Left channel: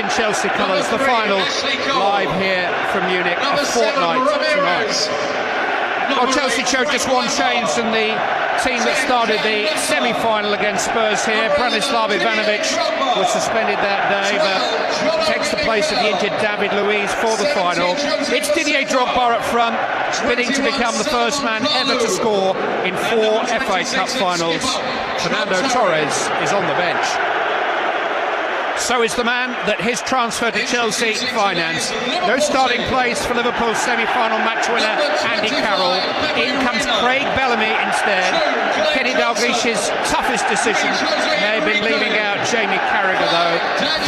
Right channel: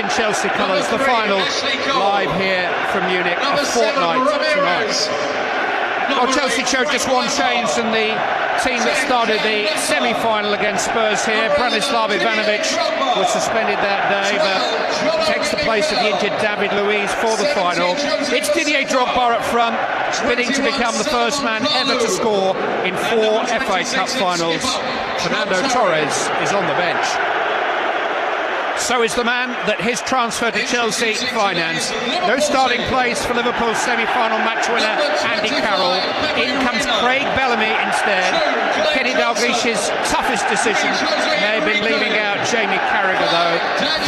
in Chelsea colours, the final live here from Munich, a fortnight tonight. Well, Chelsea showed just one change in the team that started the semi-final against Spurs here. Branislav Ivanovic was suspended that day, but takes the place of the injured David Luiz for the final. It's Didier Drogba up front, bidding to become the first man ever to score in 4 FA Cup finals. Fernando Torres is on the bench. So is the man that his transfer to Chelsea financed. No starting place for Liverpool's semi-final match winner Andy Carroll. In comes Craig Bellamy instead. Kenny Dalglish's toughest decision may have been leaving out Jamie Carragher though.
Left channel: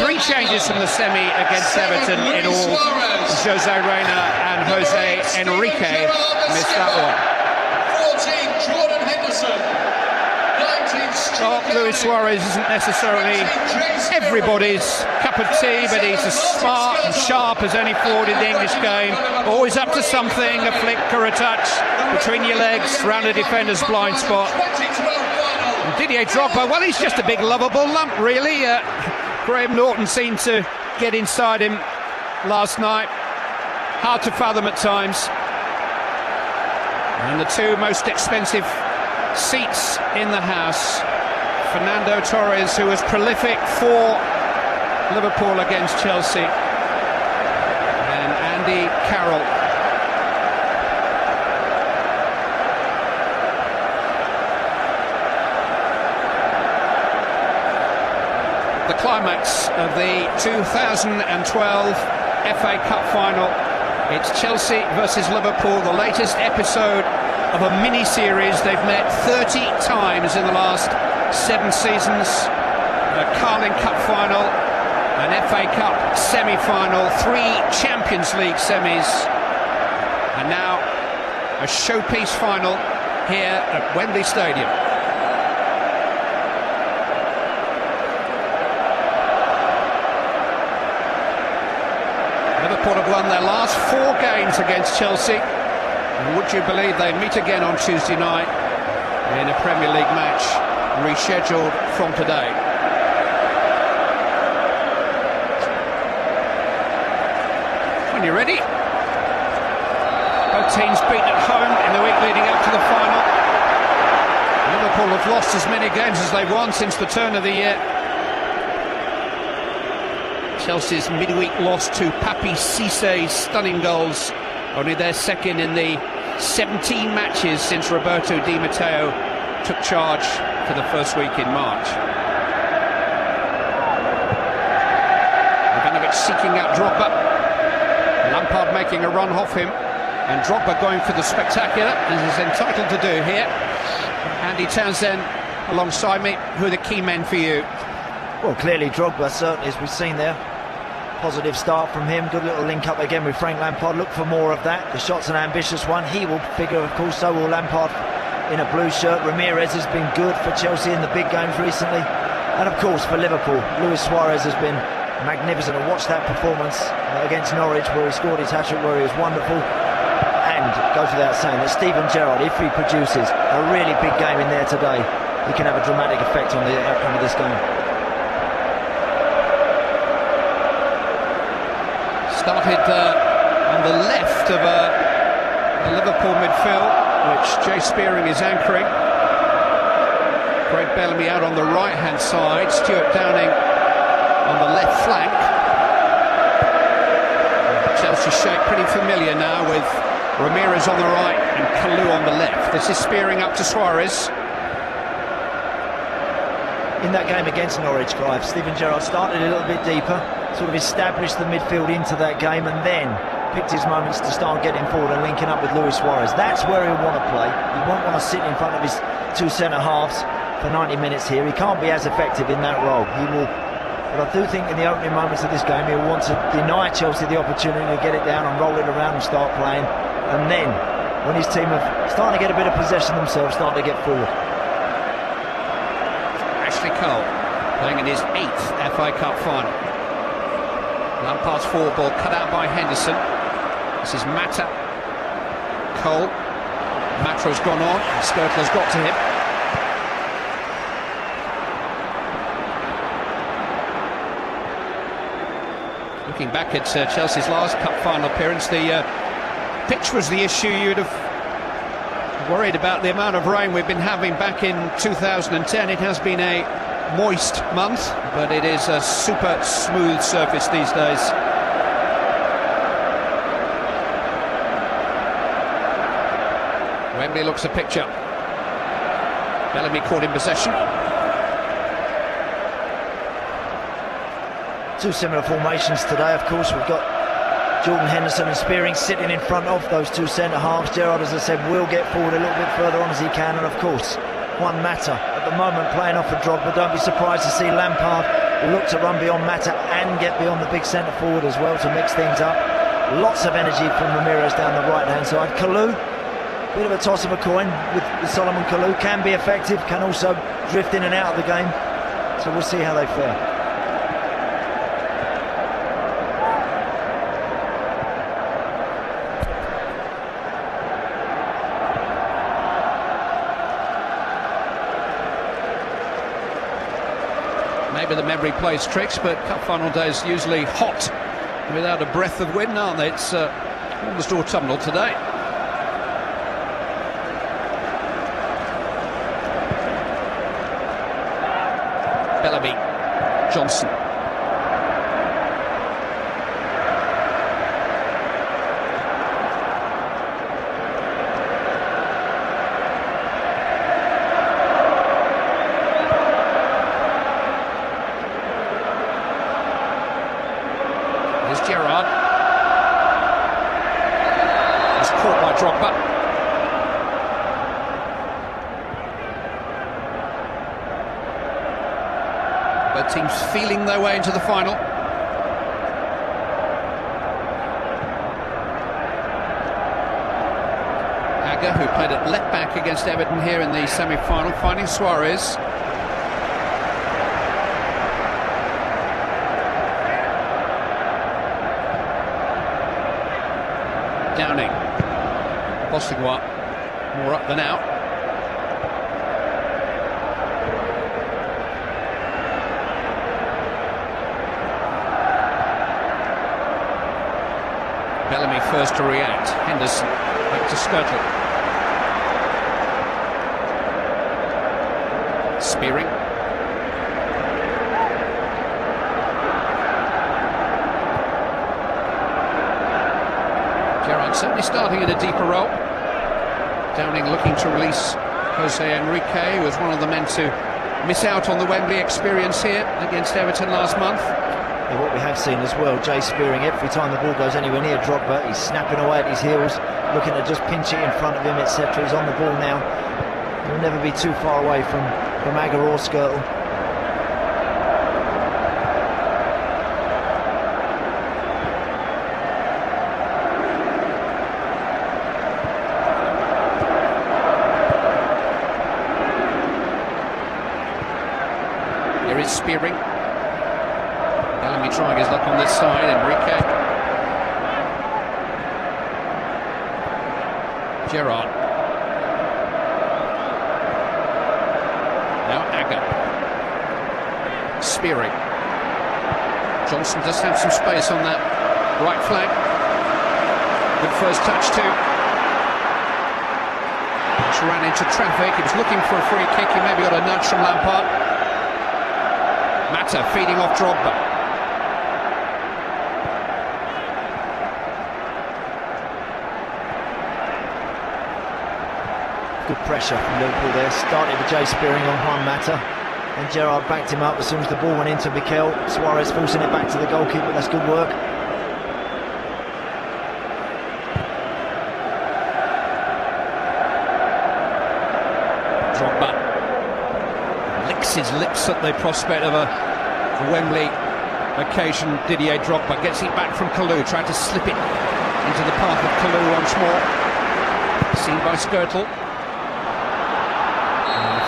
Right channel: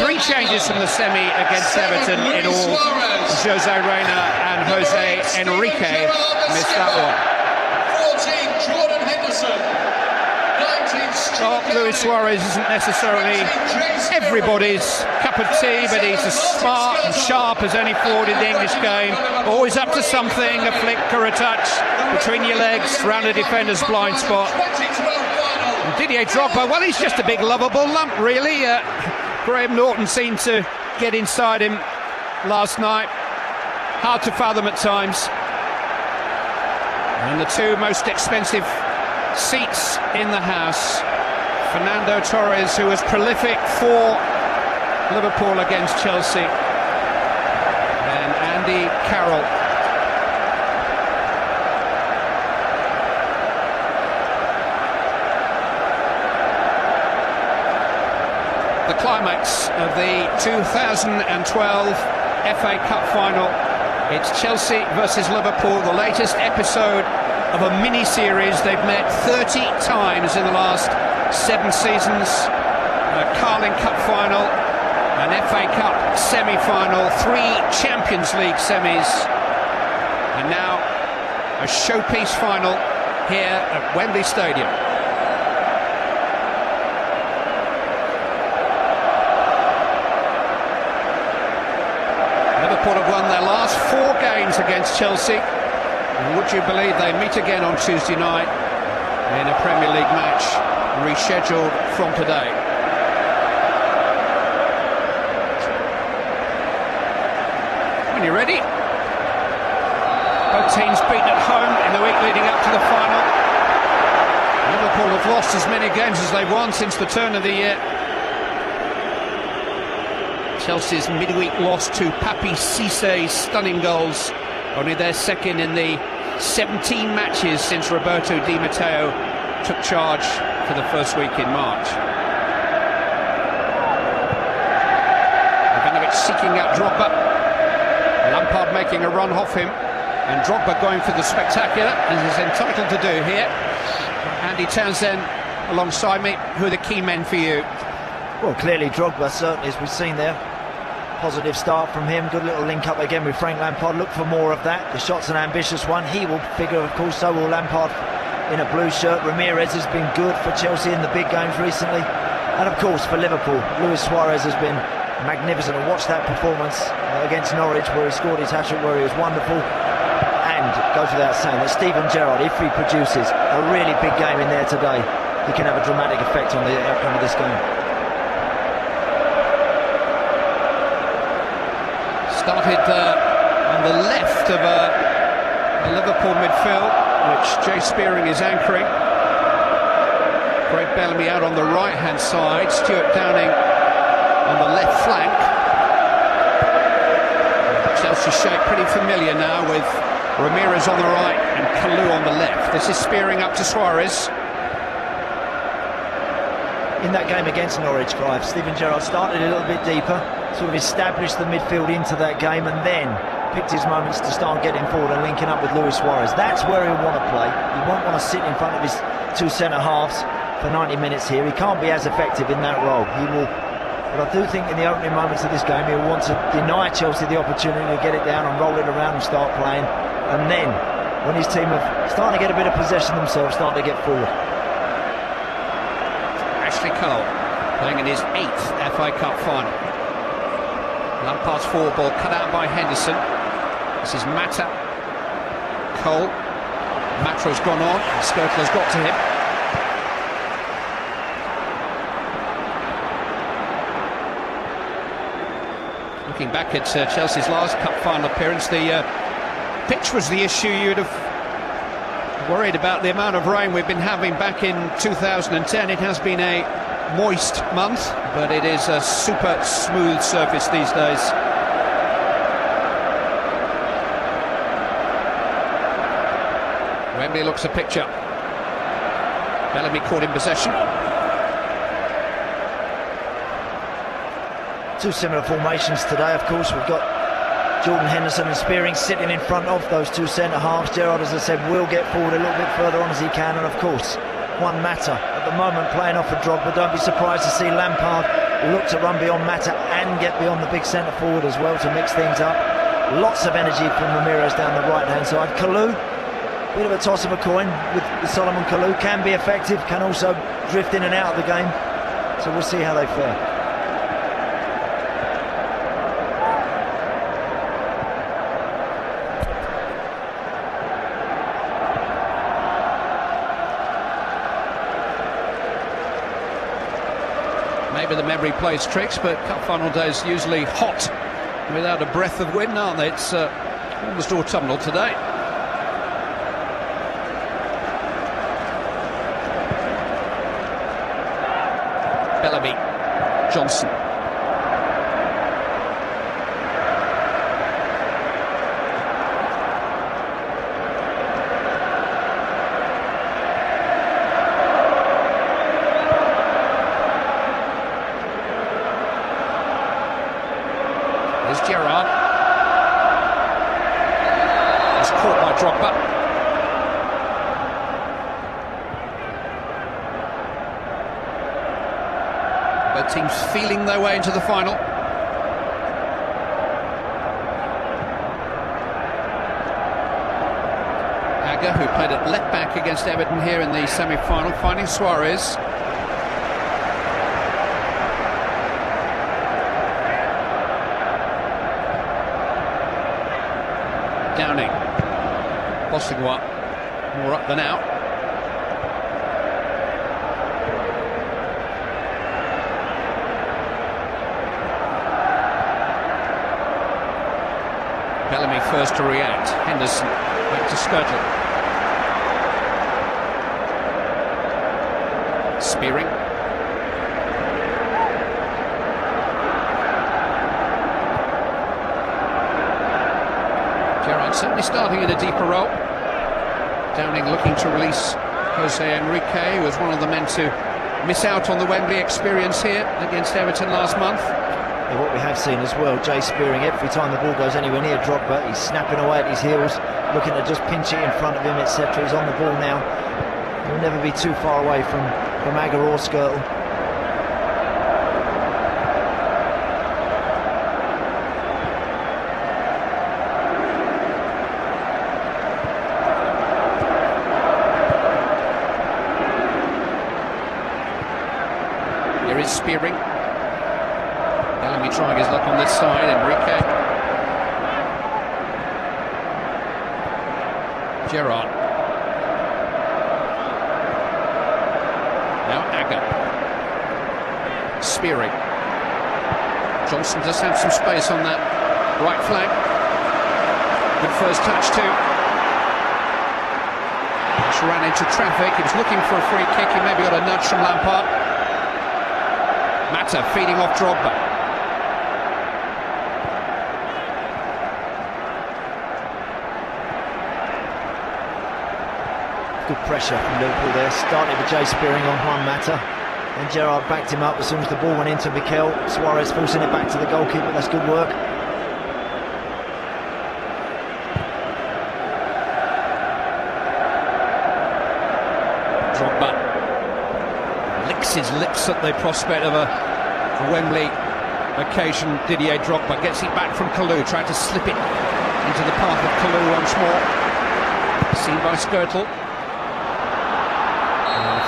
3 changes from the semi against Everton in all. Jose Reina and Jose Enrique missed that one. 14, Jordan Henderson. Well, Luis Suarez isn't necessarily everybody's cup of tea, but he's as smart and sharp as any forward in the English game. Always up to something, a flick or a touch between your legs, round a defender's blind spot. And Didier Drogba, well, he's just a big lovable lump, really. Graham Norton seemed to get inside him last night. Hard to fathom at times. And the 2 most expensive seats in the house. Fernando Torres, who was prolific for Liverpool against Chelsea, and Andy Carroll. The climax of the 2012 FA Cup final. It's Chelsea versus Liverpool, the latest episode of a mini-series. They've met 30 times in the last 7 seasons. A Carling Cup final, an FA Cup semi-final, 3 Champions League semis, and now a showpiece final here at Wembley Stadium. Liverpool have won their last 4 games against Chelsea. Would you believe they meet again on Tuesday night in a Premier League match rescheduled from today? When you're ready, the team's beaten at home in the week leading up to the final. Liverpool have lost as many games as they've won since the turn of the year. Chelsea's midweek loss to Papi Cissé's stunning goals, only their second in the 17 matches since Roberto Di Matteo took charge for the first week in March. Ivanovic seeking out Drogba. Lampard making a run off him. And Drogba going for the spectacular, as he's entitled to do here. Andy Townsend alongside me. Who are the key men for you? Well, clearly Drogba, certainly, as we've seen there. Positive start from him, good little link up again with Frank Lampard. Look for more of that. The shot's an ambitious one. He will figure, of course, so will Lampard in a blue shirt. Ramirez has been good for Chelsea in the big games recently. And of course for Liverpool, Luis Suarez has been magnificent. I watched that performance against Norwich where he scored his hat-trick, where he was wonderful. And it goes without saying that Steven Gerrard, if he produces a really big game in there today, he can have a dramatic effect on the outcome of this game. Started on the left of Liverpool midfield, which Jay Spearing is anchoring. Craig Bellamy out on the right-hand side, Stuart Downing on the left flank. Chelsea shape pretty familiar now with Ramirez on the right and Kalou on the left. This is Spearing up to Suarez. In that game against Norwich, Clive, Steven Gerrard started a little bit deeper. So we've established the midfield into that game and then picked his moments to start getting forward and linking up with Luis Suarez. That's where he'll want to play. He won't want to sit in front of his 2 centre-halves for 90 minutes here. He can't be as effective in that role. He will, but I do think in the opening moments of this game he'll want to deny Chelsea the opportunity to get it down and roll it around and start playing. And then, when his team are starting to get a better possession themselves, starting to get forward. Ashley Cole playing in his 8th FA Cup final. Pass forward ball cut out by Henderson. This is Mata. Cole. Mata's gone on and Sturtler's got to him. Looking back at Chelsea's last cup final appearance, the pitch was the issue. You'd have worried about the amount of rain we've been having back in 2010. It has been a moist month, but it is a super smooth surface these days. Wembley looks a picture. Bellamy caught in possession. Two similar formations today, of course. We've got Jordan Henderson and Spearing sitting in front of those two centre-halves. Gerrard, as I said, will get forward a little bit further on as he can, and of course, Juan Mata at the moment playing off a drop, but don't be surprised to see Lampard look to run beyond Mata and get beyond the big centre-forward as well to mix things up. Lots of energy from Ramirez down the right-hand side. Kalou, bit of a toss of a coin with Solomon Kalou, can be effective, can also drift in and out of the game, so we'll see how they fare. Maybe the memory plays tricks, but cup final days usually hot without a breath of wind, aren't they? It's almost autumnal today. Bellamy, Johnson. Gerrard. It's caught by Drogba. Both teams feeling their way to the final. Aga, who played at left back against Everton here in the semi-final, finding Suarez. Downing, Bosingwa, more up than out. Bellamy first to react. Henderson back to Skirtle. Spearing. Certainly starting in a deeper role. Downing looking to release Jose Enrique, who was one of the men to miss out on the Wembley experience here against Everton last month. And what we have seen as well, Jay Spearing, every time the ball goes anywhere near Drogba, he's snapping away at his heels, looking to just pinch it in front of him, etc. He's on the ball now. He'll never be too far away from Aga or Skirtle. There is Spearing. Bellamy trying his luck on this side. Enrique. Gerrard. Now Aga. Spearing. Johnson does have some space on that right flank. Good first touch too. Just ran into traffic. He was looking for a free kick. He maybe got a nudge from Lampard. Mata feeding off Drogba. Good pressure from Liverpool there, starting with Jay Spearing on Juan Mata. And Gerrard backed him up as soon as the ball went into Mikel. Suarez forcing it back to the goalkeeper, that's good work. Drogba licks his lips at the prospect of a Wembley occasion. Didier Drogba gets it back from Kalou, trying to slip it into the path of Kalou once more. Seen by Skirtle.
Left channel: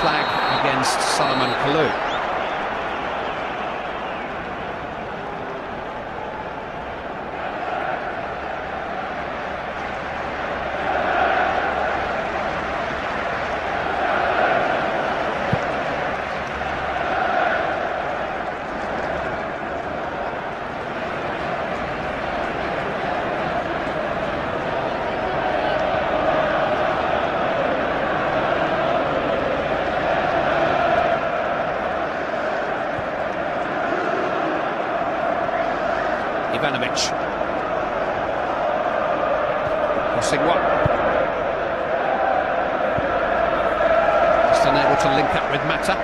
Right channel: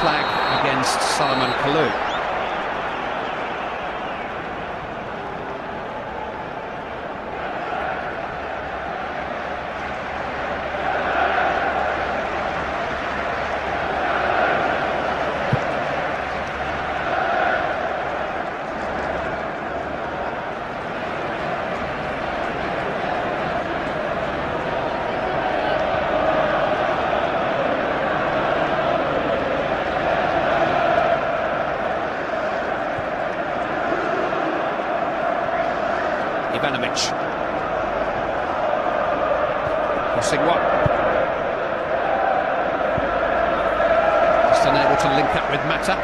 Flag against Solomon Kalou. Ivanovic. Sigma. Just unable to link up with Mata.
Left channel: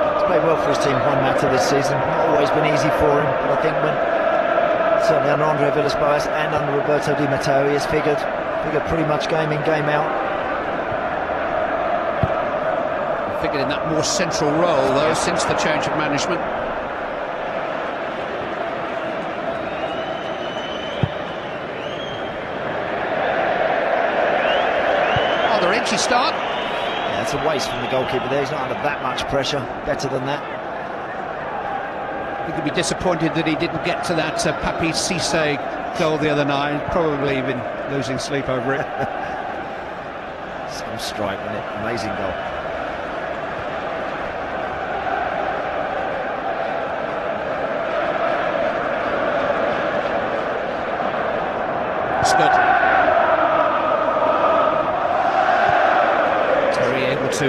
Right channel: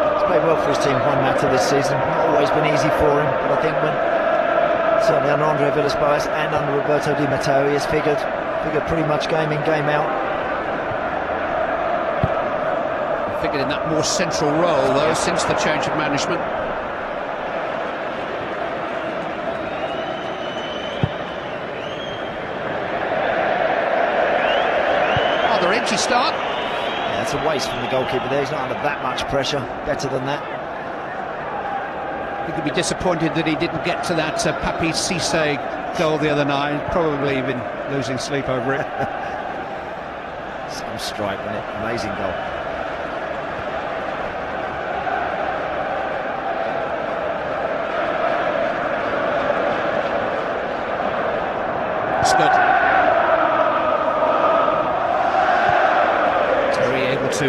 He's played well for his team, Juan Mata, this season. Not always been easy for him. I think when certainly under Andre Villas-Boas and under Roberto Di Matteo, he has figured pretty much game in, game out. Figured in that more central role there since the change of management. Another itchy start. Yeah, that's a waste from the goalkeeper there. He's not under that much pressure. Better than that. I think he'd be disappointed that he didn't get to that Papi Cisse goal the other night. Probably been losing sleep over it. So striking it. Amazing goal. Scott. Able to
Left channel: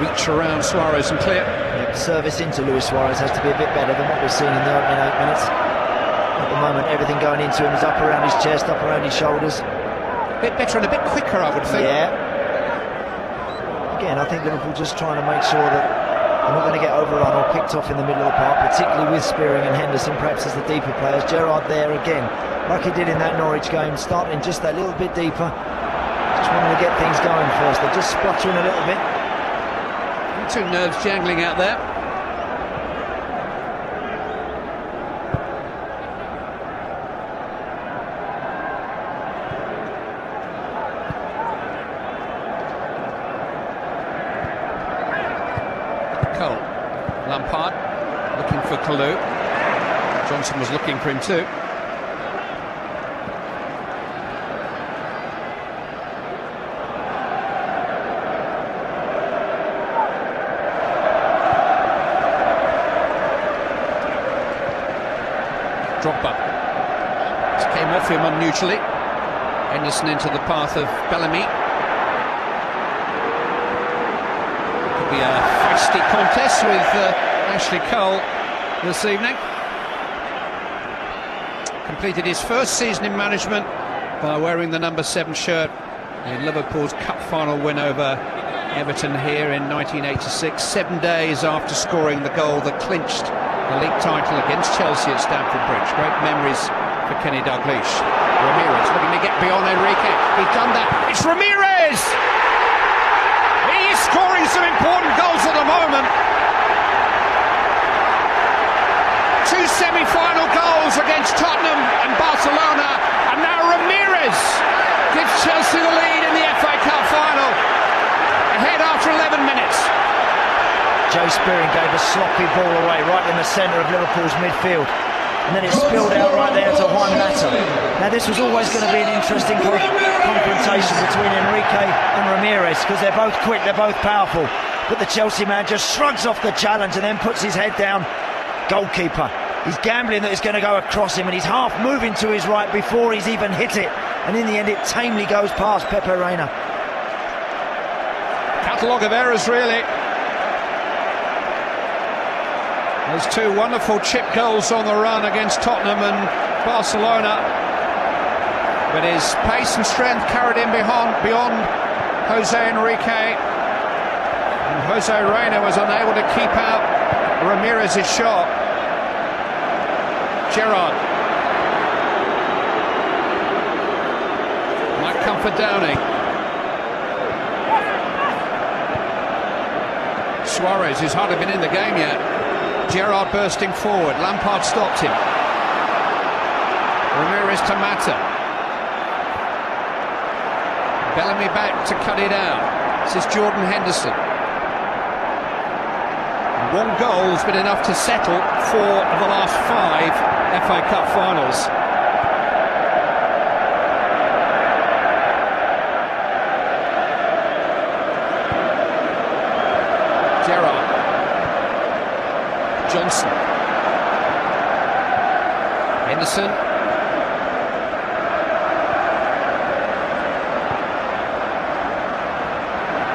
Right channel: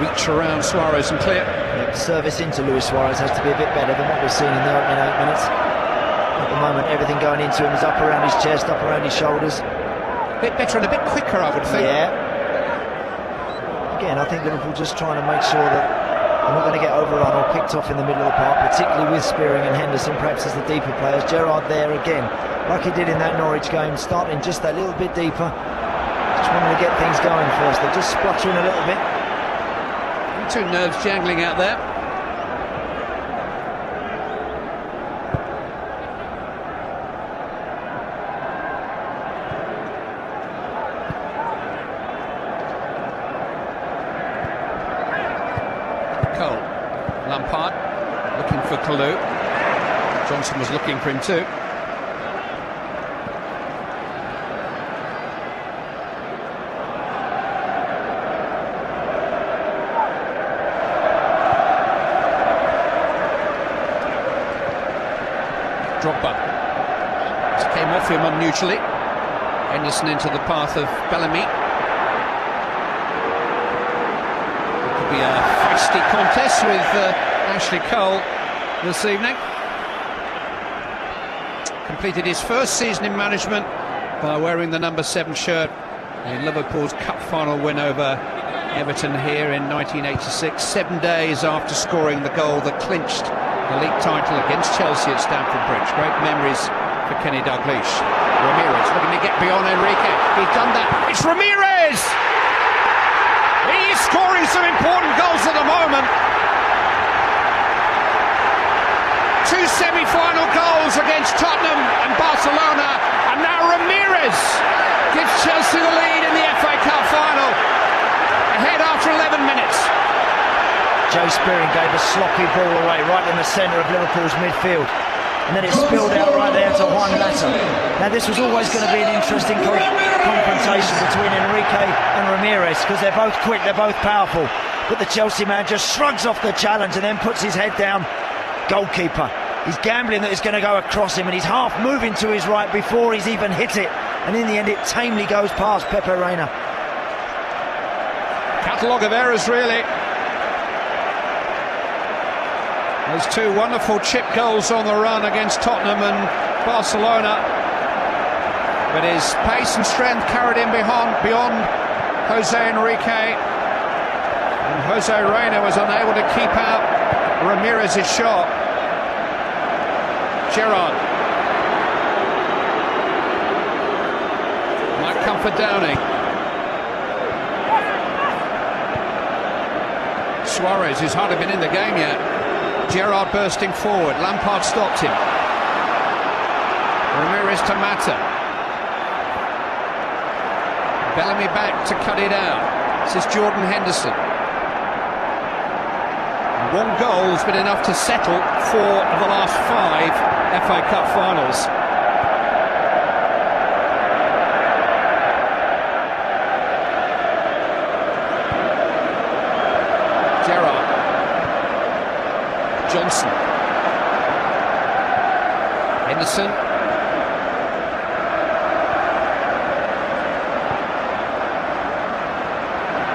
reach around Suarez and clear. Yep, service into Luis Suarez has to be a bit better than what we've seen in the opening 8 minutes. At the moment, everything going into him is up around his chest, up around his shoulders. A bit better and a bit quicker, I would think. Yeah. Again, I think Liverpool just trying to make sure that they're not going to get overrun or picked off in the middle of the park, particularly with Spearing and Henderson, perhaps as the deeper players. Gerrard there again, like he did in that Norwich game, starting just a little bit deeper. Just wanted to get things going first. They're just splattering a little bit. Two nerves jangling out there. Cole. Lampard looking for Kalou. Johnson was looking for him too. Drogba. Came off him unusually. Henderson into the path of Bellamy. Could be a feisty contest with Ashley Cole this evening. Completed his first season in management by wearing the number 7 shirt in Liverpool's Cup final win over Everton here in 1986, 7 days after scoring the goal that clinched the league title against Chelsea at Stamford Bridge. Great memories for Kenny Dalglish. Ramirez looking to get beyond Enrique. He's done that. It's Ramirez! He is scoring some important goals at the moment. 2 semi-final goals against Tottenham and Barcelona, and now Ramirez gives Chelsea the lead in the FA Cup final. Ahead after 11 minutes. Joe Spearing gave a sloppy ball away right in the centre of Liverpool's midfield. And then it spilled out right there to Juan Mata. Now this was always going to be an interesting confrontation between Enrique and Ramirez, because they're both quick, they're both powerful. But the Chelsea man just shrugs off the challenge and then puts his head down. Goalkeeper. He's gambling that it's going to go across him, and he's half moving to his right before he's even hit it. And in the end it tamely goes past Pepe Reina. Catalogue of errors, really. Those 2 wonderful chip goals on the run against Tottenham and Barcelona. But his pace and strength carried him beyond Jose Enrique. Jose Reina was unable to keep out Ramirez's shot. Gerrard. Might come for Downing. Suarez, who's hardly been in the game yet. Gerrard bursting forward. Lampard stopped him. Ramirez to Mata. Bellamy back to cut it out. This is Jordan Henderson. 1 goal has been enough to settle 4 of the last 5 FA Cup finals. Gerrard. Johnson. Henderson.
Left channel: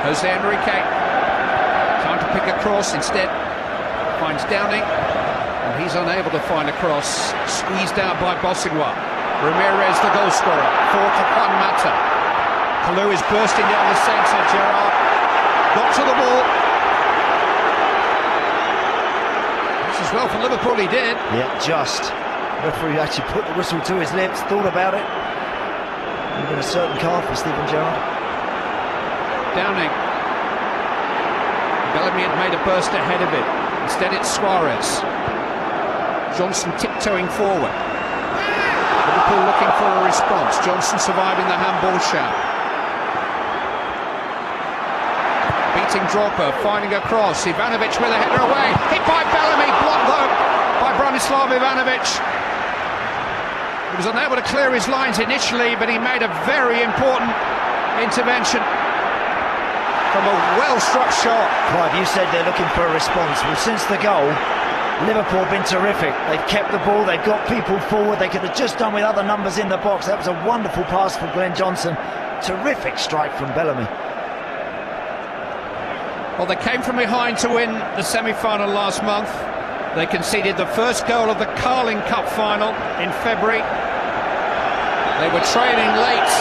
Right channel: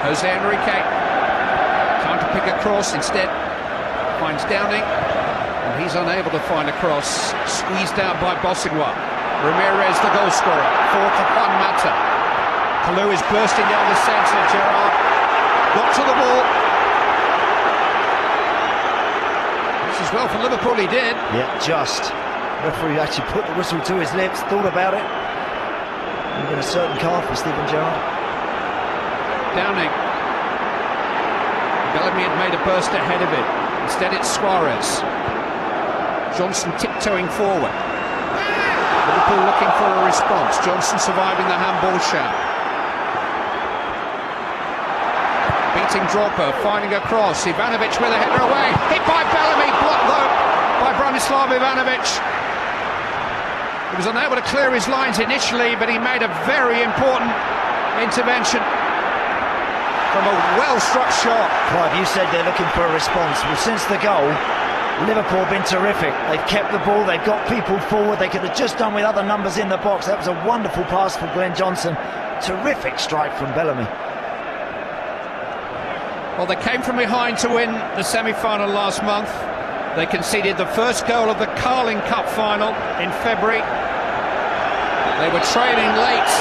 Jose Enrique. Trying to pick a cross, instead finds Downing, and he's unable to find a cross. Squeezed out by Bosingwa. Ramirez, the goal scorer. 41 Mata. Kalou is bursting down the centre. Gerrard got to the ball. This is well for Liverpool, he did. Yeah, just. Referee actually put the whistle to his lips, thought about it. With a certain card for Steven Gerrard. Downing. Bellamy had made a burst ahead of him. Instead it's Suarez. Johnson tiptoeing forward. Liverpool looking for a response. Johnson surviving the handball shout. Beating Drogba, finding a cross. Ivanovic with a header away. Hit by Bellamy, blocked though by Branislav Ivanovic. He was unable to clear his lines initially, but he made a very important intervention from a well-struck shot. Clive, you said they're looking for a response. Well, since the goal, Liverpool have been terrific. They've kept the ball, they've got people forward. They could have just done with other numbers in the box. That was a wonderful pass from Glenn Johnson. Terrific strike from Bellamy. Well, they came from behind to win the semi-final last month. They conceded the first goal of the Carling Cup final in February. They were trailing late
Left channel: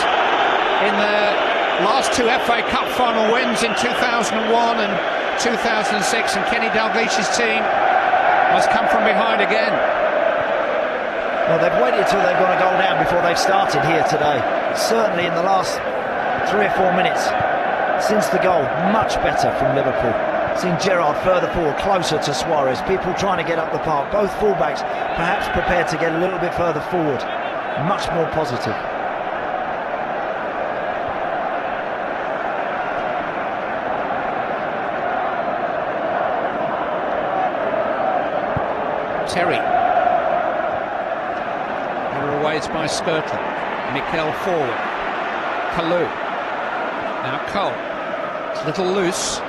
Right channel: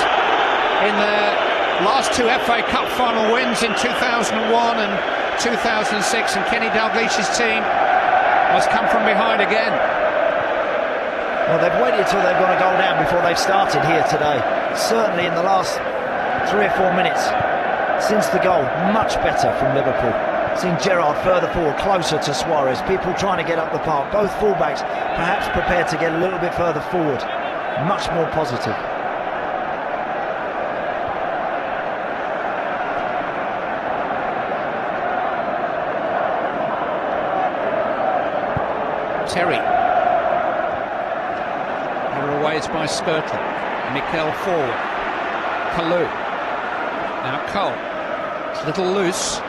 in their last two FA Cup final wins in 2001 and 2006, and Kenny Dalglish's team must come from behind again. Well, they've waited until they've got a goal down before they've started here today. Certainly in the last 3 or 4 minutes since the goal, much better from Liverpool. Seen Gerrard further forward, closer to Suarez. People trying to get up the park. Both fullbacks perhaps prepared to get a little bit further forward. Much more positive. Terry. Away it's by Skirtle. Mikel forward. Kalou. Now Cole. It's a little loose.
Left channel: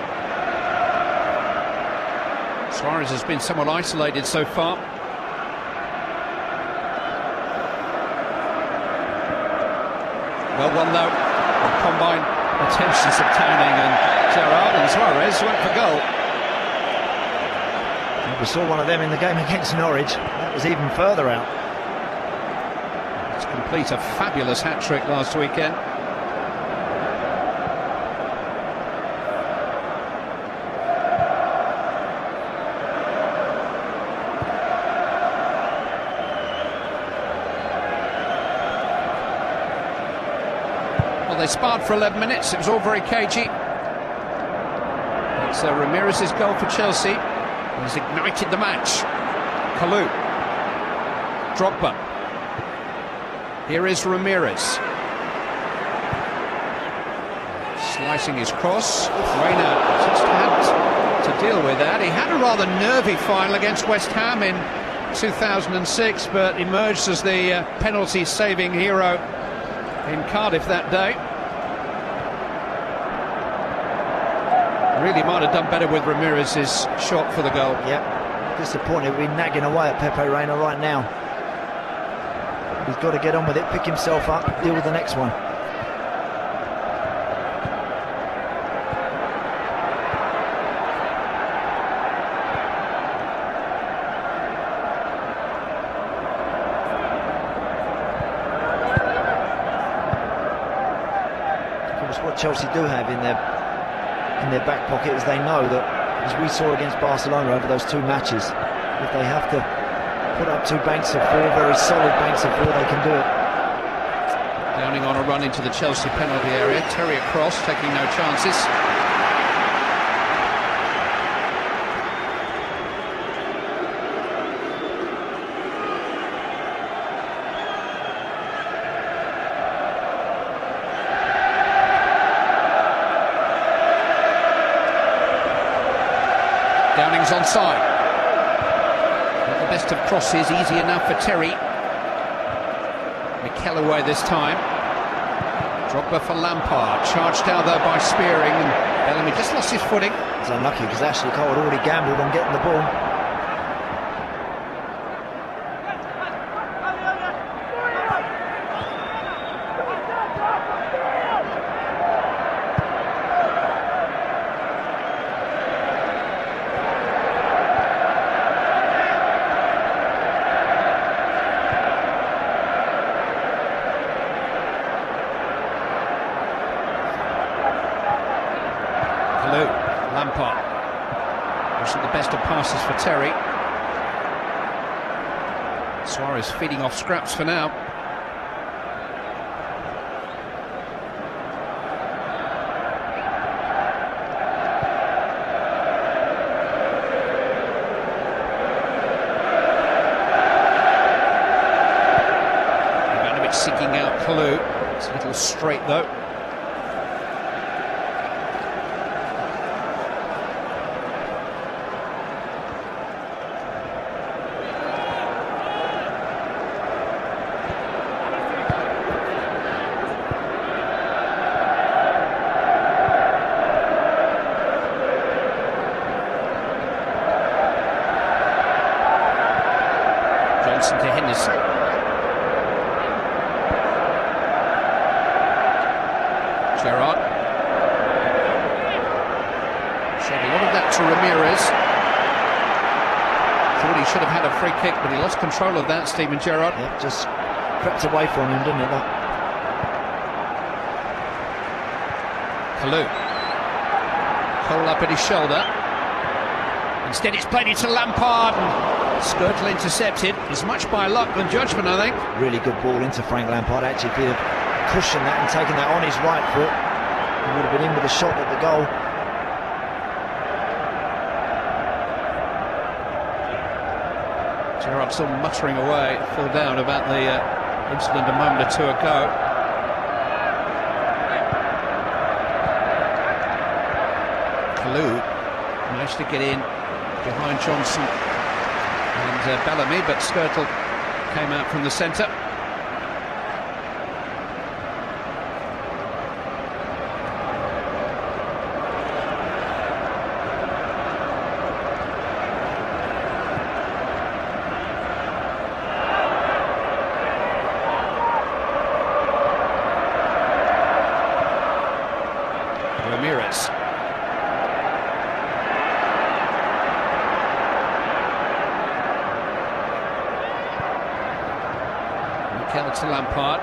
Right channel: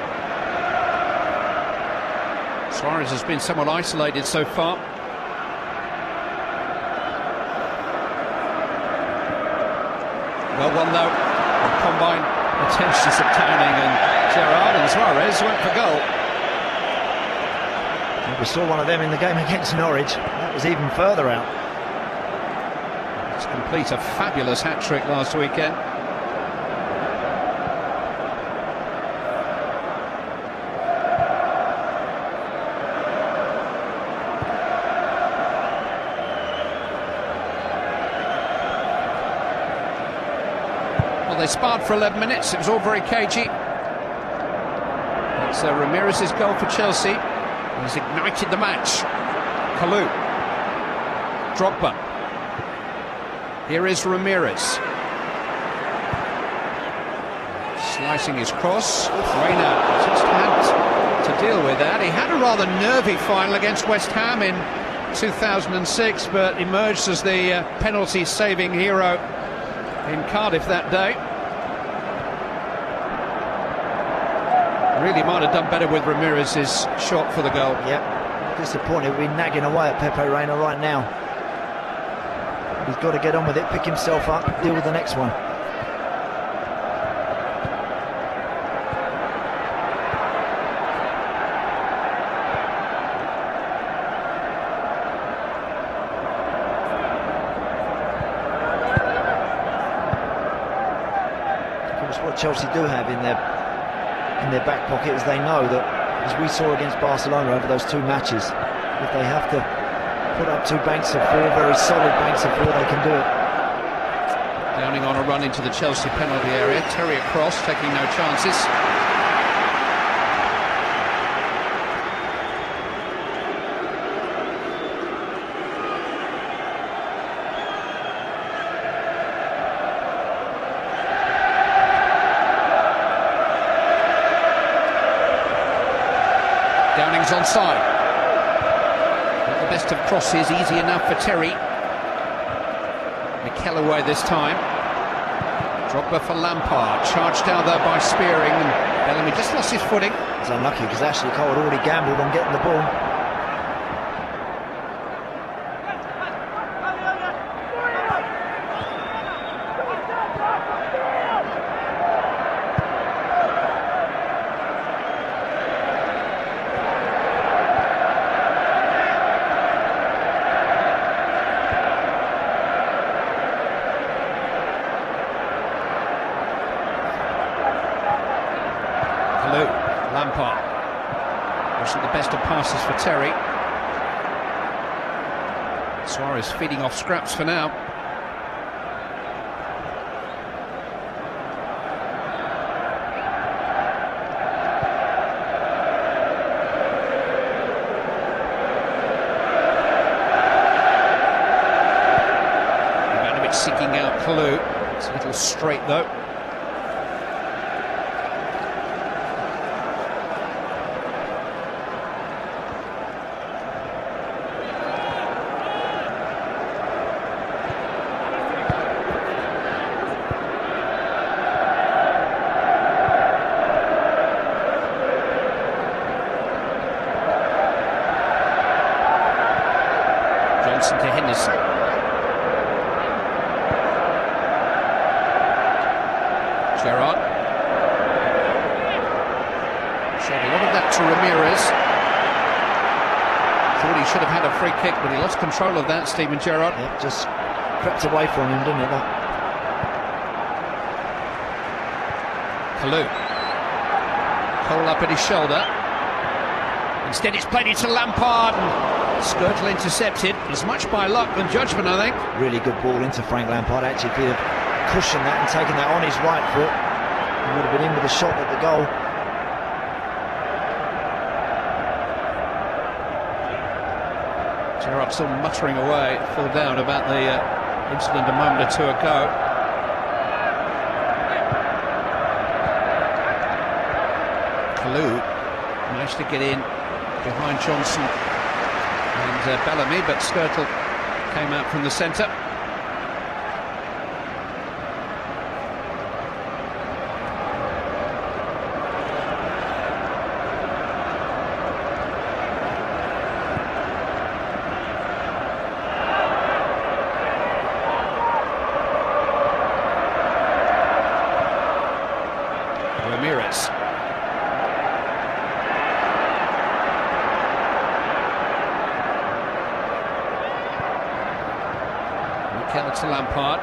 Suarez has been somewhat isolated so far. Well, one though, combined intentions of Towning and Gerrard, and Suarez went for goal. We saw one of them in the game against Norwich. It was even further out. To complete a fabulous hat-trick last weekend. Well, they sparred for 11 minutes. It was all very cagey. It's Ramirez's goal for Chelsea. He's ignited the match. Kalou. Drogba. Here is Ramirez. Slicing his cross. Reina just had to deal with that. He had a rather nervy final against West Ham in 2006, but emerged as the penalty-saving hero in Cardiff that day. Really might have done better with Ramirez's shot for the goal. Yep. Disappointed we've been nagging away at Pepe Reina right now. He's got to get on with it, pick himself up, deal with the next one. Because what Chelsea do have in their back pocket is they know that, as we saw against Barcelona over those 2 matches, if they have to put up 2 banks of 4, very solid banks of 4, they can do it. Downing on a run into the Chelsea penalty area. Terry across, taking no chances. Downing's onside. The best of crosses, easy enough for Terry. Mikel away this time. Drogba for Lampard. Charged down there by Spearing. And Bellamy just lost his footing. It's unlucky because Ashley Cole had already gambled on getting the ball. Lampard. Wishing the best of passes for Terry. Suarez feeding off scraps for now. Seeking out Kalou. It's a little straight though. Johnson to Henderson. Gerrard. What of that to Ramirez? Thought he should have had a free kick, but he lost control of that, Steven Gerrard. Yeah, just crept away from him, didn't it? Kalou. Cole up at his shoulder. Instead it's played it to Lampard. Skirtle intercepted. It's much by luck than judgment, I think. Really good ball into Frank Lampard. Actually, if he'd have cushioned that and taken that on his right foot, he would have been in with a shot at the goal. Gerrard still muttering away, Phil Down, about the incident a moment or two ago. Kalou managed to get in behind Johnson and Bellamy, but Skirtle came out from the centre. Ramirez. Out to Lampard.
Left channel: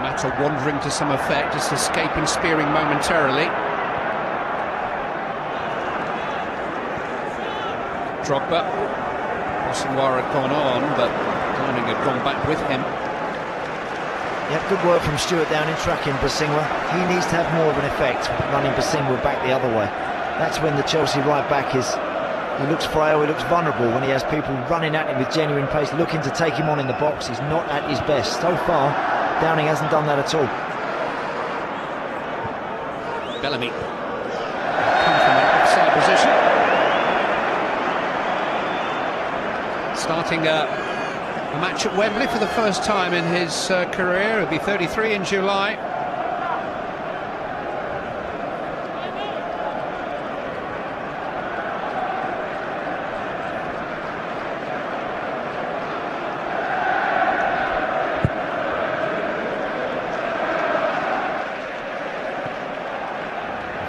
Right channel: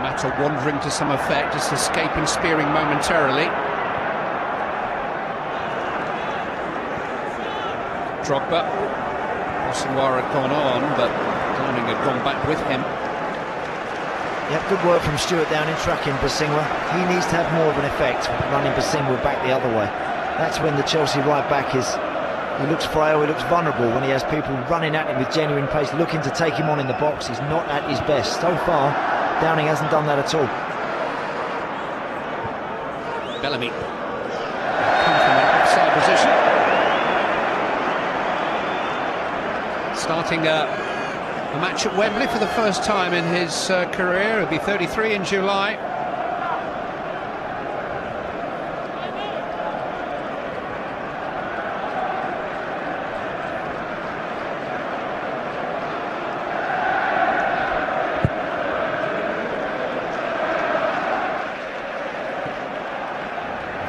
Matter wandering to some effect, just escaping, spearing momentarily. Drogba. Suarez had gone on, but Gorman had gone back with him. Yeah, good work from Stuart Down in tracking Bosingwa. He needs to have more of an effect, running Bosingwa back the other way. That's when the Chelsea right back is. He looks frail, he looks vulnerable when he has people running at him with genuine pace, looking to take him on in the box. He's not at his best. So far, Downing hasn't done that at all. Bellamy. Come from an offside position. Starting a match at Wembley for the first time in his career. He'll be 33 in July.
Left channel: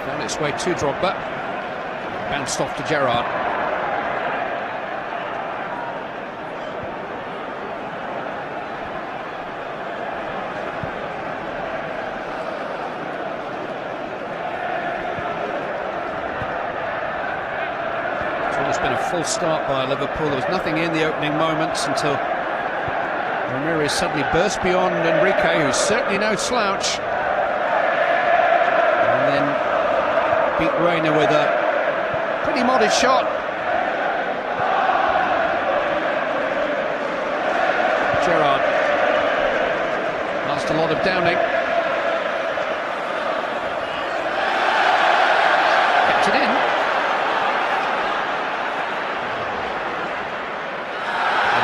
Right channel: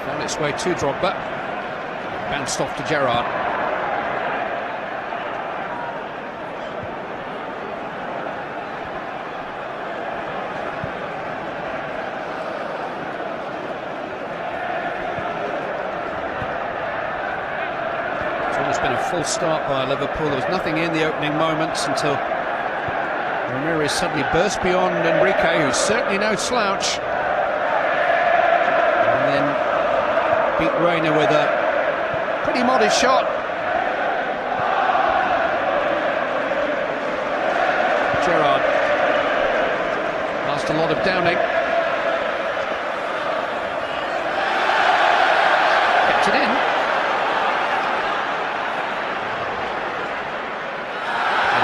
On its way to Drogba. Bounced off to Gerrard. It's been a full start by Liverpool. There was nothing in the opening moments until Ramirez suddenly burst beyond Enrique, who's certainly no slouch. And then beat Reina with a pretty modest shot. Gerrard. Lost a lot of Downing. Kept it in.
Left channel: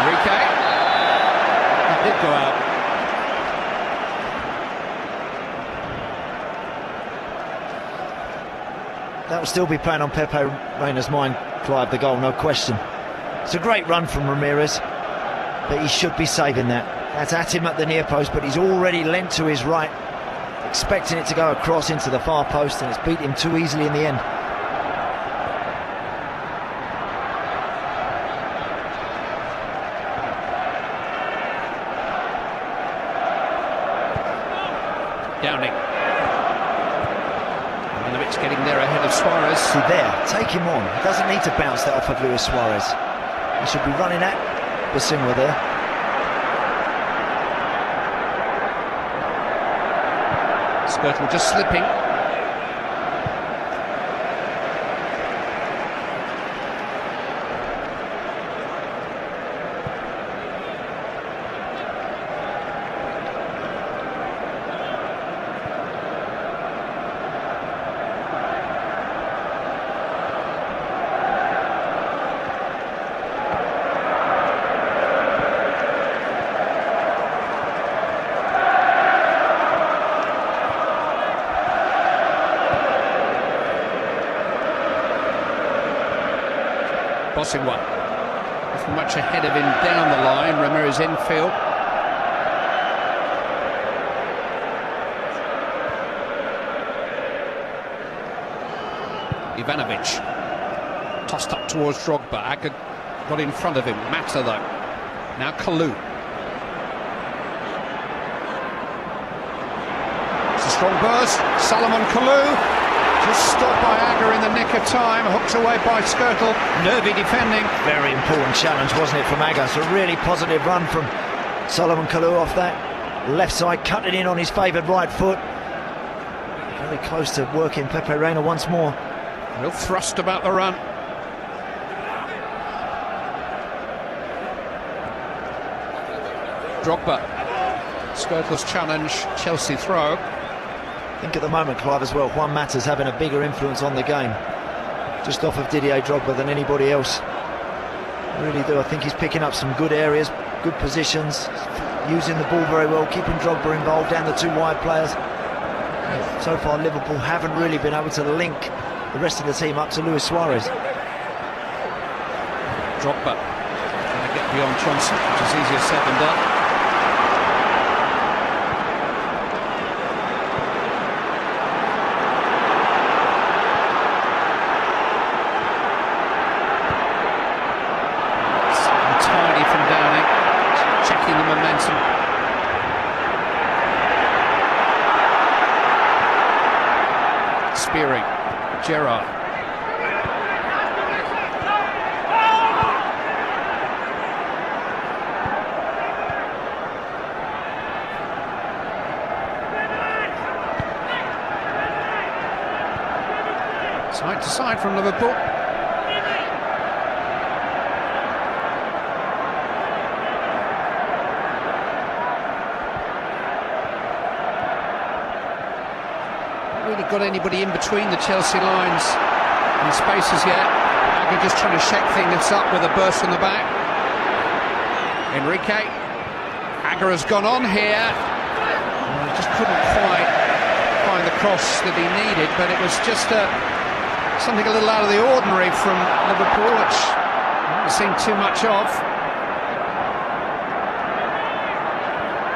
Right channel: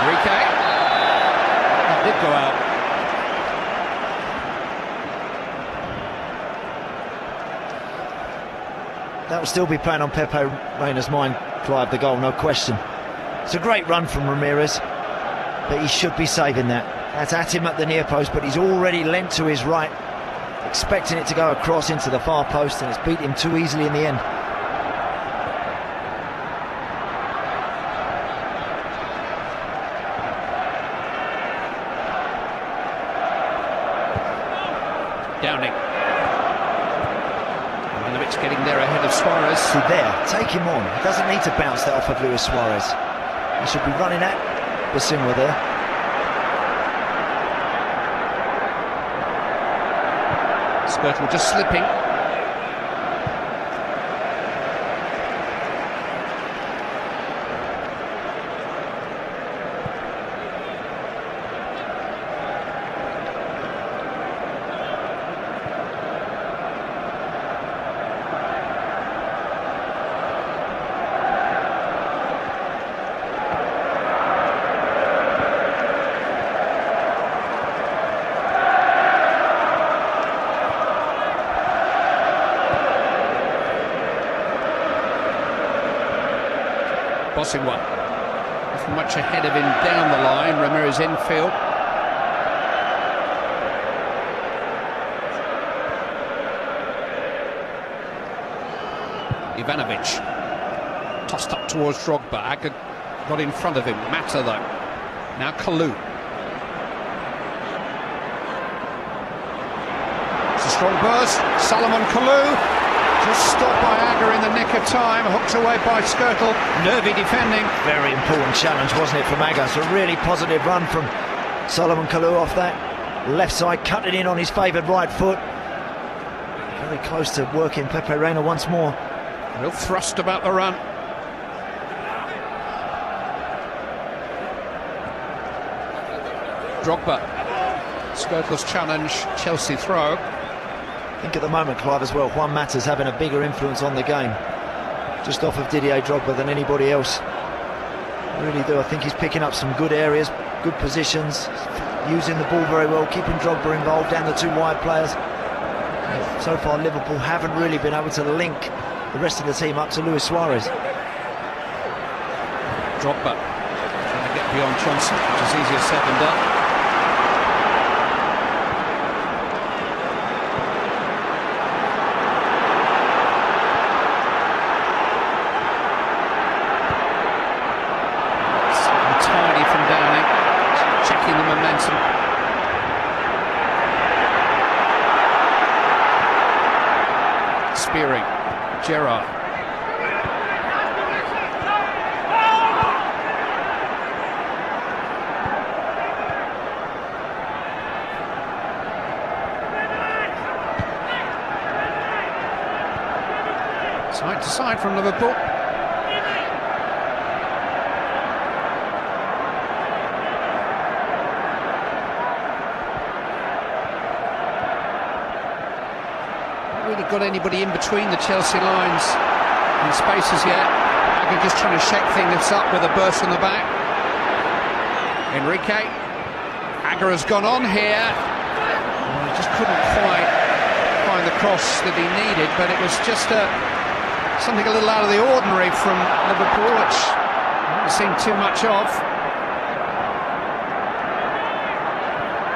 Enrique. Did go out. That would still be playing on Pepe Reina's mind, Clive, the goal, no question. It's a great run from Ramirez, but he should be saving that. That's at him at the near post, but he's already lent to his right, expecting it to go across into the far post, and it's beat him too easily in the end. Downing. Getting there ahead of Suarez. Chelsea there. Take him on. He doesn't need to bounce that off of Luis Suarez. He should be running at Bosingwa there. Skirtle just slipping. Bosingwa much ahead of him down the line. Ramirez infield. Ivanovic tossed up towards Drogba. Agger got in front of him. Mata though. Now Kalou. It's a strong burst. Salomon Kalou. Just Agger in the nick of time, hooked away by Skirtle. Nervy defending. Very important challenge, wasn't it, from Agger? So a really positive run from Salomon Kalou off that left side, cutting in on his favoured right foot. Very close to working Pepe Reina once more. Real thrust about the run. Drogba. Skirtle's challenge, Chelsea throw. I think at the moment, Clive, as well, Juan Mata's having a bigger influence on the game, just off of Didier Drogba, than anybody else. I really do. I think he's picking up some good areas, good positions, using the ball very well, keeping Drogba involved and the two wide players. So far, Liverpool haven't really been able to link the rest of the team up to Luis Suarez. Drogba beyond Chelsea, which is easier said than done. Tidy from Downing, checking the momentum. Spearing, Gerrard. Side to side from Liverpool. Really got anybody in between the Chelsea lines in spaces yet. They're just trying to shake things up with a burst in the back. Enrique. Agger has gone on here. Just couldn't quite find the push that he needed, but it was just something a little out of the ordinary from Liverpool, which I haven't seen too much of.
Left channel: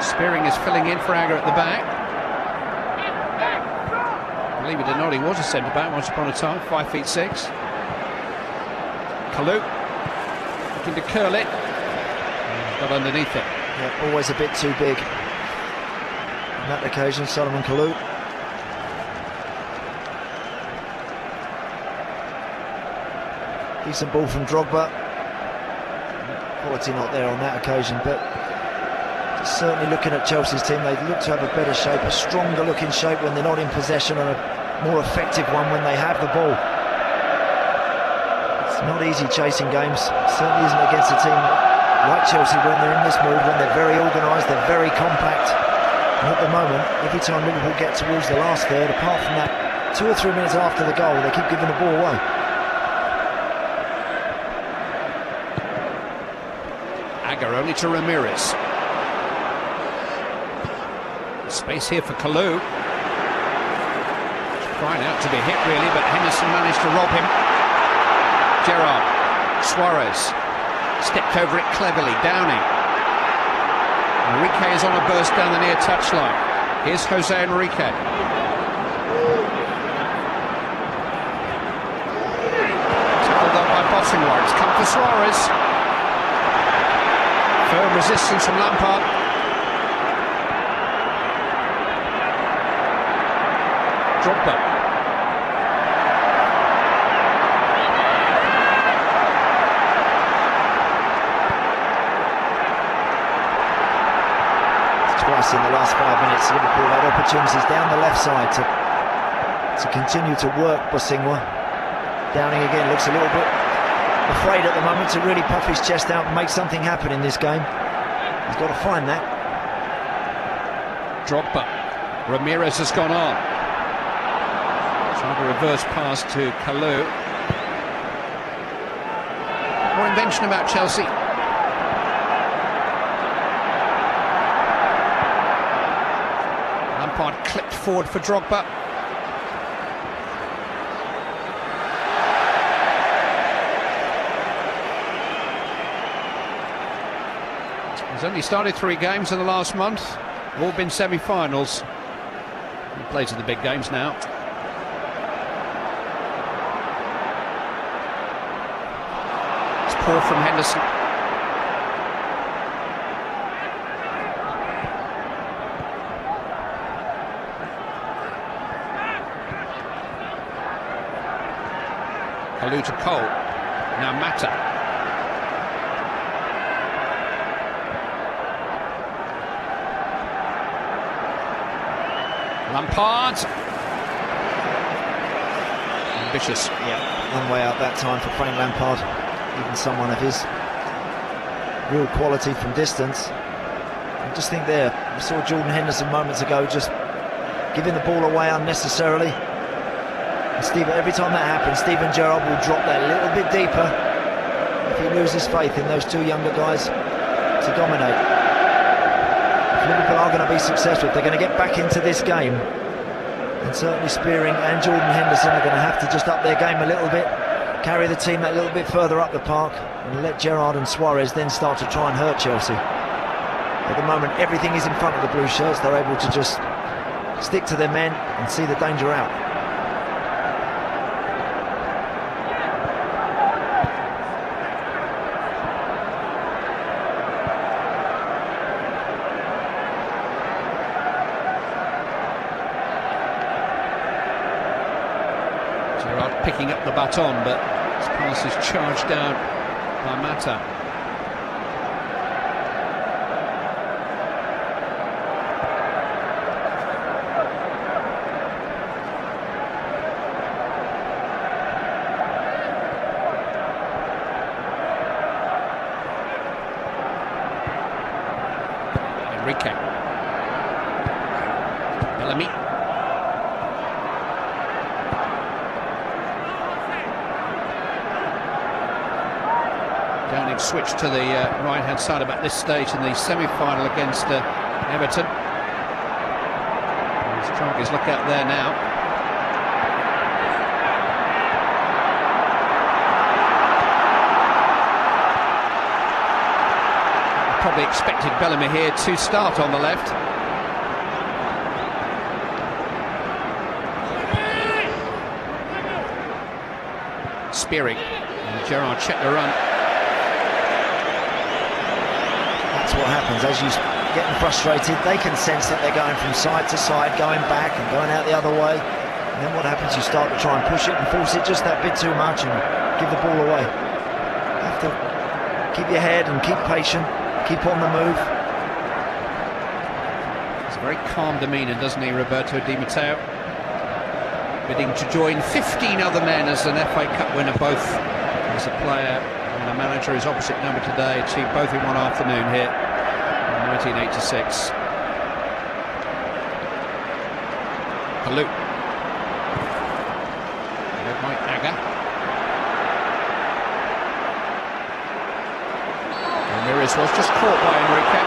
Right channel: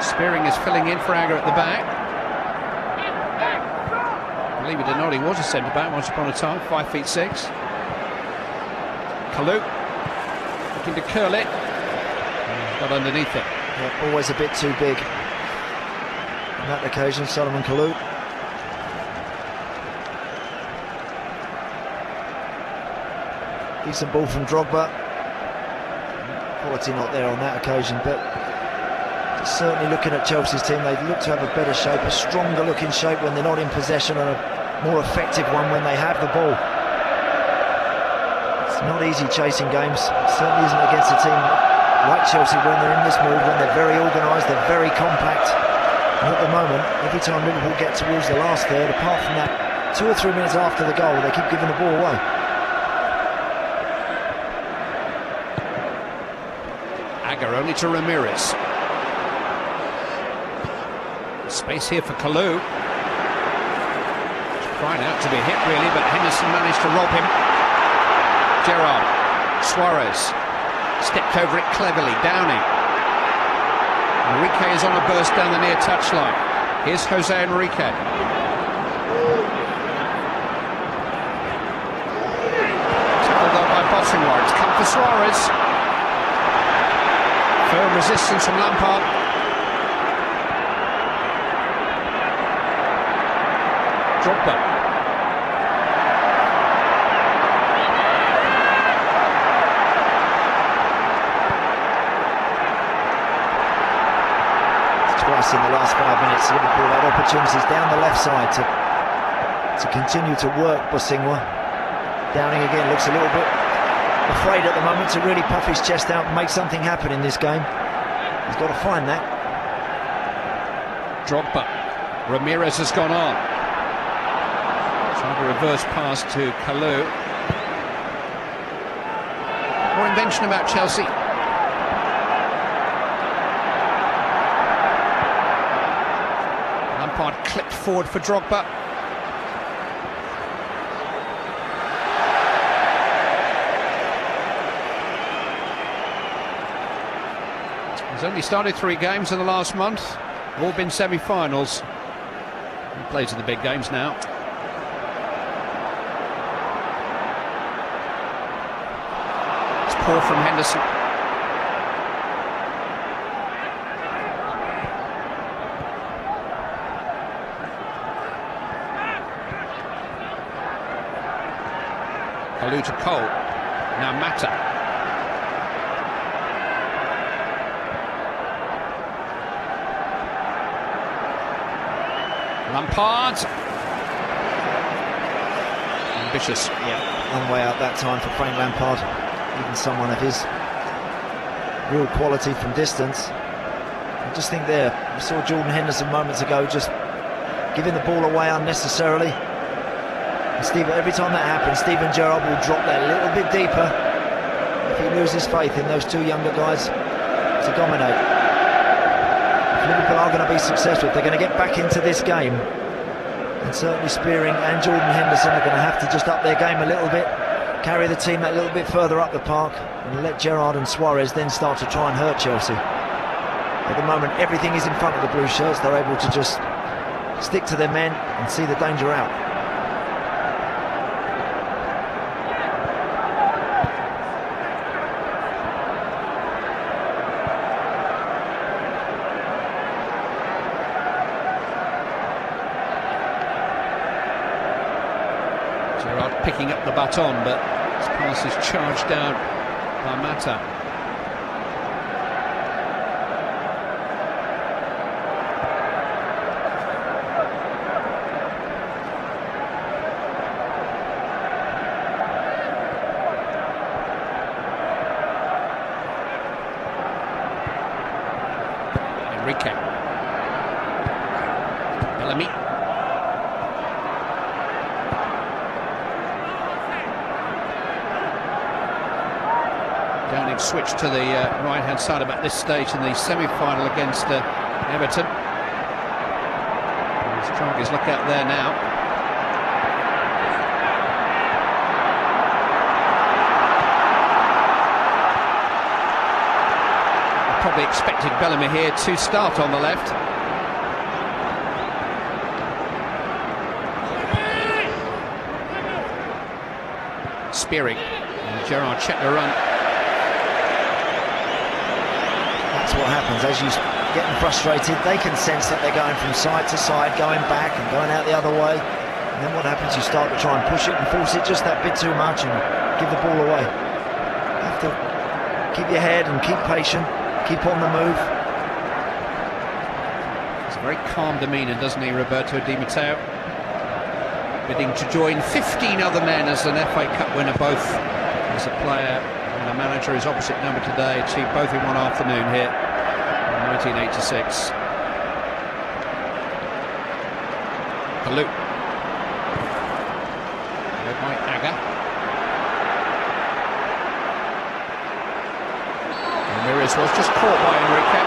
Spearing is filling in for Agger at the back. Believe it or not, he was a centre-back once upon a time, 5'6". Kalou looking to curl it, got underneath it. Always a bit too big. On that occasion, Salomon Kalou. Decent ball from Drogba. Quality not there on that occasion, but certainly looking at Chelsea's team, they've looked to have a better shape, a stronger looking shape when they're not in possession, or more effective one when they have the ball. It's not easy chasing games, certainly isn't against a team like Chelsea when they're in this mood, when they're very organised, they're very compact. And at the moment, every time Liverpool get to use the last third, apart from that 2 or 3 minutes after the goal, they keep giving the ball away. Agger only to Ramirez. Space here for Kalou. Trying out to be hit really, but Henderson managed to rob him. Gerrard. Suarez stepped over it cleverly. Downing. Enrique is on the burst down the near touchline. Here's Jose Enrique. Bosingwa. It's cut for Suarez. Failed resistance from Lampard. us in the last 5 minutes. Liverpool had opportunities down the left side to continue to work Bosingwa. Downing again looks a little bit afraid at the moment to really puff his chest out and make something happen in this game. He's got to find that. Drogba. Ramirez has gone on. Trying to reverse pass to Kalou. More invention about Chelsea. Lampard clipped forward for Drogba. He's only started 3 games in the last month. All been semi-finals. He plays in the big games now. It's poor from Henderson. Kalou to Cole. Now Mata. Lampard. Ambitious. Yeah, one way out that time for Frank Lampard. Even someone of his real quality from distance. I just think there, we saw Jordan Henderson moments ago just giving the ball away unnecessarily. Every time that happens, Steven Gerrard will drop that a little bit deeper if he loses faith in those 2 younger guys to dominate. Liverpool are going to be successful. If they're going to get back into this game, and certainly Spearing and Jordan Henderson are going to have to just up their game a little bit, carry the team that little bit further up the park, and let Gerrard and Suarez then start to try and hurt Chelsea. At the moment, everything is in front of the blue shirts. They're able to just stick to their men and see the danger out. Picking up the baton, but his pass is charged down by Mata. Enrique. Bellamy. Downing switched to the right-hand side about this stage in the semi-final against Everton. He's trying his luck out there now. Probably expected Bellamy here to start on the left. Spearing. And Gerrard checked the run. That's what happens as you get frustrated. They can sense that they're going from side to side, going back and going out the other way. And what happens? You start to try and push it and force it just that bit too much and give the ball away. You have to keep your head and keep patient, keep on the move. It's a very calm demeanour, doesn't he, Roberto Di Matteo? Bidding to join 15 other men as an FA Cup winner, both as a player and the manager, his opposite number today, achieved both in one afternoon here in 1986. Kalou. Ramirez was just caught by Enrique.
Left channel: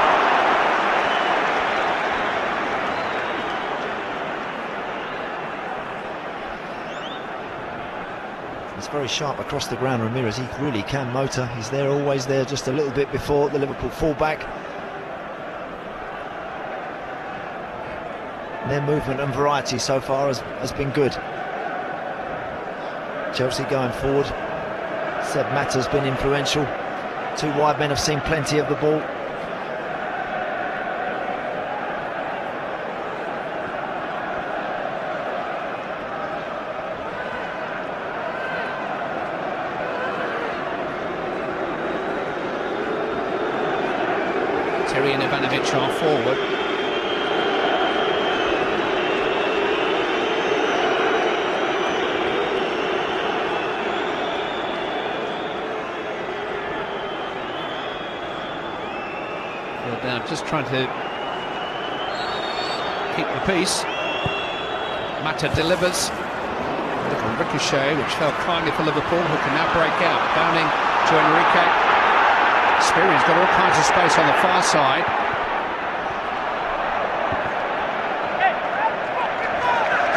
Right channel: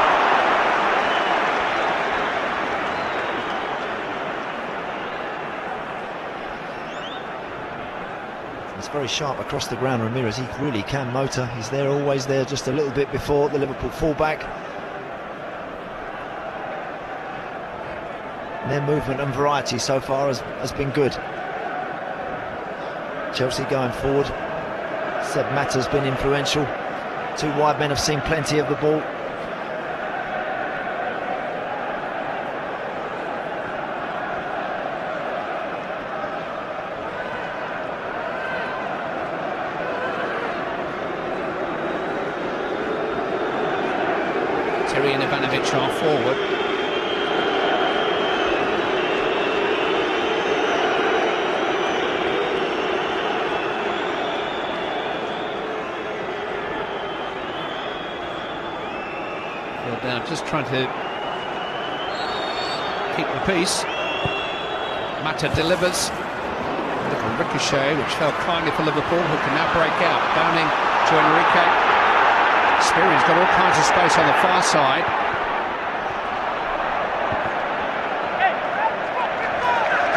Very sharp across the ground, Ramirez. He really can motor. He's there, always there, just a little bit before the Liverpool fullback. And their movement and variety so far has been good. Chelsea going forward. Seb Mata's been influential. 2 wide men have seen plenty of the ball. Ivanovic are forward. just trying to keep the peace. Mata delivers. Ricochet, which fell finely for Liverpool, who can now break out. Downing to Enrique. Speary's got all kinds of space on the far side.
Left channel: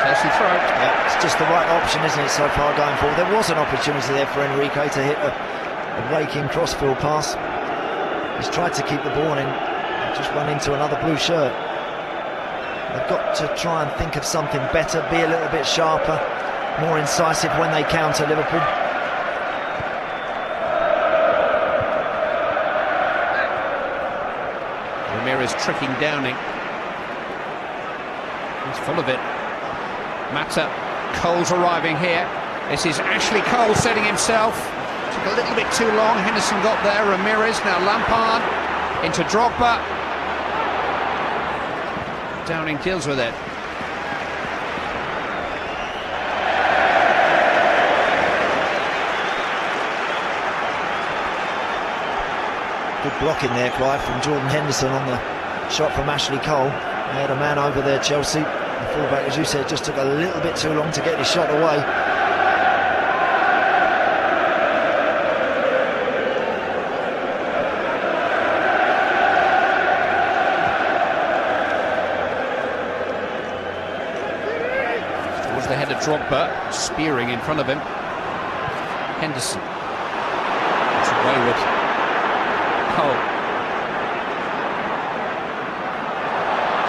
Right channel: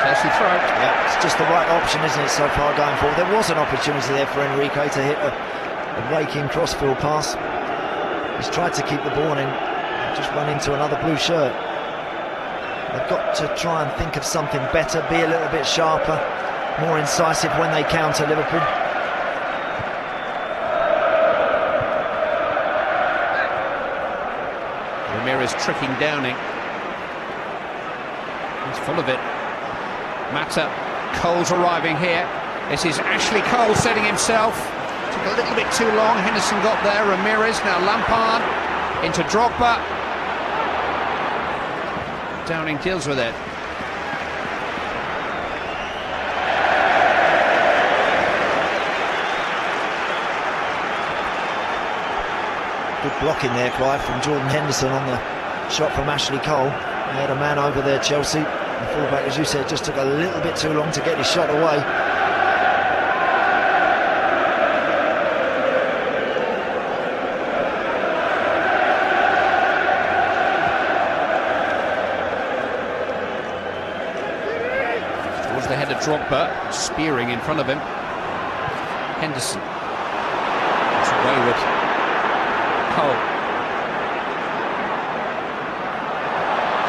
Chelsea throw. Yeah, it's just the right option, isn't it, so far going forward? There was an opportunity there for Enrique to hit a raking crossfield pass. He's tried to keep the ball in, just run into another blue shirt. They've got to try and think of something better, be a little bit sharper, more incisive when they counter Liverpool. Ramirez tricking Downing. He's full of it. Mata. Cole's arriving here. This is Ashley Cole setting himself. Took a little bit too long. Henderson got there. Ramirez, now Lampard. Into Drogba. Downing deals with it. Good blocking there, Clive, from Jordan Henderson on the shot from Ashley Cole. Made a man over there, Chelsea. The fullback, as you said, just took a little bit too long to get his shot away. Was the head of Drogba, spearing in front of him. Henderson. To Wayward. Cole.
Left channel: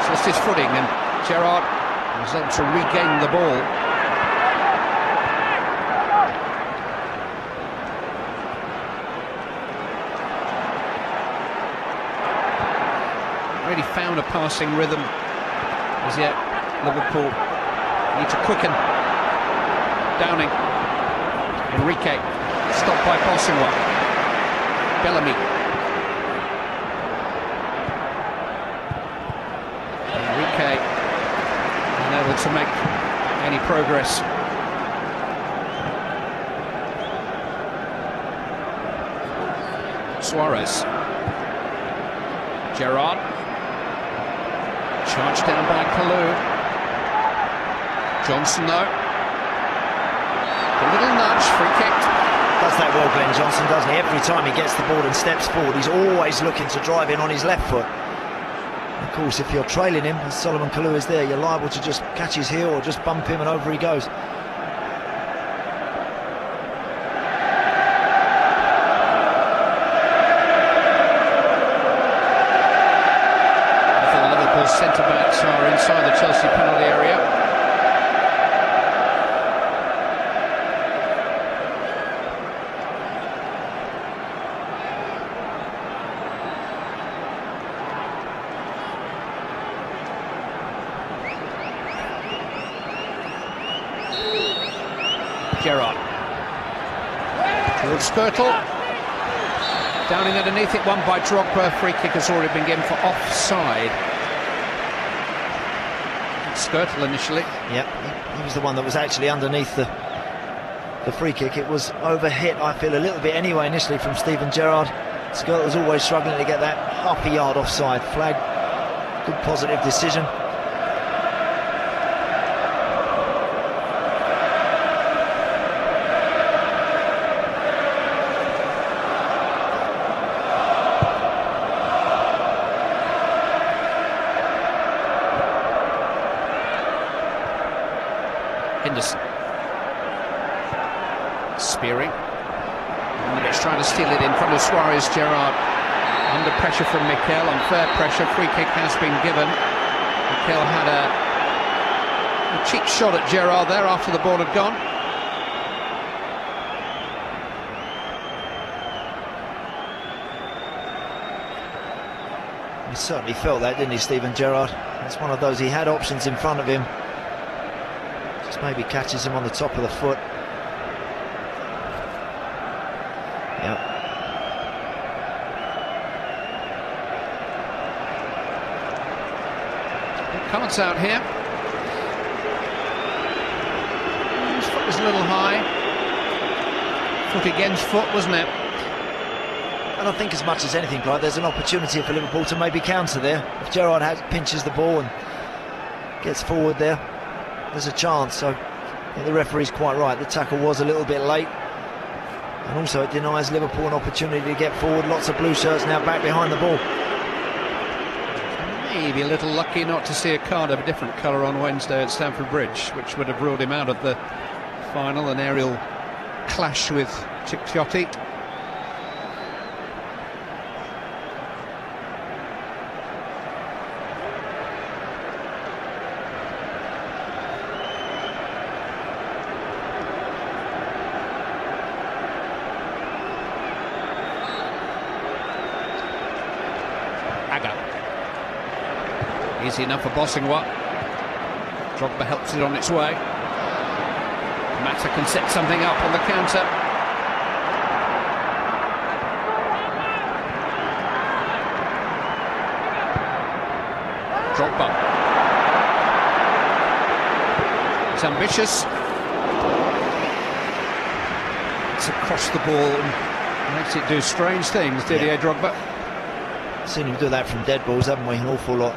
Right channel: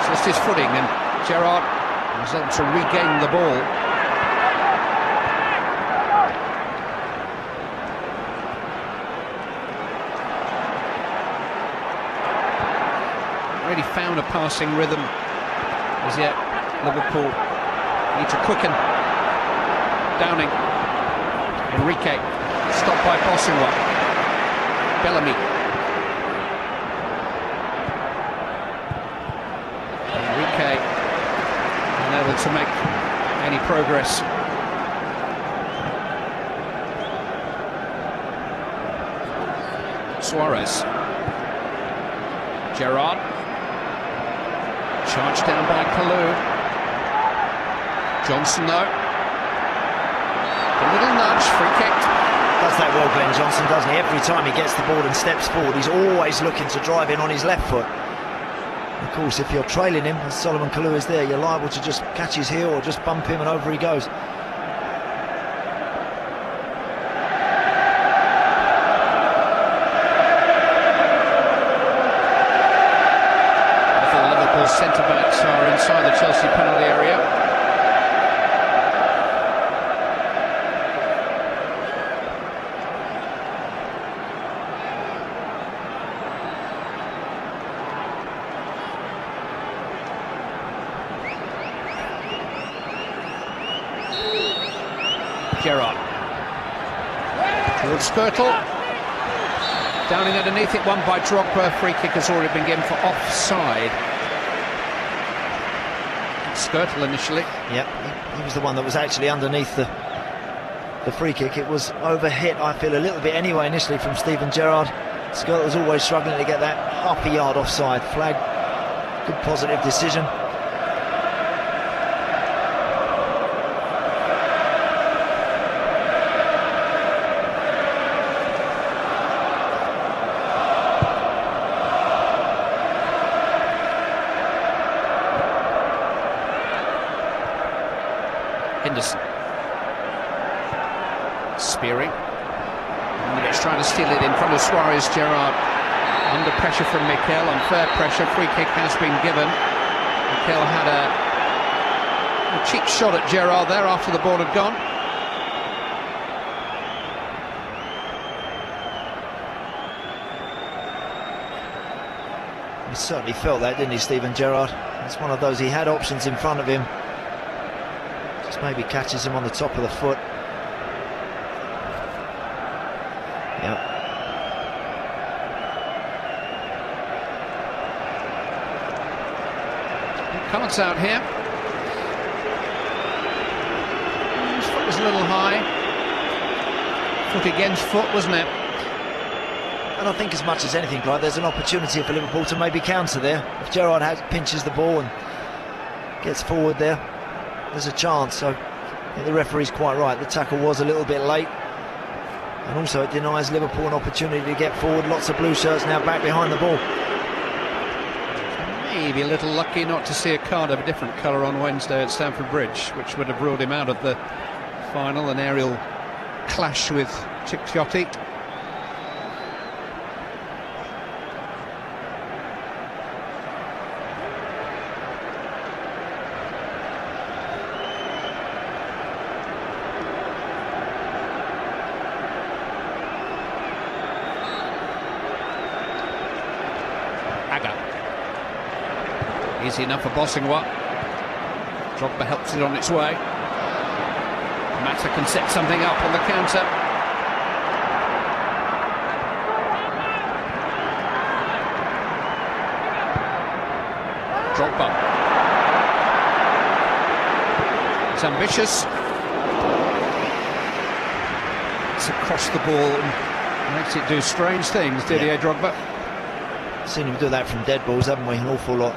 It's his footing, and Gerrard was able to regain the ball. Really found a passing rhythm as yet, Liverpool. Need to quicken. Downing. Enrique. Stopped by Passewa. Bellamy. Enrique. Unable to make any progress. Suarez. Gerrard. Charged down by Kalou. Johnson though. A little nudge, free kick. Does that well, Glenn Johnson, doesn't he? Every time he gets the ball and steps forward, he's always looking to drive in on his left foot. Of course, if you're trailing him and Solomon Kalou is there, you're liable to just catch his heel or just bump him and over he goes. Liverpool centre-backs are inside the Chelsea penalty area. Gerrard towards Skirtle. Downing underneath it, won by Drogba. Free kick has already been given for offside. Skirtle initially. Yeah, he was the one that was actually underneath the free kick. It was overhit, I feel, a little bit anyway initially from Steven Gerrard. Skirtle was always struggling to get that half a yard offside flag. Good positive decision. Henderson. Spearing. He's trying to steal it in front of Suarez. Gerrard under pressure from Mikel. Unfair pressure. Free kick has been given. Mikel had a cheap shot at Gerrard there after the ball had gone. He certainly felt that, didn't he, Steven Gerrard? It's one of those, he had options in front of him. Just maybe catches him on the top of the foot. Yeah. Cards out here. His foot was a little high. Foot against foot, wasn't it? And I think as much as anything, Clive, there's an opportunity for Liverpool to maybe counter there. If Gerrard pinches the ball and gets forward there, there's a chance. So the referee's quite right. The tackle was a little bit late. And also it denies Liverpool an opportunity to get forward. Lots of blue shirts now back behind the ball. Maybe a little lucky not to see a card of a different colour on Wednesday at Stamford Bridge, which would have ruled him out of the final. An aerial clash with Chikiotti. Easy enough for Bossingwa. Drogba helps it on its way. Mata can set something up on the counter. Drogba. It's ambitious. It's across the ball and makes it do strange things, Didier Drogba. Seen him do that from dead balls, haven't we? An awful lot.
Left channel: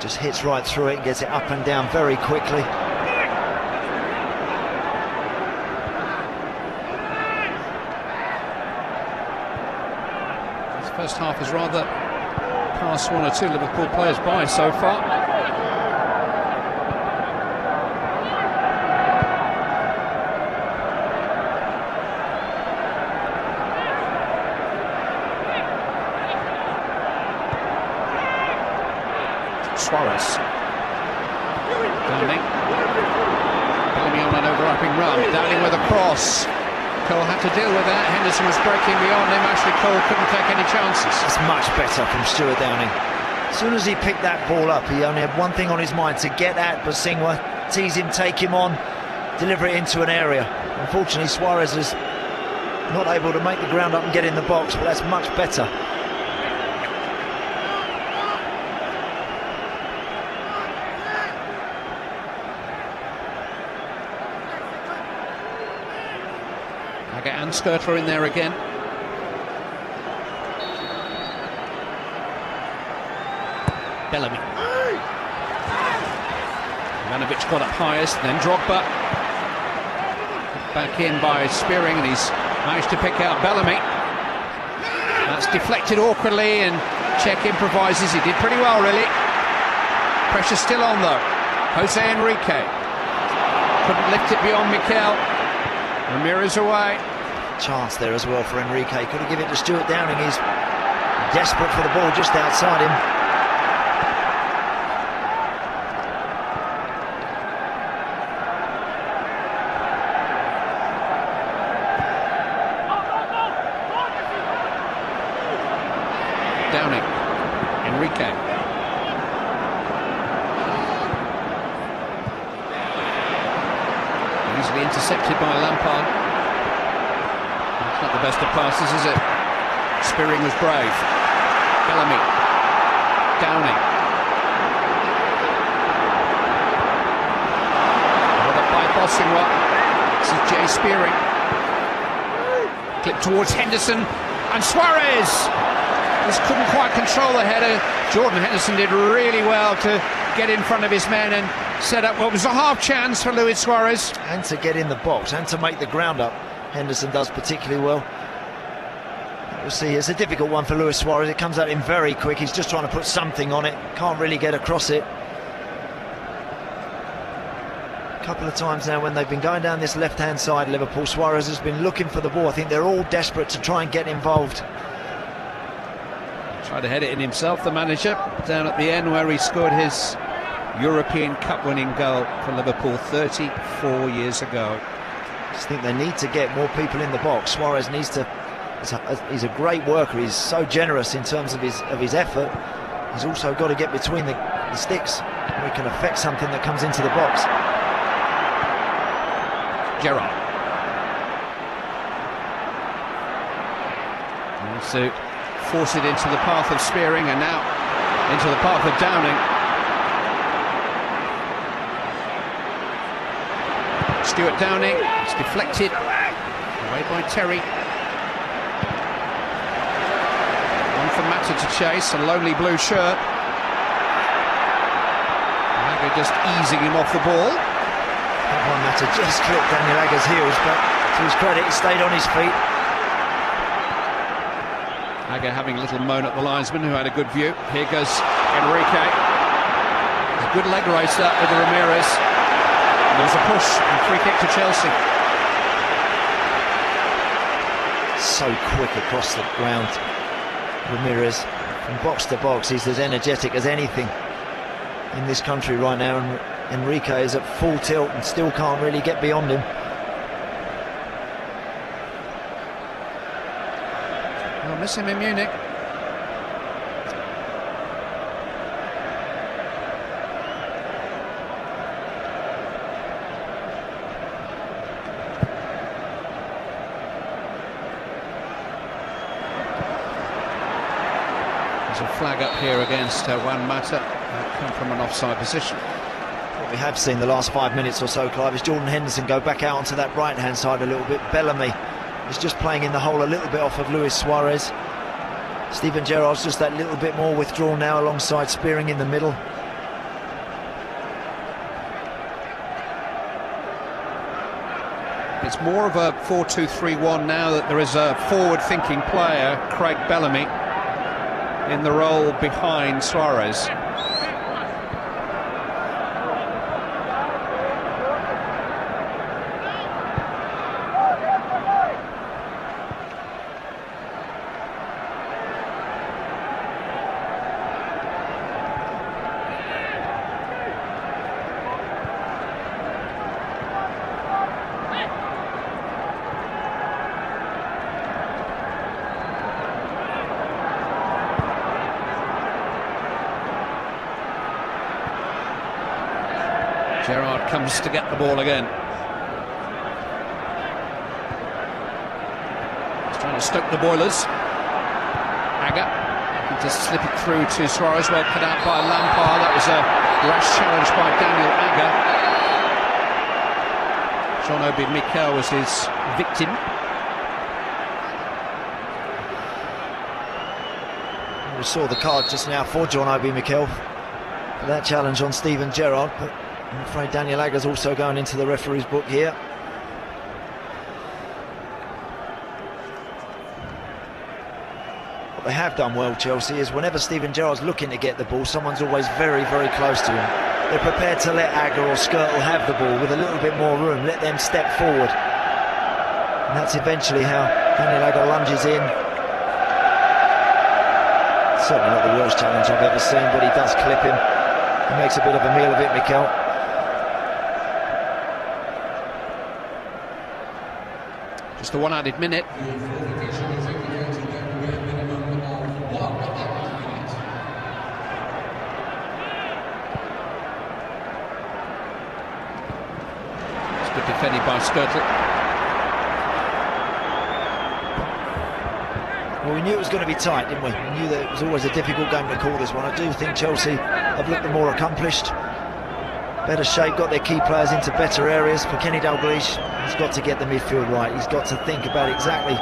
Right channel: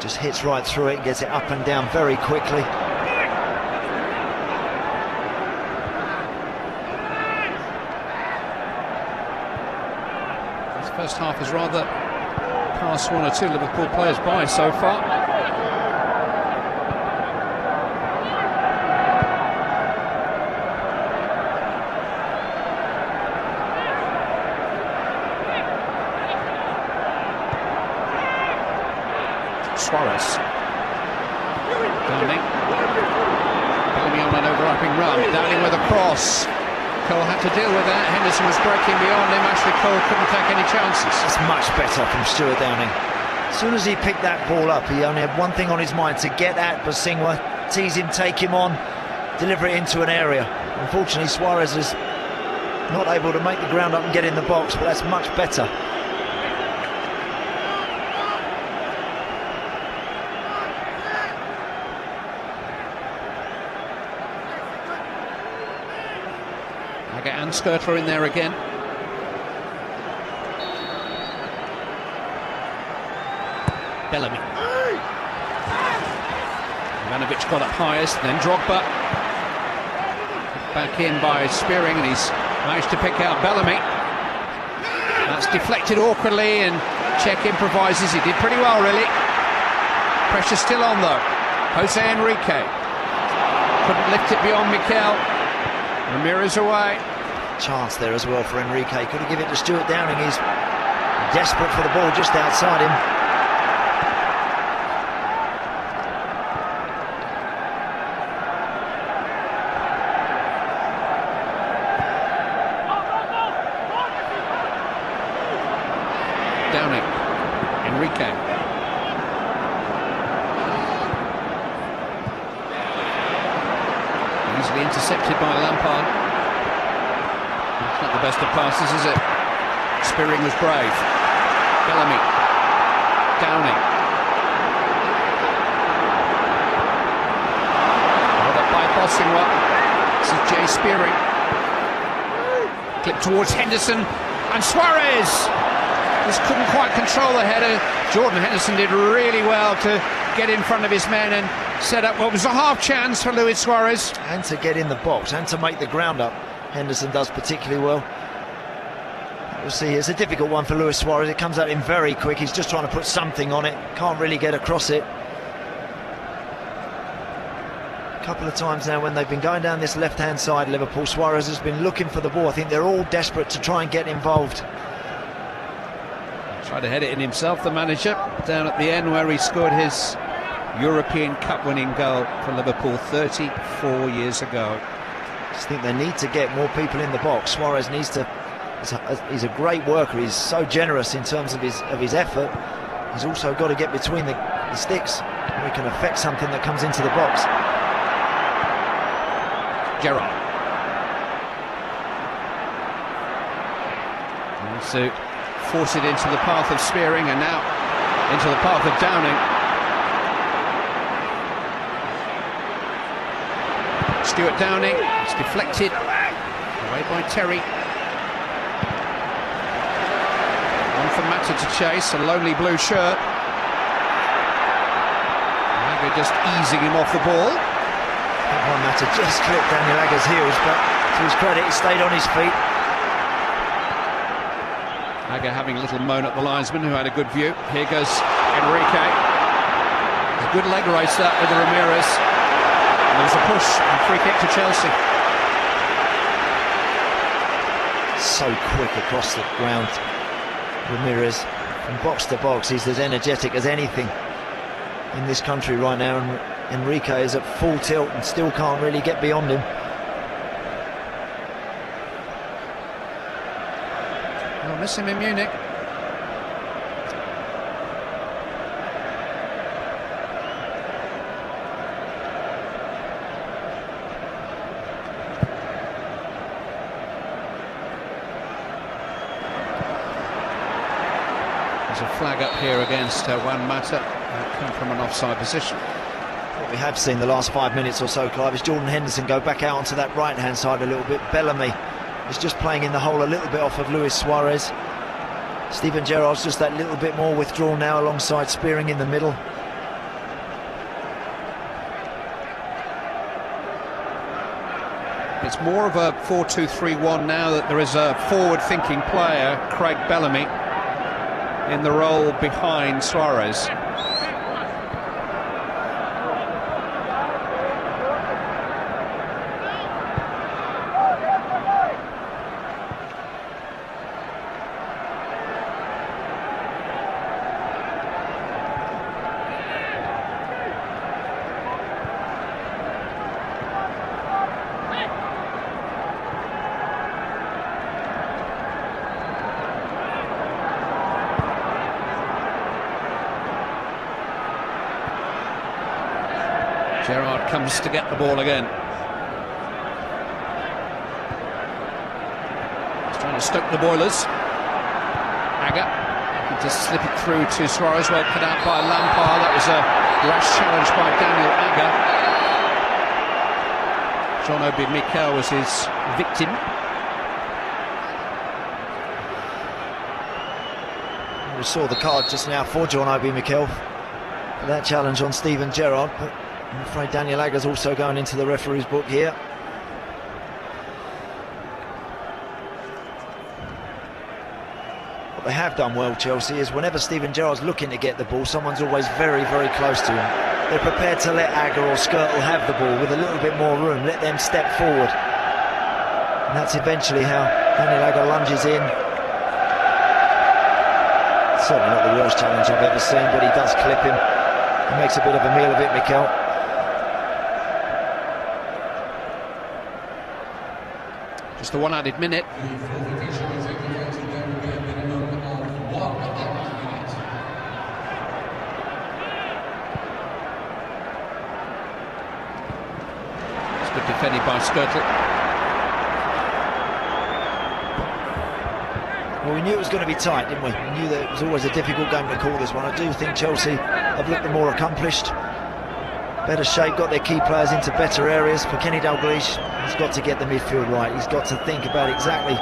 Just hits right through it and gets it up and down very quickly. This first half has rather passed one or two Liverpool players by so far. Suarez. Downing. Getting on an overlapping run. Downing with a cross. Cole had to deal with that. Henderson was breaking beyond him. Ashley Cole couldn't take any chances. That's much better from Stuart Downing. As soon as he picked that ball up, he only had one thing on his mind: to get at Bosingwa, tease him, take him on, deliver it into an area. Unfortunately, Suarez is not able to make the ground up and get in the box, but that's much better. Get Anskirtler in there again. Bellamy. Ivanovic got up highest, then Drogba. Back in by Spearing, and he's managed to pick out Bellamy. That's deflected awkwardly, and Cech improvises. He did pretty well, really. Pressure still on them. Jose Enrique couldn't lift it beyond Mikel. Ramirez away. Chance there as well for Enrique. Could he give it to Stuart Downing? He's desperate for the ball just outside him. Downing. Enrique. Easily intercepted by Lampard. Not the best of passes, is it? Spearing was brave. Bellamy. Downing. Bossingwa. This is Jay Spearing. Clip towards Henderson. And Suarez! Just couldn't quite control the header. Jordan Henderson did really well to get in front of his men and set up what was a half chance for Luis Suarez. And to get in the box and to make the ground up. Henderson does particularly well. We'll see, it's a difficult one for Luis Suarez. It comes at him very quick. He's just trying to put something on it. Can't really get across it. A couple of times now when they've been going down this left-hand side, Liverpool, Suarez has been looking for the ball. I think they're all desperate to try and get involved. Tried to head it in himself, the manager, down at the end where he scored his European Cup winning goal for Liverpool 34 years ago. I just think they need to get more people in the box. Suarez needs to. He's a great worker. He's so generous in terms of his effort. He's also got to get between the sticks. He can affect something that comes into the box. Gerrard. Also force it into the path of Spearing and now into the path of Downing. Stuart Downing, it's deflected away by Terry. wanted to chase, a lonely blue shirt. And they're just easing him off the ball. To just clip Daniel Agger's heels, but to his credit, he stayed on his feet. Agger having a little moan at the linesman, who had a good view. Here goes Enrique. A good leg race that with Ramirez. There's a push and free kick to Chelsea. So quick across the ground. Ramirez, from box to box, he's as energetic as anything in this country right now, and Enrique is at full tilt and still can't really get beyond him. I'll miss him in Munich. There's a flag up here against Juan Mata from an offside position. What we have seen the last 5 minutes or so, Clive, is Jordan Henderson go back out onto that right-hand side a little bit. Bellamy is just playing in the hole a little bit off of Luis Suarez. Steven Gerrard's just that little bit more withdrawn now alongside Spearing in the middle. It's more of a 4-2-3-1 now that there is a forward-thinking player, Craig Bellamy, in the role behind Suarez. Gerrard comes to get the ball again. He's trying to stoke the boilers. Agger looking to slip it through to Suarez, well cut out by Lampard. That was a rash challenge by Daniel Agger. John Obi Mikel was his victim. We saw the card just now for John Obi Mikel. And that challenge on Steven Gerrard, but I'm afraid Daniel Agger's also going into the referee's book here. What they have done well, Chelsea, is whenever Steven Gerrard's looking to get the ball, someone's always very, very close to him. They're prepared to let Agger or Skirtle have the ball with a little bit more room, let them step forward. And that's eventually how Daniel Agger lunges in. Certainly not the worst challenge I've ever seen, but he does clip him. He makes a bit of a meal of it, Mikel. Just the one added minute. It's good defending by Skirtle. Well, we knew it was going to be tight, didn't we? We knew that it was always a difficult game to call this one. I do think Chelsea have looked the more accomplished, better shape, got their key players into better areas. For Kenny Dalglish, he's got to get the midfield right. He's got to think about exactly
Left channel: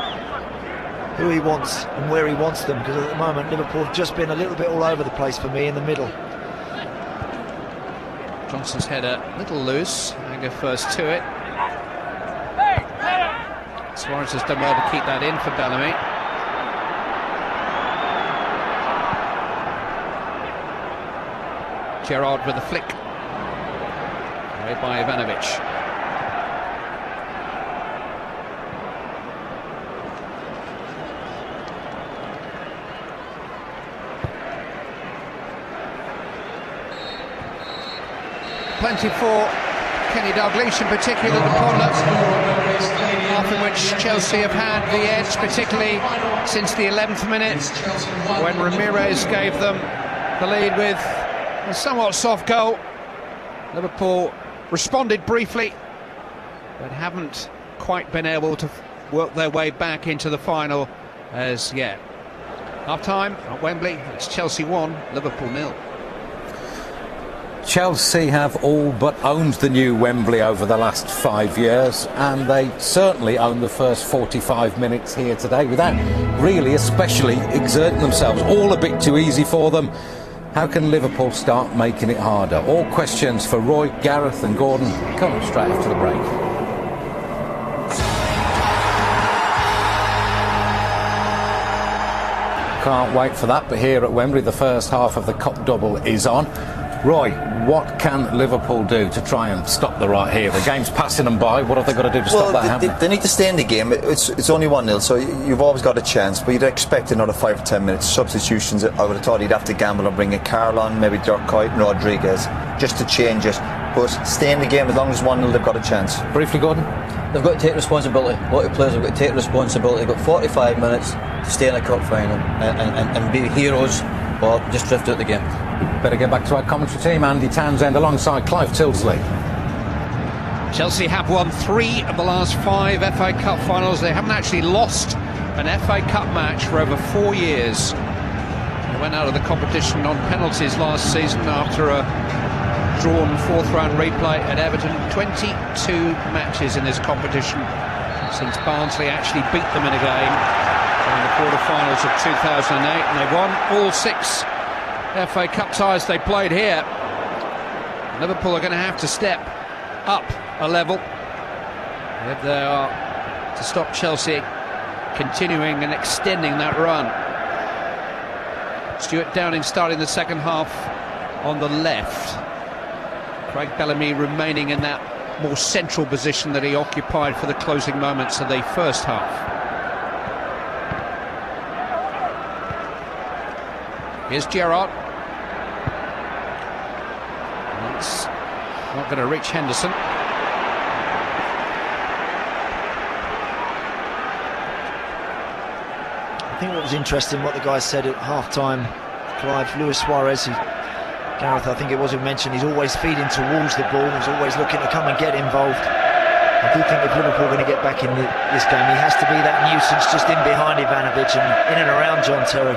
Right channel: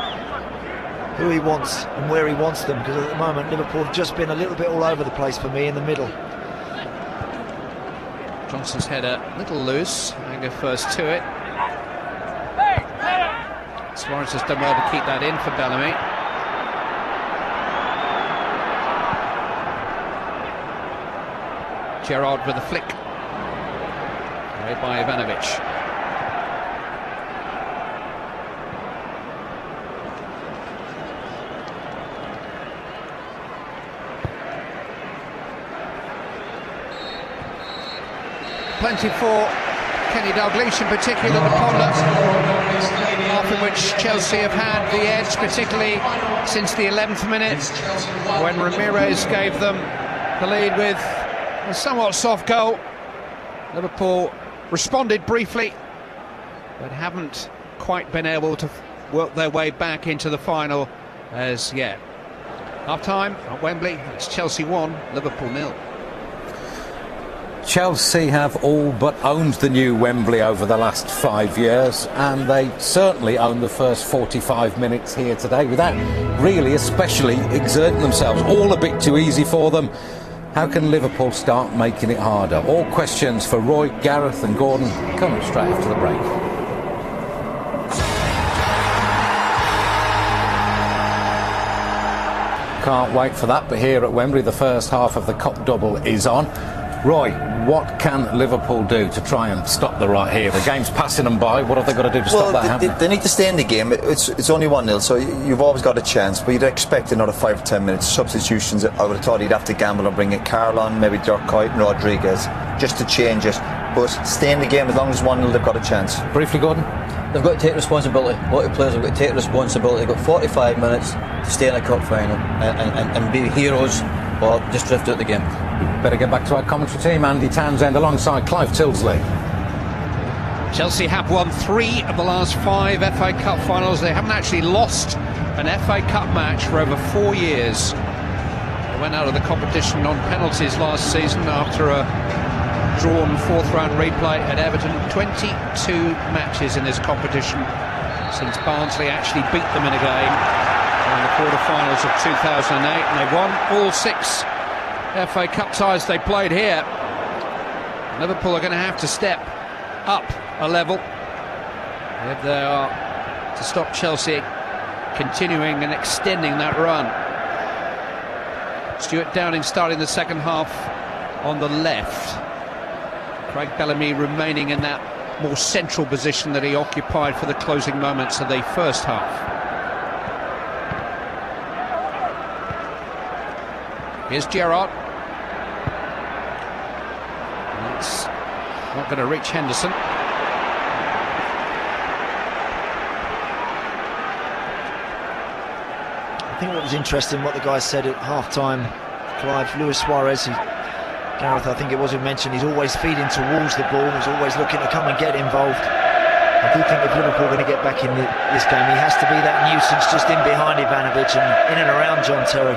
who he wants and where he wants them, because at the moment Liverpool have just been a little bit all over the place for me in the middle. Johnson's head a little loose. They go first to it. Suarez has done well to keep that in for Bellamy. Gerrard with a flick. Away by Ivanovic. Plenty for Kenny Dalglish, and particularly the corner, for which Chelsea have had the edge, particularly since the 11th minute, when Ramirez gave them the lead with a somewhat soft goal. Liverpool responded briefly, but haven't quite been able to work their way back into the final as yet. Half time at Wembley, it's Chelsea 1, Liverpool 0. Chelsea have all but owned the new Wembley over the last 5 years, and they certainly own the first 45 minutes here today without really especially exerting themselves. All a bit too easy for them. How can Liverpool start making it harder? All questions for Roy, Gareth and Gordon coming straight after the break. Can't wait for that, but here at Wembley the first half of the Cup double is on. Roy, what can Liverpool do to try and stop the rot here? The game's passing them by. What have they got to do to stop that? They need to stay in the game. It's only 1-0, so you've always got a chance, but you'd expect another 5 to 10 minutes. Substitutions, I would have thought he'd have to gamble and bring in Carl on, maybe Dirk Kuyt and Rodriguez, just to change it. But stay in the game. As long as 1-0, they've got a chance. Briefly, Gordon? They've got to take responsibility. A lot of players have got to take responsibility. They've got 45 minutes to stay in a cup final and be heroes, or just drift out the game. Better get back to our commentary team. Andy Townsend alongside Clive Tilsley. Chelsea have won 3 of the last 5 FA Cup finals. They haven't actually lost an FA Cup match for over 4 years. They went out of the competition on penalties last season after a drawn 4th round replay at Everton. 22 matches in this competition since Barnsley actually beat them in a game in the quarter-finals of 2008. They won all 6 FA Cup ties they played here. Liverpool are going to have to step up a level if they are to stop Chelsea continuing and extending that run. Stuart Downing starting the second half on the left. Craig Bellamy remaining in that more central position that he occupied for the closing moments of the first half. Here's Gerrard. It's not going to reach Henderson. I think what was interesting, what the guys said at half-time, Clive, Luis Suarez, Gareth, I think it was mentioned, he's always feeding towards the ball, he's always looking to come and get involved. I do think if Liverpool are going to get back in this game, he has to be that nuisance just in behind Ivanovic and in and around John Terry.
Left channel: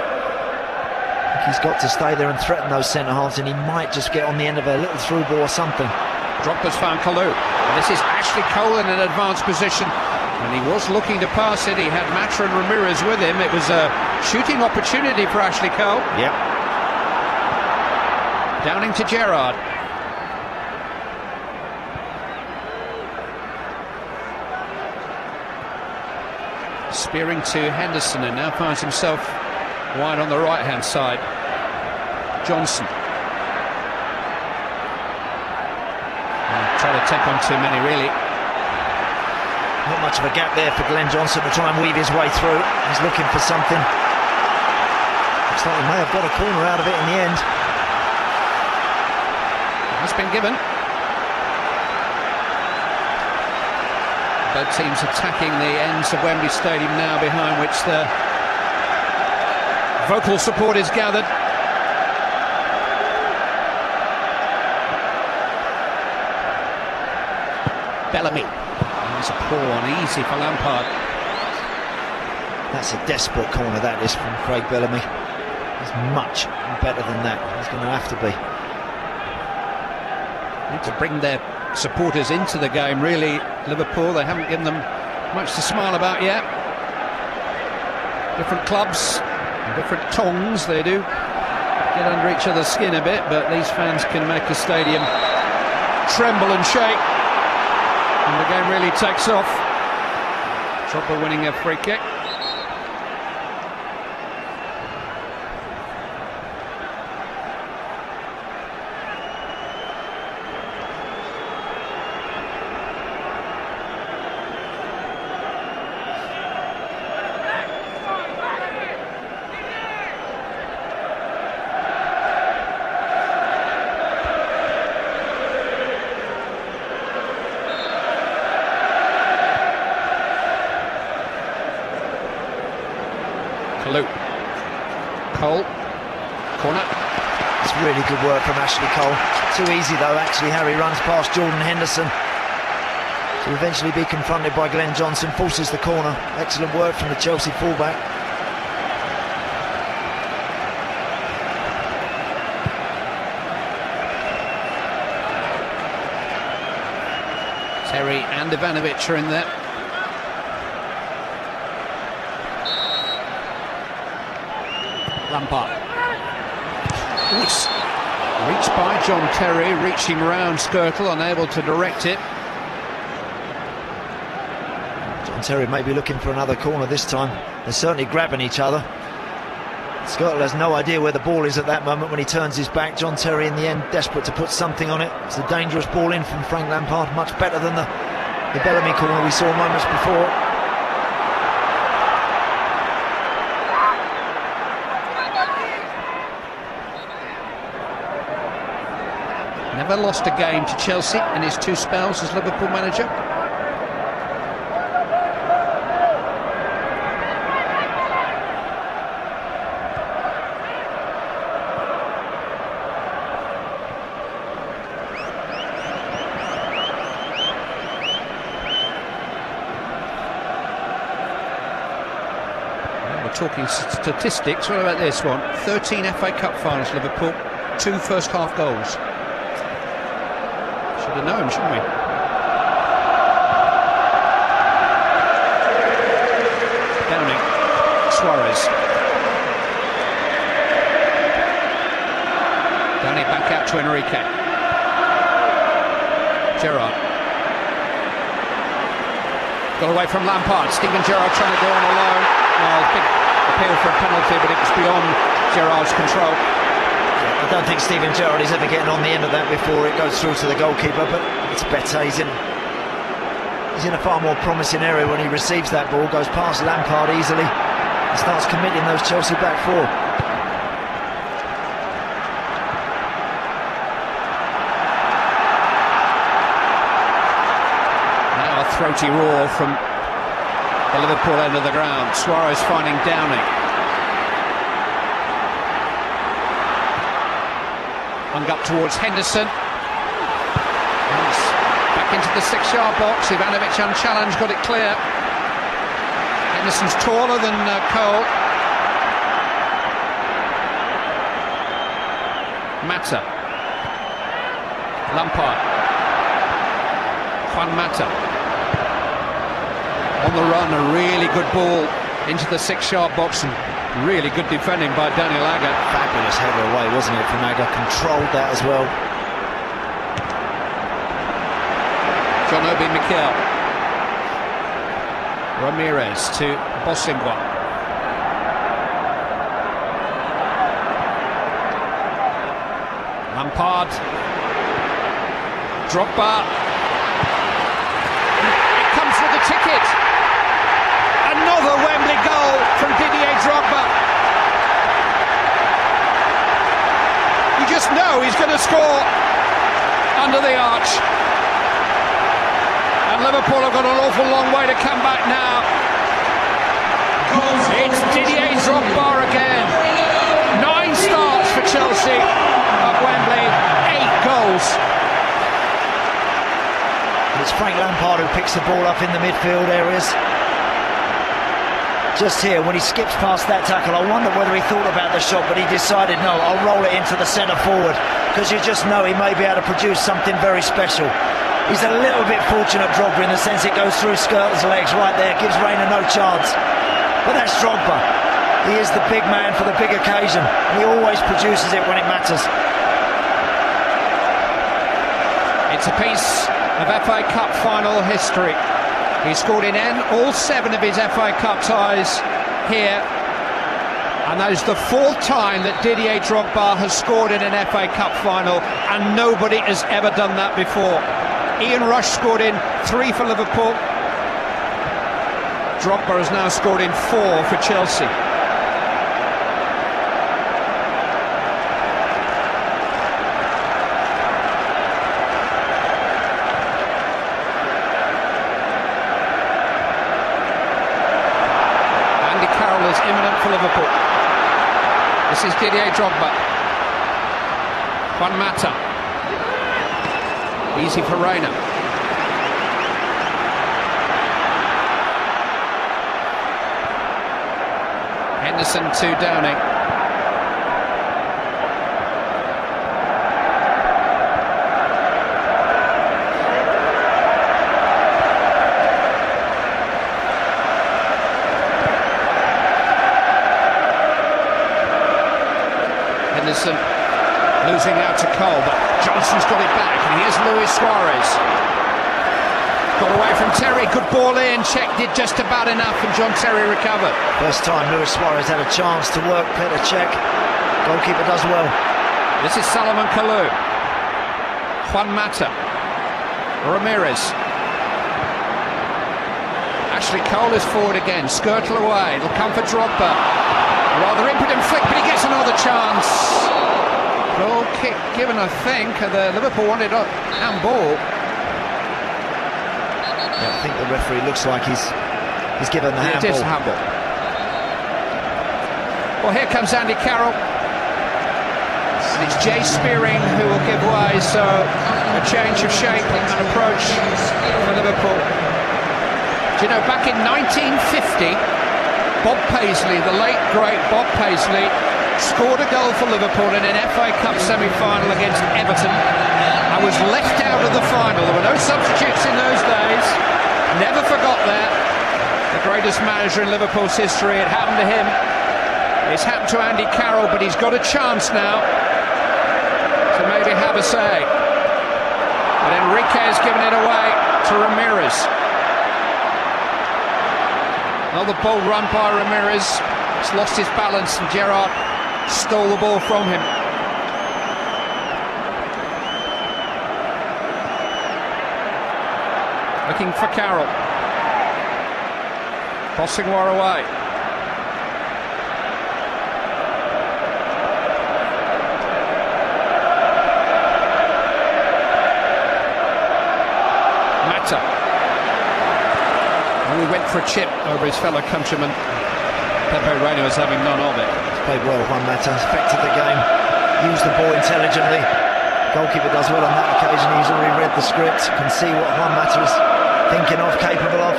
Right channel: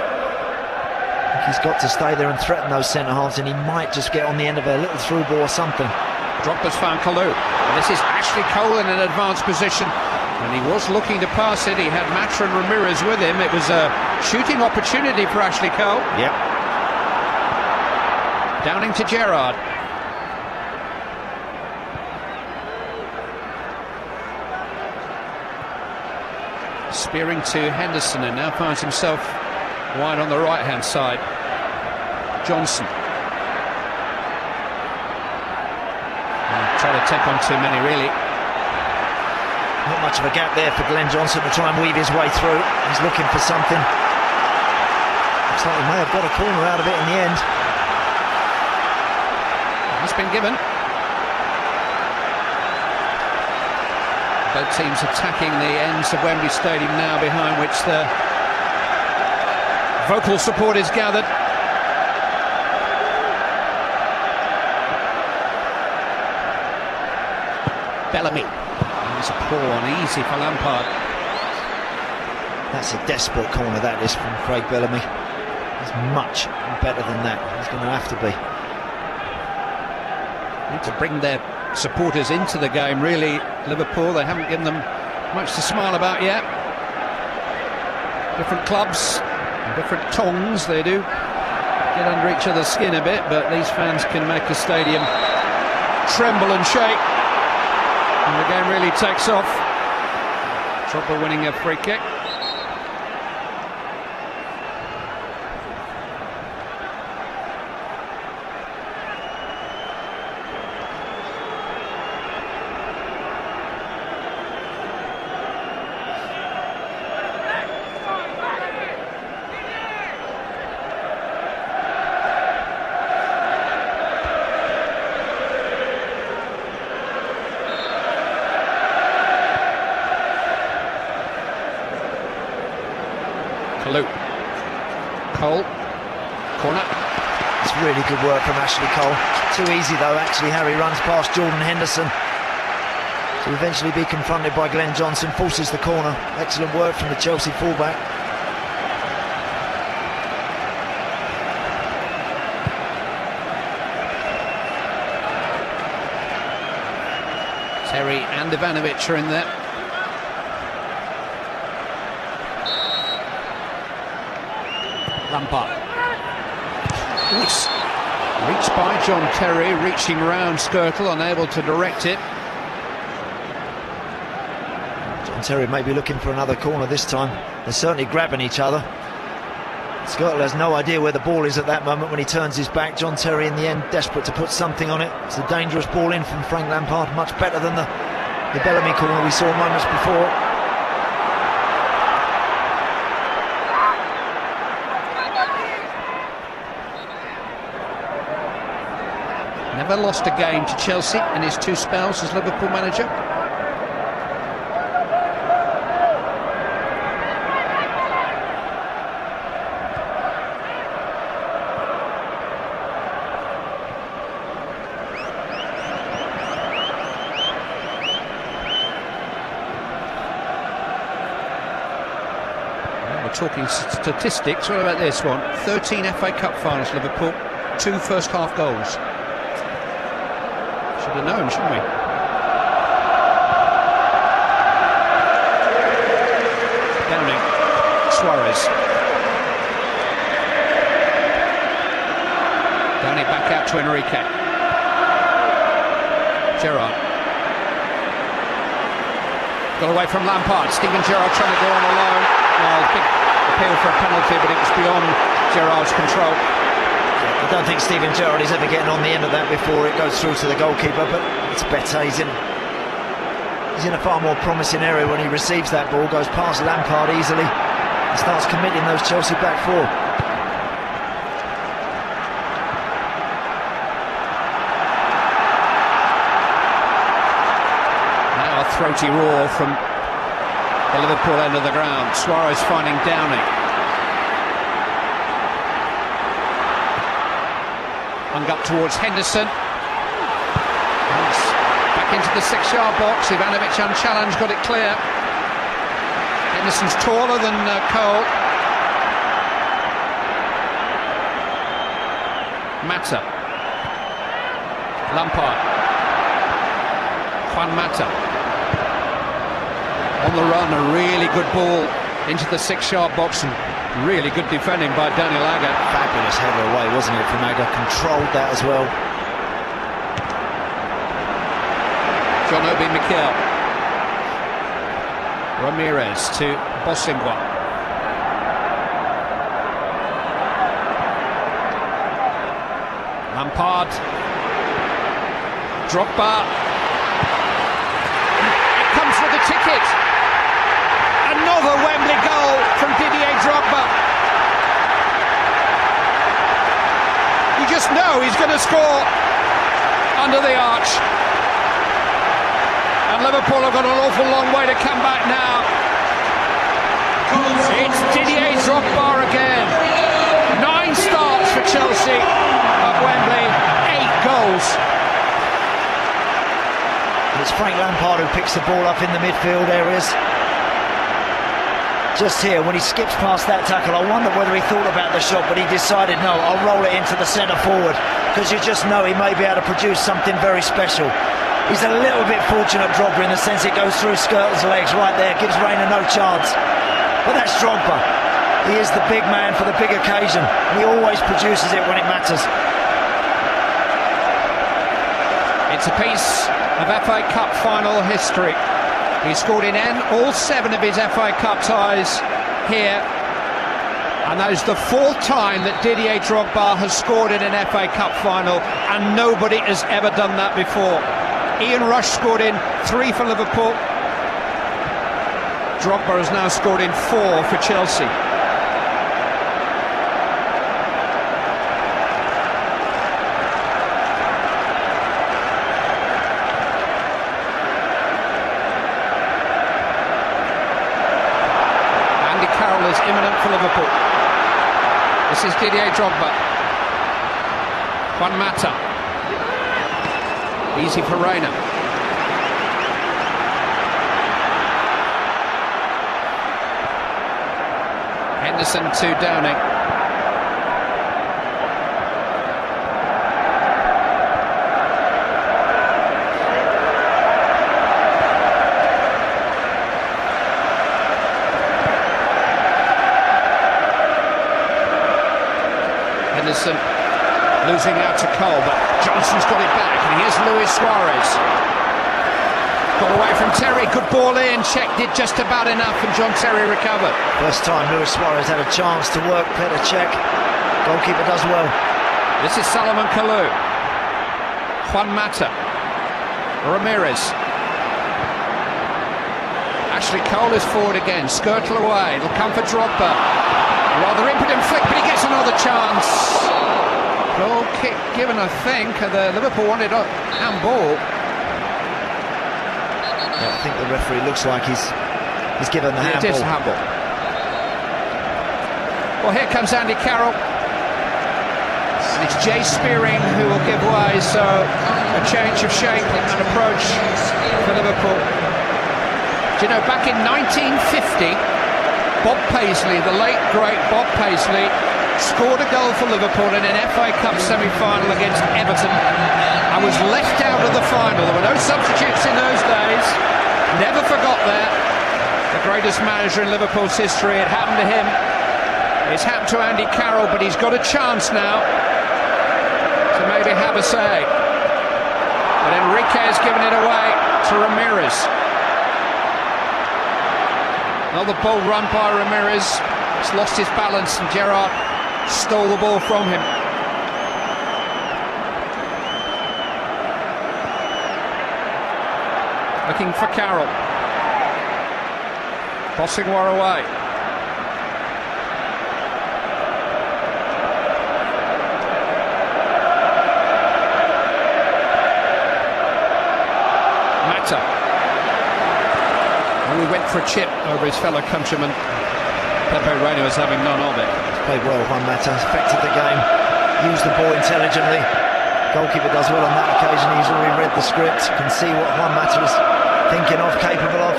He's got to stay there and threaten those centre-halves, and he might just get on the end of a little through ball or something. Drogba's found Kalou. This is Ashley Cole in an advanced position, and he was looking to pass it. He had Matra and Ramirez with him. It was a shooting opportunity for Ashley Cole. Yep. Downing to Gerrard. Spearing to Henderson, and now finds himself wide on the right hand side. Johnson. Trying to take on too many, really. Not much of a gap there for Glenn Johnson to try and weave his way through. He's looking for something. Looks like he may have got a corner out of it in the end. It's been given. Both teams attacking the ends of Wembley Stadium now, behind which the vocal support is gathered. Bellamy. There's a poor one, easy for Lampard. That's a desperate corner, that is, from Craig Bellamy. He's much better than that. He's going to have to be. Need to bring their supporters into the game, really. Liverpool, they haven't given them much to smile about yet. Different clubs, different tongues, they do get under each other's skin a bit, but these fans can make a stadium tremble and shake. And the game really tacks off. Chopper winning a free kick. Cole, corner. It's really good work from Ashley Cole. Too easy though, actually, how he runs past Jordan Henderson to eventually be confronted by Glenn Johnson. Forces the corner. Excellent work from the Chelsea fullback. Ivanovic are in there. Lampard. Reached by John Terry, reaching round Skrtel, unable to direct it. John Terry may be looking for another corner this time. They're certainly grabbing each other. Skrtel has no idea where the ball is at that moment when he turns his back. John Terry in the end desperate to put something on it. It's a dangerous ball in from Frank Lampard, much better than the Bellamy corner we saw moments before. Never lost a game to Chelsea in his 2 spells as Liverpool manager. Talking statistics, what about this one? 13 FA Cup finals, Liverpool, 2 first half goals. Should have known, shouldn't we? Suarez. Running back out to Enrique. Gerrard. Got away from Lampard. Steven Gerrard trying to do him alone. Well, big appeal for a penalty, but it's beyond Gerrard's control. I don't think Steven Gerrard is ever getting on the end of that before it goes through to the goalkeeper, but it's better. He's in a far more promising area when he receives that ball, goes past Lampard easily and starts committing those Chelsea back forward. Now a throaty roar from the Liverpool end of the ground. Suarez finding Downing. Hung up towards Henderson. Back into the 6-yard box. Ivanovic unchallenged, got it clear. Henderson's taller than Cole. Mata. Lampard. Juan Mata. On the run, a really good ball into the 6-yard box. Really good defending by Daniel Agger. Fabulous header away, wasn't it, from Agger? Controlled that as well. John Obi Mikel. Ramirez to Bosingwa. Lampard. Drogba. It comes with the ticket. Another Wembley goal from Didier Drogba. You just know he's going to score under the arch. And Liverpool have got an awful long way to come back now. It's Didier Drogba again. 9 starts for Chelsea at Wembley, 8 goals. It's Frank Lampard who picks the ball up in the midfield areas. Just here, when he skips past that tackle, I wonder whether he thought about the shot, but he decided, no, I'll roll it into the centre forward, because you just know he may be able to produce something very special. He's a little bit fortunate, Drogba, in the sense he goes through Skrtel's legs right there, gives Reina no chance. But that's Drogba. He is the big man for the big occasion. He always produces it when it matters. It's a piece of FA Cup final history. He scored in all 7 of his FA Cup ties here. And that is the 4th time that Didier Drogba has scored in an FA Cup final, and nobody has ever done that before. Ian Rush scored in 3 for Liverpool. Drogba has now scored in 4 for Chelsea. Is imminent for Liverpool. This is Didier Drogba. Juan Mata. Easy for Reina. Henderson to Downing. losing out to Cole, but Johnson's got it back. Here's Luis Suarez. Got away from Terry, good ball in. Chet did just about enough, and John Terry recovered. First time Luis Suarez had a chance to work Petr Cech. Goalkeeper does well. This is Solomon Kalou. Juan Mata. Ramirez. Ashley Cole is forward again. Skirtle away. It'll come for Drogba. Rather impotent flick, but he gets another chance. Goal kick given, I think. The Liverpool wanted that ball. I think the referee looks like he's given the handball. It is a handball. Well, here comes Andy Carroll. It's Jay Spearing who will give way, so a change of shape and approach for Liverpool. Do you know, back in 1950, Bob Paisley, the late great Bob Paisley, scored a goal for Liverpool in an FA Cup semi-final against Everton and was left out of the final. There were no substitutes in those days. Never forgot that. The greatest manager in Liverpool's history. It happened to him. It's happened to Andy Carroll, but he's got a chance now to maybe have a say. But Enrique has given it away to Ramirez. Another ball run by Ramirez. He's lost his balance, and Gerrard stole the ball from him. Looking for Carroll. Bosingwa away. Mata. He went for a chip over his fellow countryman. Pepe Reina was having none of it. Played well, Juan Mata. Affected the game. Used the ball intelligently. Goalkeeper does well on that occasion. He's already read the script. You can see what Juan Mata is thinking of, capable of.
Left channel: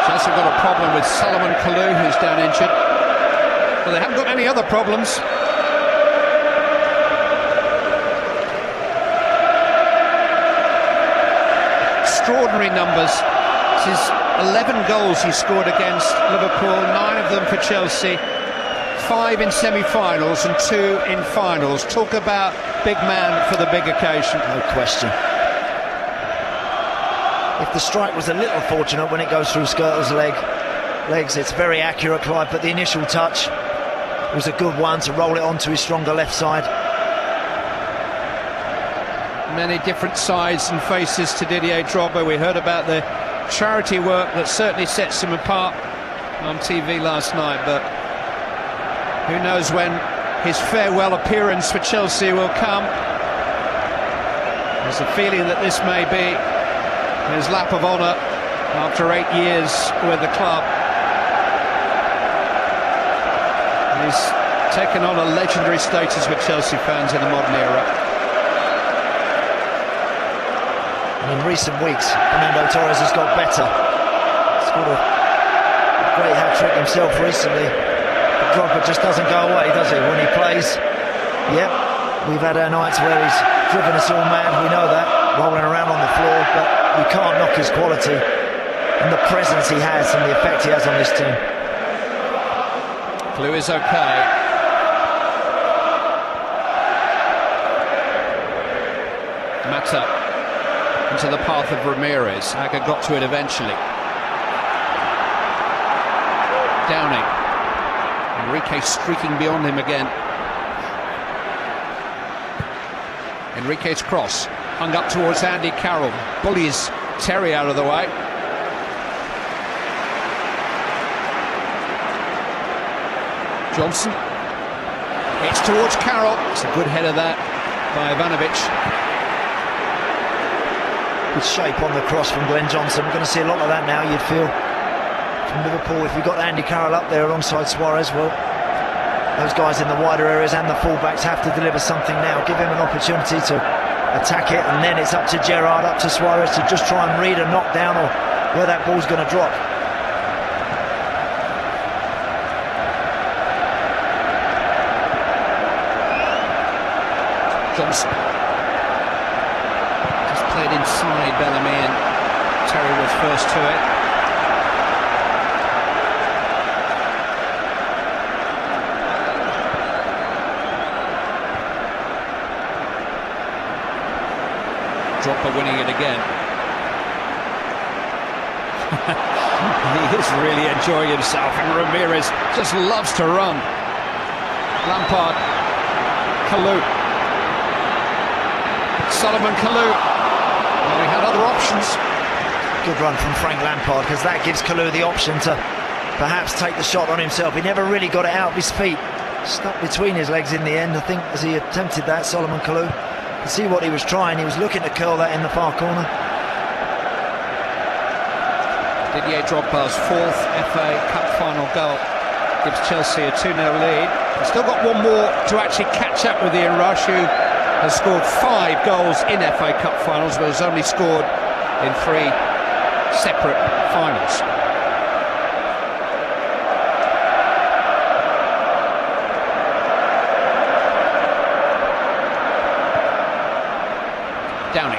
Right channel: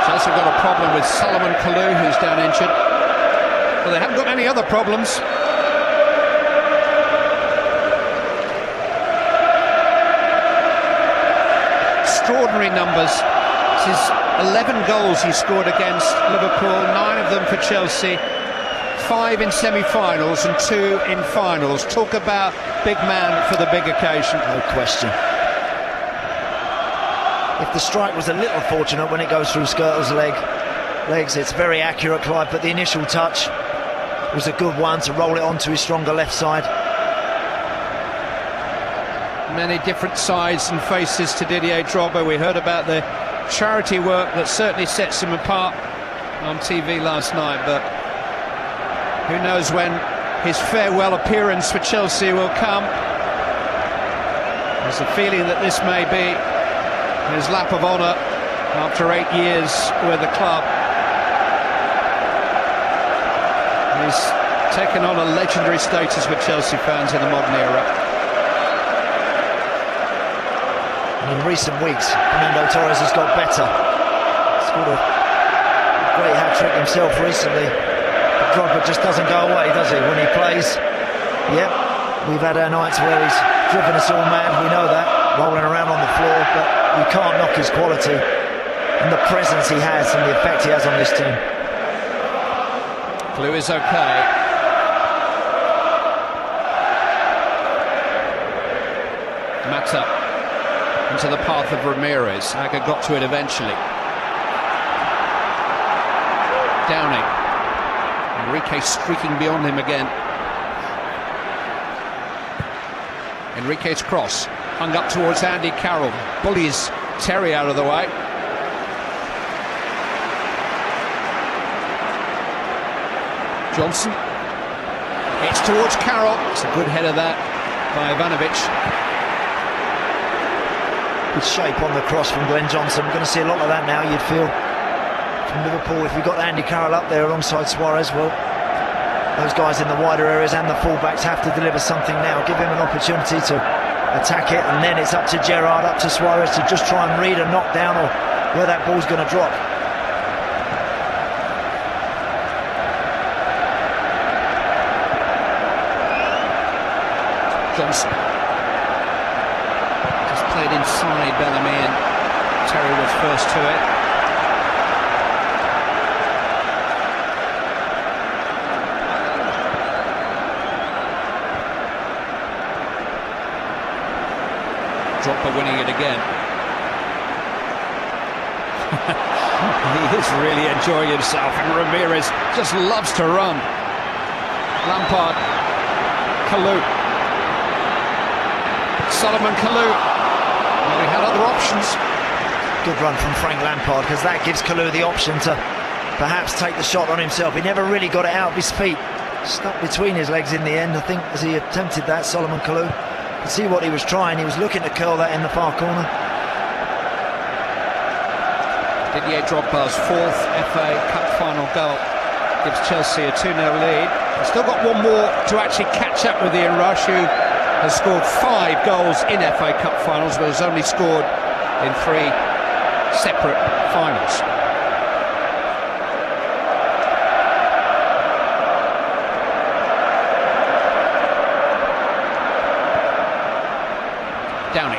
He's also got a problem with Solomon Kalou, who's down injured. Well, they haven't got any other problems. Extraordinary numbers. This is 11 goals he scored against Liverpool, 9 of them for Chelsea, 5 in semi-finals and 2 in finals. Talk about big man for the big occasion. No question. If the strike was a little fortunate when it goes through Skirtle's legs, it's very accurate, Clive, but the initial touch was a good one to roll it onto his stronger left side. Many different sides and faces to Didier Drogba. We heard about the charity work that certainly sets him apart on TV last night, but who knows when his farewell appearance for Chelsea will come. There's a feeling that this may be his lap of honour after 8 years with the club. He's taken on a legendary status with Chelsea fans in the modern era. In recent weeks, Fernando Torres has got better. He's got a great hat-trick himself recently. But Drogba just doesn't go away, does it, when he plays? Yep, we've had our nights where he's driven us all mad, we know that, rolling around on the floor, but we can't knock his quality and the presence he has and the effect he has on this team. Blue is okay. Mata into the path of Ramirez. Aga got to it eventually. Downing. Enrique streaking beyond him again. Enrique's cross. Hung up towards Andy Carroll. Bullies Terry out of the way. Johnson. It's towards Carroll. It's a good header that by Ivanovic. Good shape on the cross from Glenn Johnson. We're going to see a lot of that now, you'd feel, from Liverpool. If we got Andy Carroll up there alongside Suarez, well, those guys in the wider areas and the fullbacks have to deliver something now. Give them an opportunity to attack it, and then it's up to Gerrard, up to Suarez to just try and read and knock down or where that ball's going to drop. Johnson. Just played inside Bellamy, and Terry was first to it. Drogba winning it again. He is really enjoying himself, and Ramirez just loves to run. Lampard, Kalou, Solomon Kalou. He had other options. Good run from Frank Lampard, because that gives Kalou the option to perhaps take the shot on himself. He never really got it out of his feet. Stuck between his legs in the end, I think, as he attempted that, Solomon Kalou. See what he was trying. He was looking to curl that in the far corner. Didier Drogba's fourth off a cup final goal gives Chelsea a 2-0 lead. Still got one more to actually catch up with Ian Rush, who has scored 5 goals in FA Cup finals, but has only scored in 3 separate finals. Downing.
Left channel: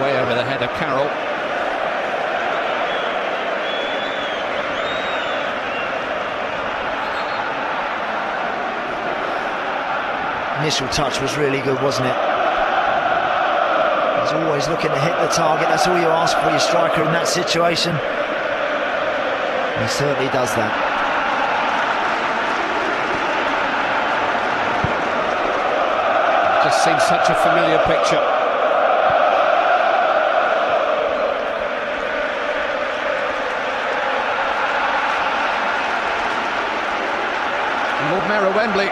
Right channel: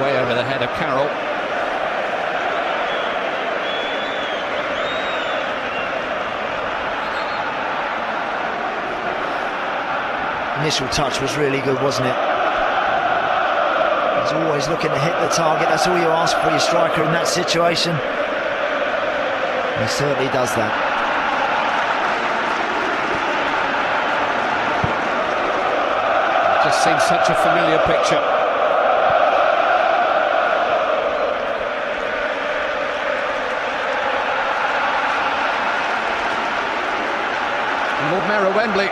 Way over the head of Carroll. Initial touch was really good, wasn't it? He's always looking to hit the target. That's all you ask for your striker in that situation. He certainly does that. Seems such a familiar picture. Lord Mayor Wembley.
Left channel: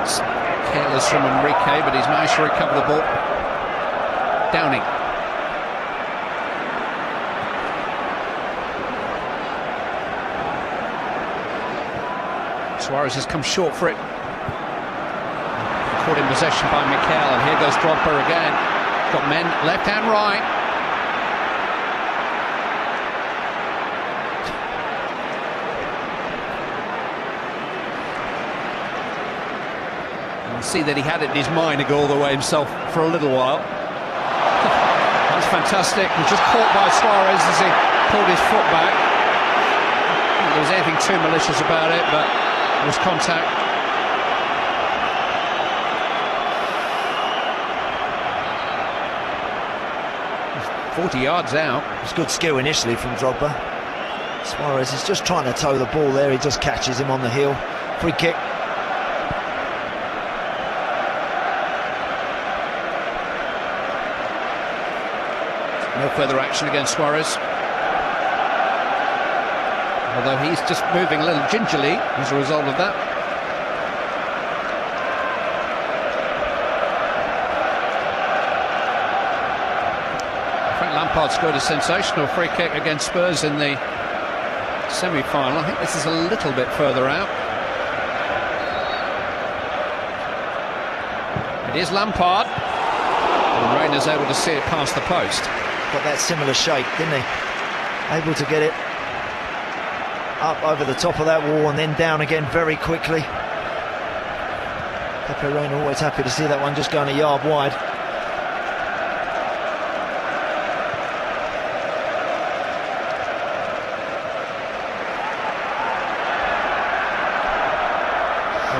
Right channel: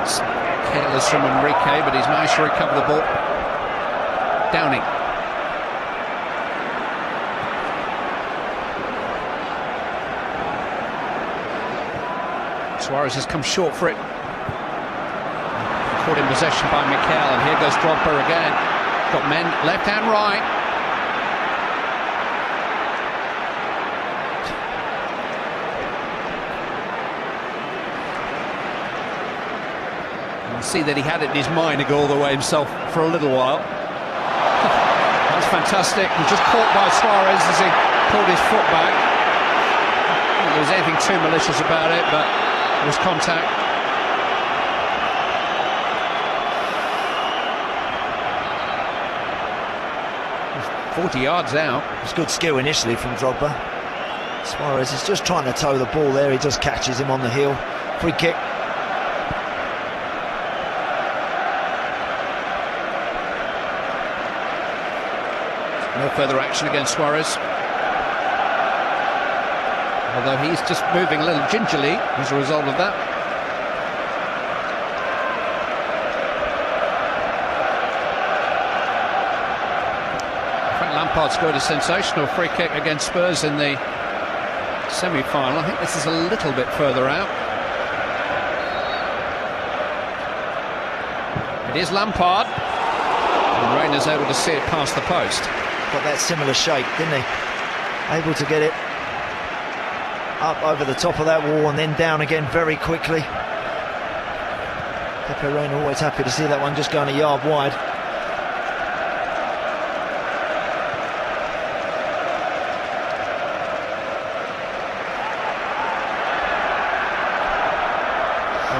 It's a kill is from Enrique, but he's managed to recover the ball. Downing. Suarez has come short for it. Caught in possession by Mikel, and here goes Drogba again. Got men left and right. You see that he had it in his mind to go all the way himself for a little while. That's fantastic. He just caught by Suarez as he pulled his foot back. Not that there was anything too malicious about it, but there was contact. He's 40 yards out. It's good skill initially from Drogba. Suarez is just trying to toe the ball there. He just catches him on the heel. Free kick. Further action against Suarez. Although he's just moving a little gingerly as a result of that. Lampard scored a sensational free kick against Spurs in the semi-final. I think this is a little bit further out. Here's Lampard. And Rayner's able to see it past the post. Got that similar shape, didn't he? Able to get it up over the top of that wall and then down again very quickly. Pepe Reina always happy to see that one just going a yard wide.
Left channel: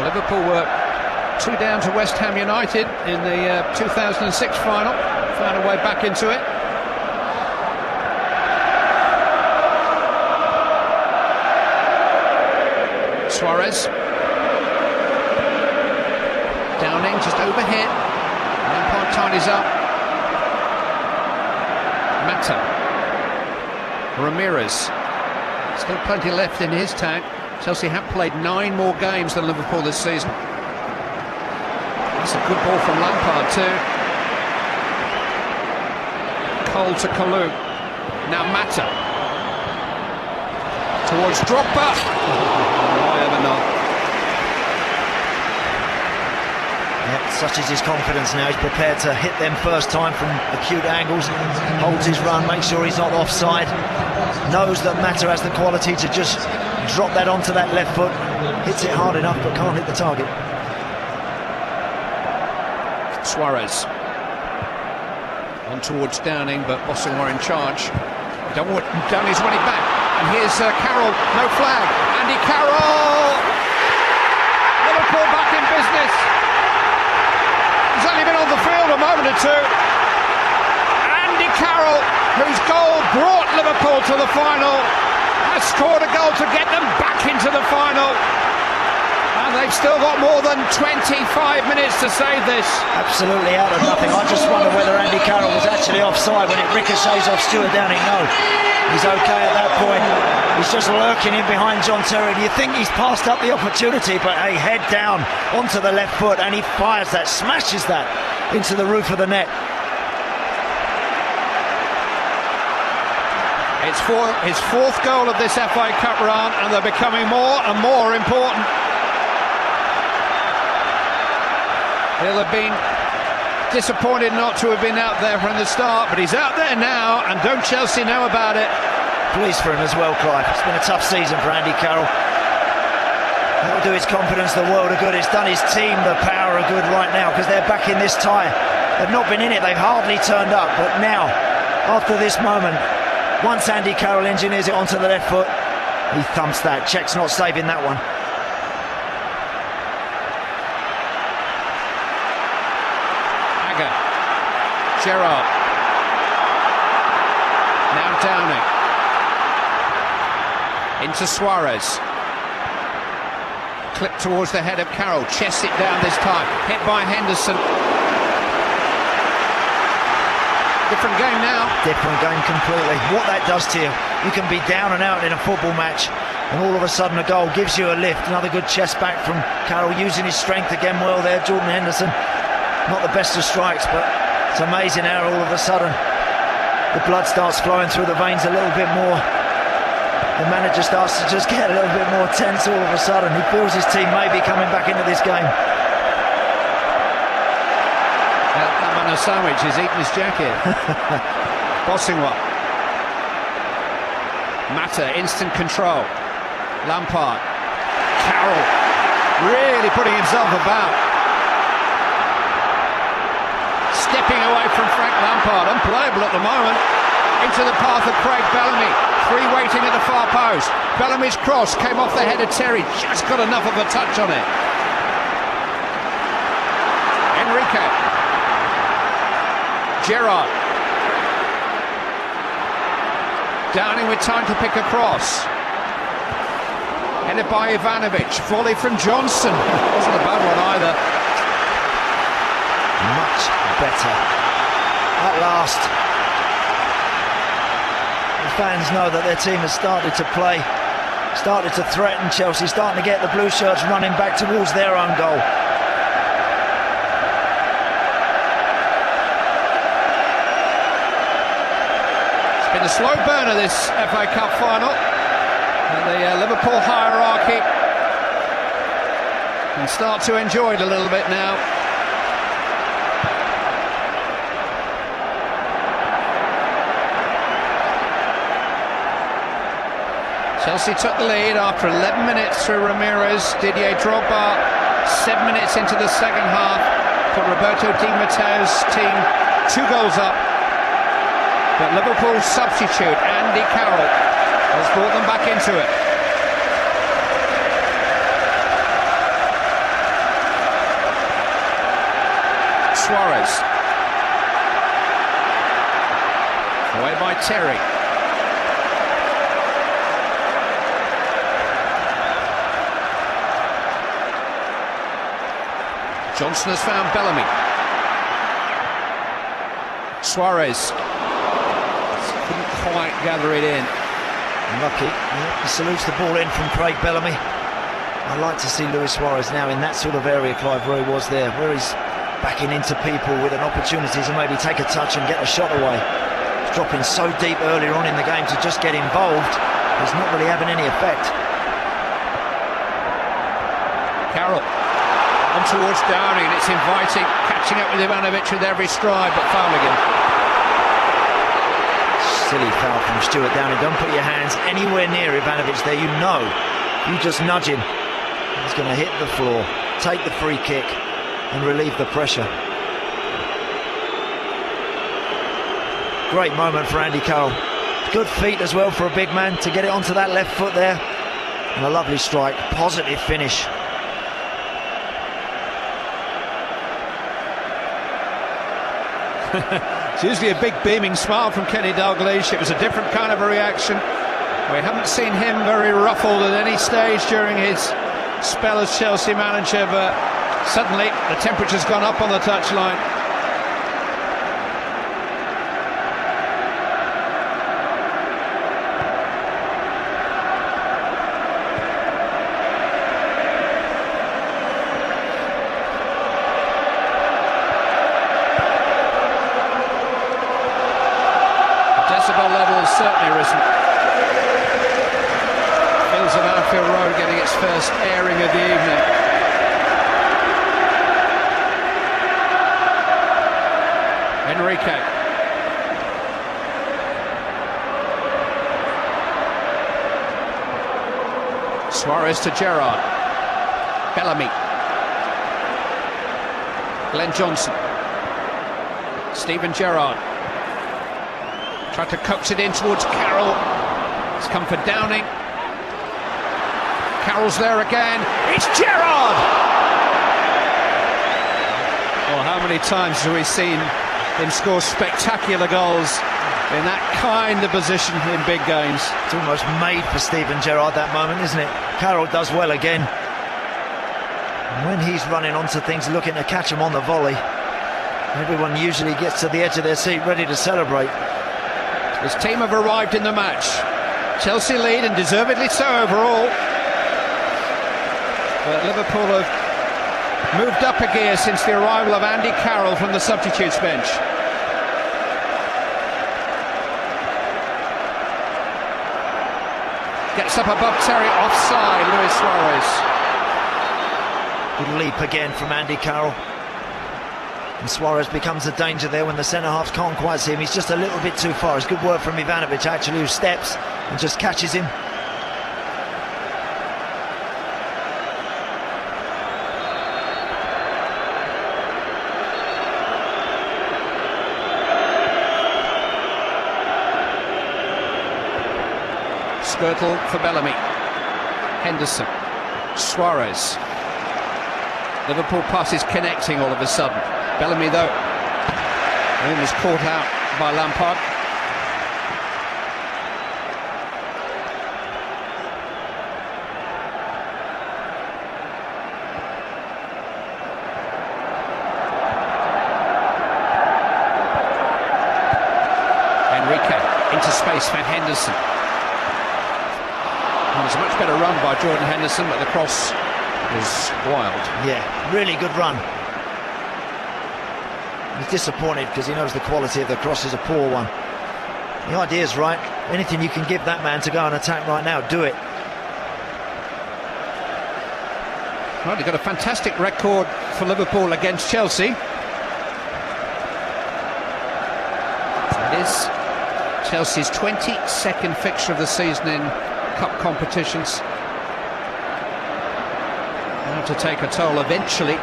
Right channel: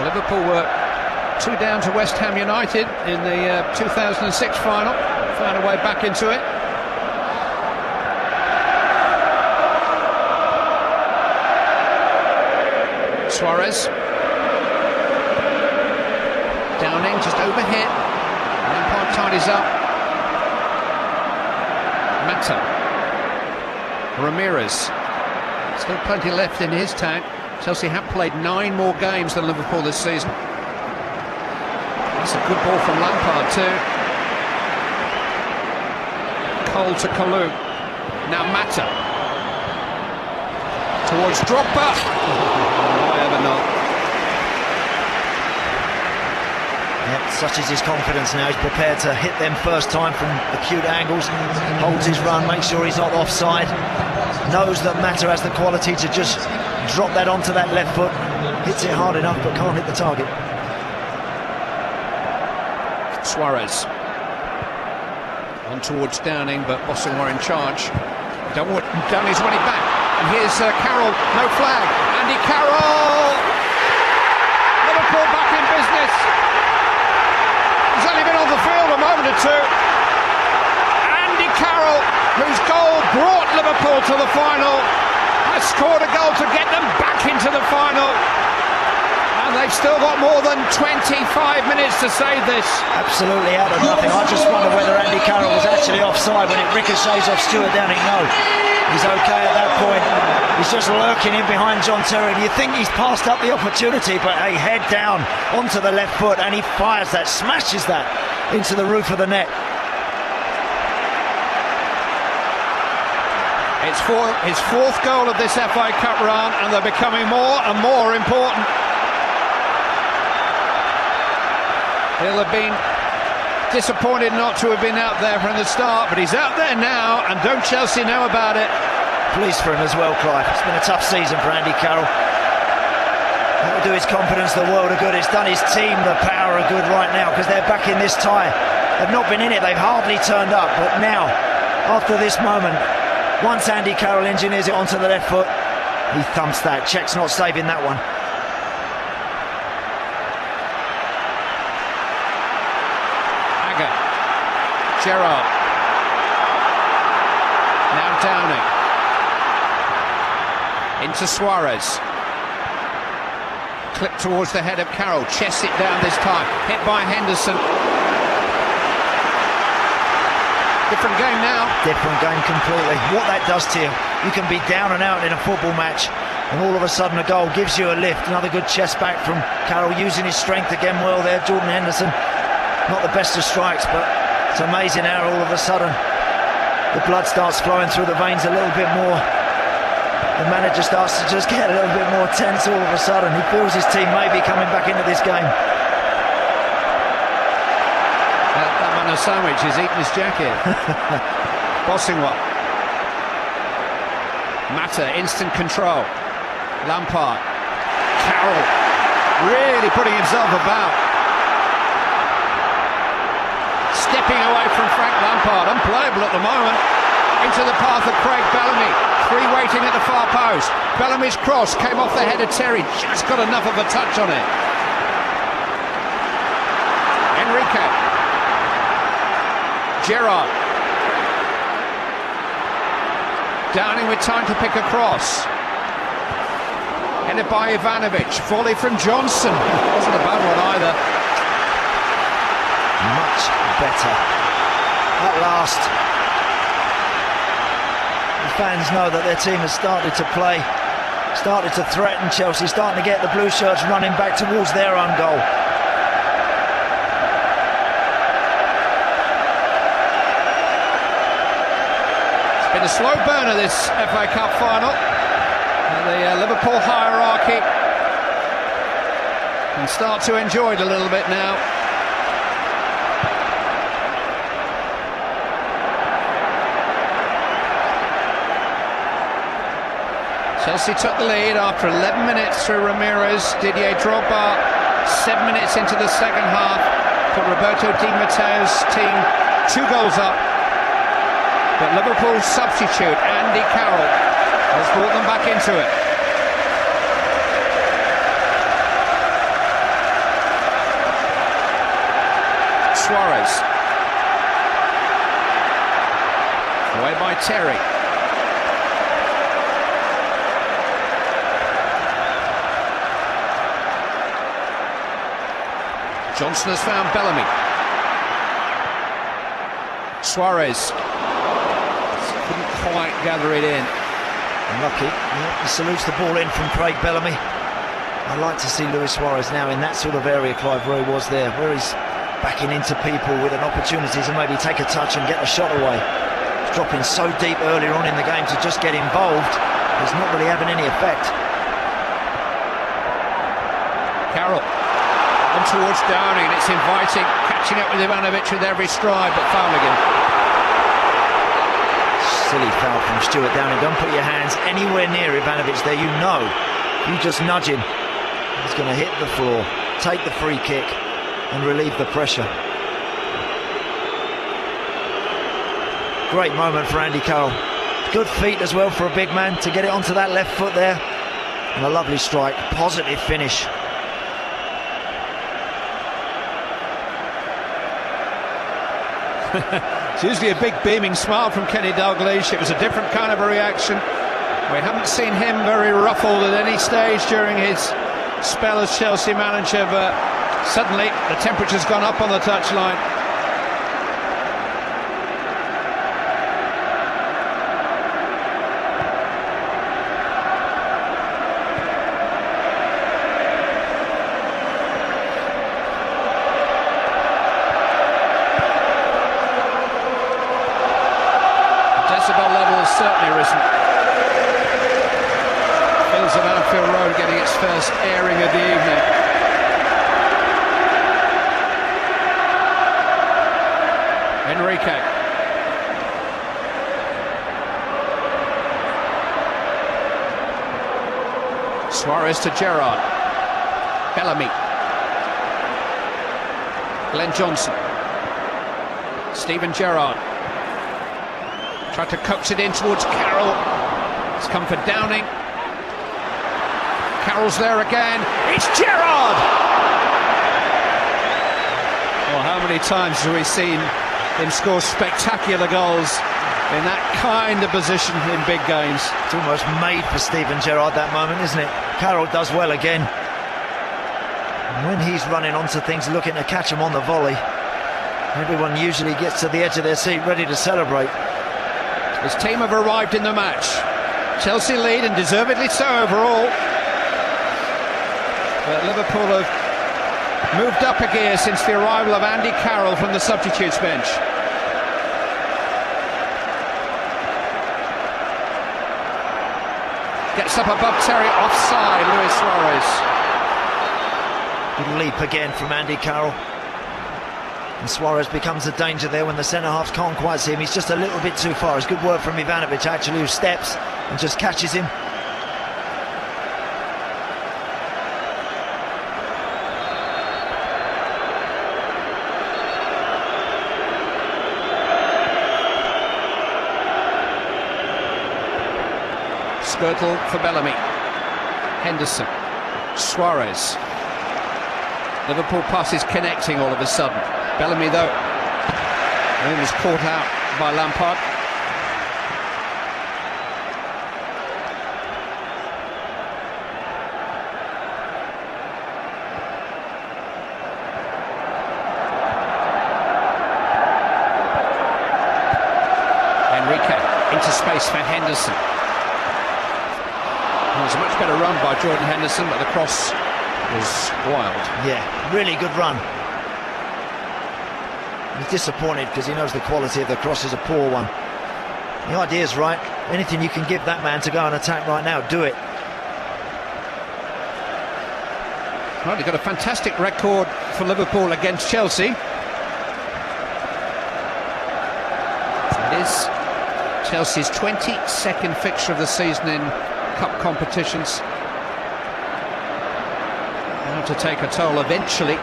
Liverpool were 2 down to West Ham United in the 2006 final. Found a way back into it. Suarez. Downing just over here. Lampard tidies up. Mata. Ramirez. Still plenty left in his tank. Chelsea have played 9 more games than Liverpool this season. That's a good ball from Lampard too. Cole to Kalou. Now Mata. Towards Drogba. Such is his confidence now. He's prepared to hit them first time from acute angles. Holds his run, makes sure he's not offside. Knows that Mata has the quality to just drop that onto that left foot. Hits it hard enough but can't hit the target. Suarez. towards Downing, but Boston were in charge. Downing's running back. And here's Carroll, no flag. Andy Carroll! Liverpool back in business. He's only been on the field a moment or two. Andy Carroll, whose goal brought Liverpool to the final, has scored a goal to get them back into the final. And they've still got more than 25 minutes to save this. Absolutely out of nothing. I just wonder whether Andy Carroll was actually offside when it ricochets off Stuart Downing. No, he's okay at that point. He's just lurking in behind John Terry. You think he's passed up the opportunity, but a head down onto the left foot, and he fires that, smashes that into the roof of the net. It's fourth goal of this FA Cup run, and they're becoming more and more important. He'll have been disappointed not to have been out there from the start, but he's out there now, and don't Chelsea know about it? Pleased for him as well, Clive. It's been a tough season for Andy Carroll. It'll do his confidence the world of good. It's done his team the power of good right now, because they're back in this tie. They've not been in it, they've hardly turned up, but now, after this moment, once Andy Carroll engineers it onto the left foot, he thumps that. Czech's not saving that one. Gerrard. Now Downing. Into Suarez. Clip towards the head of Carroll. Chests it down this time. Hit by Henderson. Different game now. Different game completely. What that does to you, you can be down and out in a football match, and all of a sudden a goal gives you a lift. Another good chest back from Carroll, using his strength again well there. Jordan Henderson, not the best of strikes, but it's amazing how all of a sudden the blood starts flowing through the veins a little bit more. The manager starts to just get a little bit more tense all of a sudden. He feels his team may be coming back into this game. That man of sandwich is eating his jacket. Bossingwa. Mata, instant control. Lampard. Carroll really putting himself about. Stepping away from Frank Lampard, unplayable at the moment. Into the path of Craig Bellamy. Three waiting at the far post. Bellamy's cross came off the head of Terry. Just got enough of a touch on it. Enrique. Gerrard. Downing with time to pick a cross. Headed by Ivanovic. Volley from Johnson. Wasn't a bad one either. Much better. At last, the fans know that their team has started to play, started to threaten Chelsea, starting to get the blue shirts running back towards their own goal. It's been a slow burner, this FA Cup final. The Liverpool hierarchy can start to enjoy it a little bit now. Chelsea took the lead after 11 minutes through Ramirez. Didier Drogba, 7 minutes into the second half, put Roberto Di Matteo's team 2 goals up. But Liverpool's substitute, Andy Carroll, has brought them back into it. Suarez. Away by Terry. Johnson has found Bellamy. Suarez couldn't quite gather it in. Lucky. He salutes the ball in from Craig Bellamy. I like to see Luis Suarez now in that sort of area, Clive, where he was there, where he's backing into people with an opportunity to maybe take a touch and get the shot away. He's dropping so deep earlier on in the game to just get involved. It's not really having any effect. Carroll. Towards Downing, it's inviting, catching it with Ivanovic with every stride, but fouling him. Silly foul from Stuart Downing. Don't put your hands anywhere near Ivanovic there, you know. You just nudge him. He's going to hit the floor, take the free kick, and relieve the pressure. Great moment for Andy Carroll. Good feet as well for a big man to get it onto that left foot there. And a lovely strike, positive finish. It's usually a big beaming smile from Kenny Dalglish. It was a different kind of a reaction. We haven't seen him very ruffled at any stage during his spell as Chelsea manager, but suddenly the temperature's gone up on the touchline. Decibel level has certainly risen. Feels an Anfield Road getting its first airing of the evening. Enrique. Suarez to Gerrard. Bellamy. Glenn Johnson. Steven Gerrard. Tried to coax it in towards Carroll. It's come for Downing. Carroll's there again. It's Gerrard! Oh, how many times have we seen him score spectacular goals in that kind of position in big games? It's almost made for Steven Gerrard, that moment, isn't it? Carroll does well again. When he's running onto things, looking to catch him on the volley, everyone usually gets to the edge of their seat, ready to celebrate. His team have arrived in the match. Chelsea lead, and deservedly so overall. But Liverpool have moved up a gear since the arrival of Andy Carroll from the substitutes bench. Gets up above Terry, offside, Luis Suarez. Good leap again from Andy Carroll. And Suarez becomes a danger there when the centre-half can't quite see him. He's just a little bit too far. It's good work from Ivanovic, actually, who steps and just catches him. Squadle for Bellamy. Henderson. Suarez. Liverpool passes connecting all of a sudden. Bellamy, though, he was caught out by Lampard. Enrique into space for Henderson. It was a much better run by Jordan Henderson, but the cross was wild. Yeah, really good run. He's disappointed because he knows the quality of the cross is a poor one. The idea is right. Anything you can give that man to go and attack right now, do it. Right, they've got a fantastic record for Liverpool against Chelsea. It is Chelsea's 22nd fixture of the season in cup competitions. To take a toll eventually.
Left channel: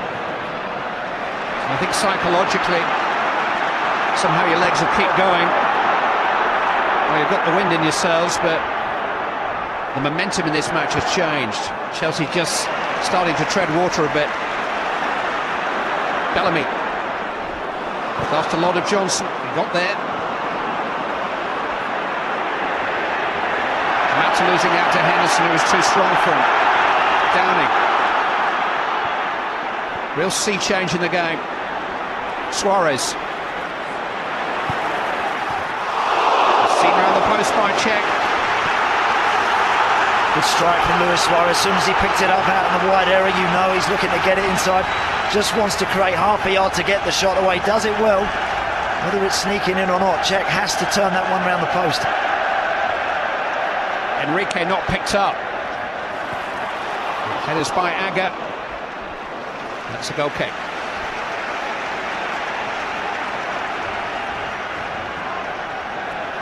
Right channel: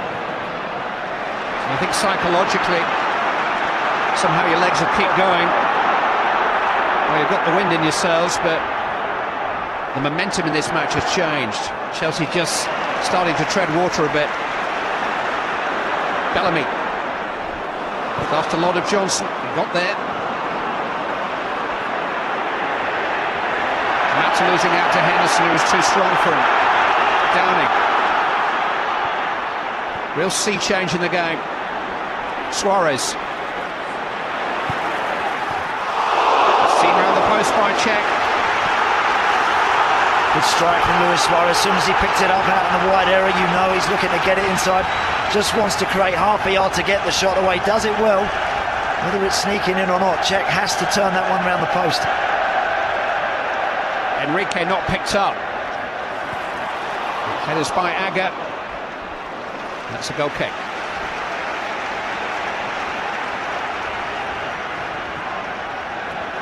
I think psychologically, somehow your legs will keep going. Well, you've got the wind in your sails, but the momentum in this match has changed. Chelsea just starting to tread water a bit. Bellamy. After a lot of Johnson, not there. Mata losing out to Henderson, it was too strong for him. Downing. Real sea change in the game. Suarez. Seen out the post strike check. Good strike from Luis Suarez. As soon as he picked it up out in the wide area, you know he's looking to get it inside. Just wants to create half a yard to get the shot away. Does it well. Whether it's sneaking in or not, Cech has to turn that one round the post. Enrique not picked up. Headers by Agger. It's a goal kick.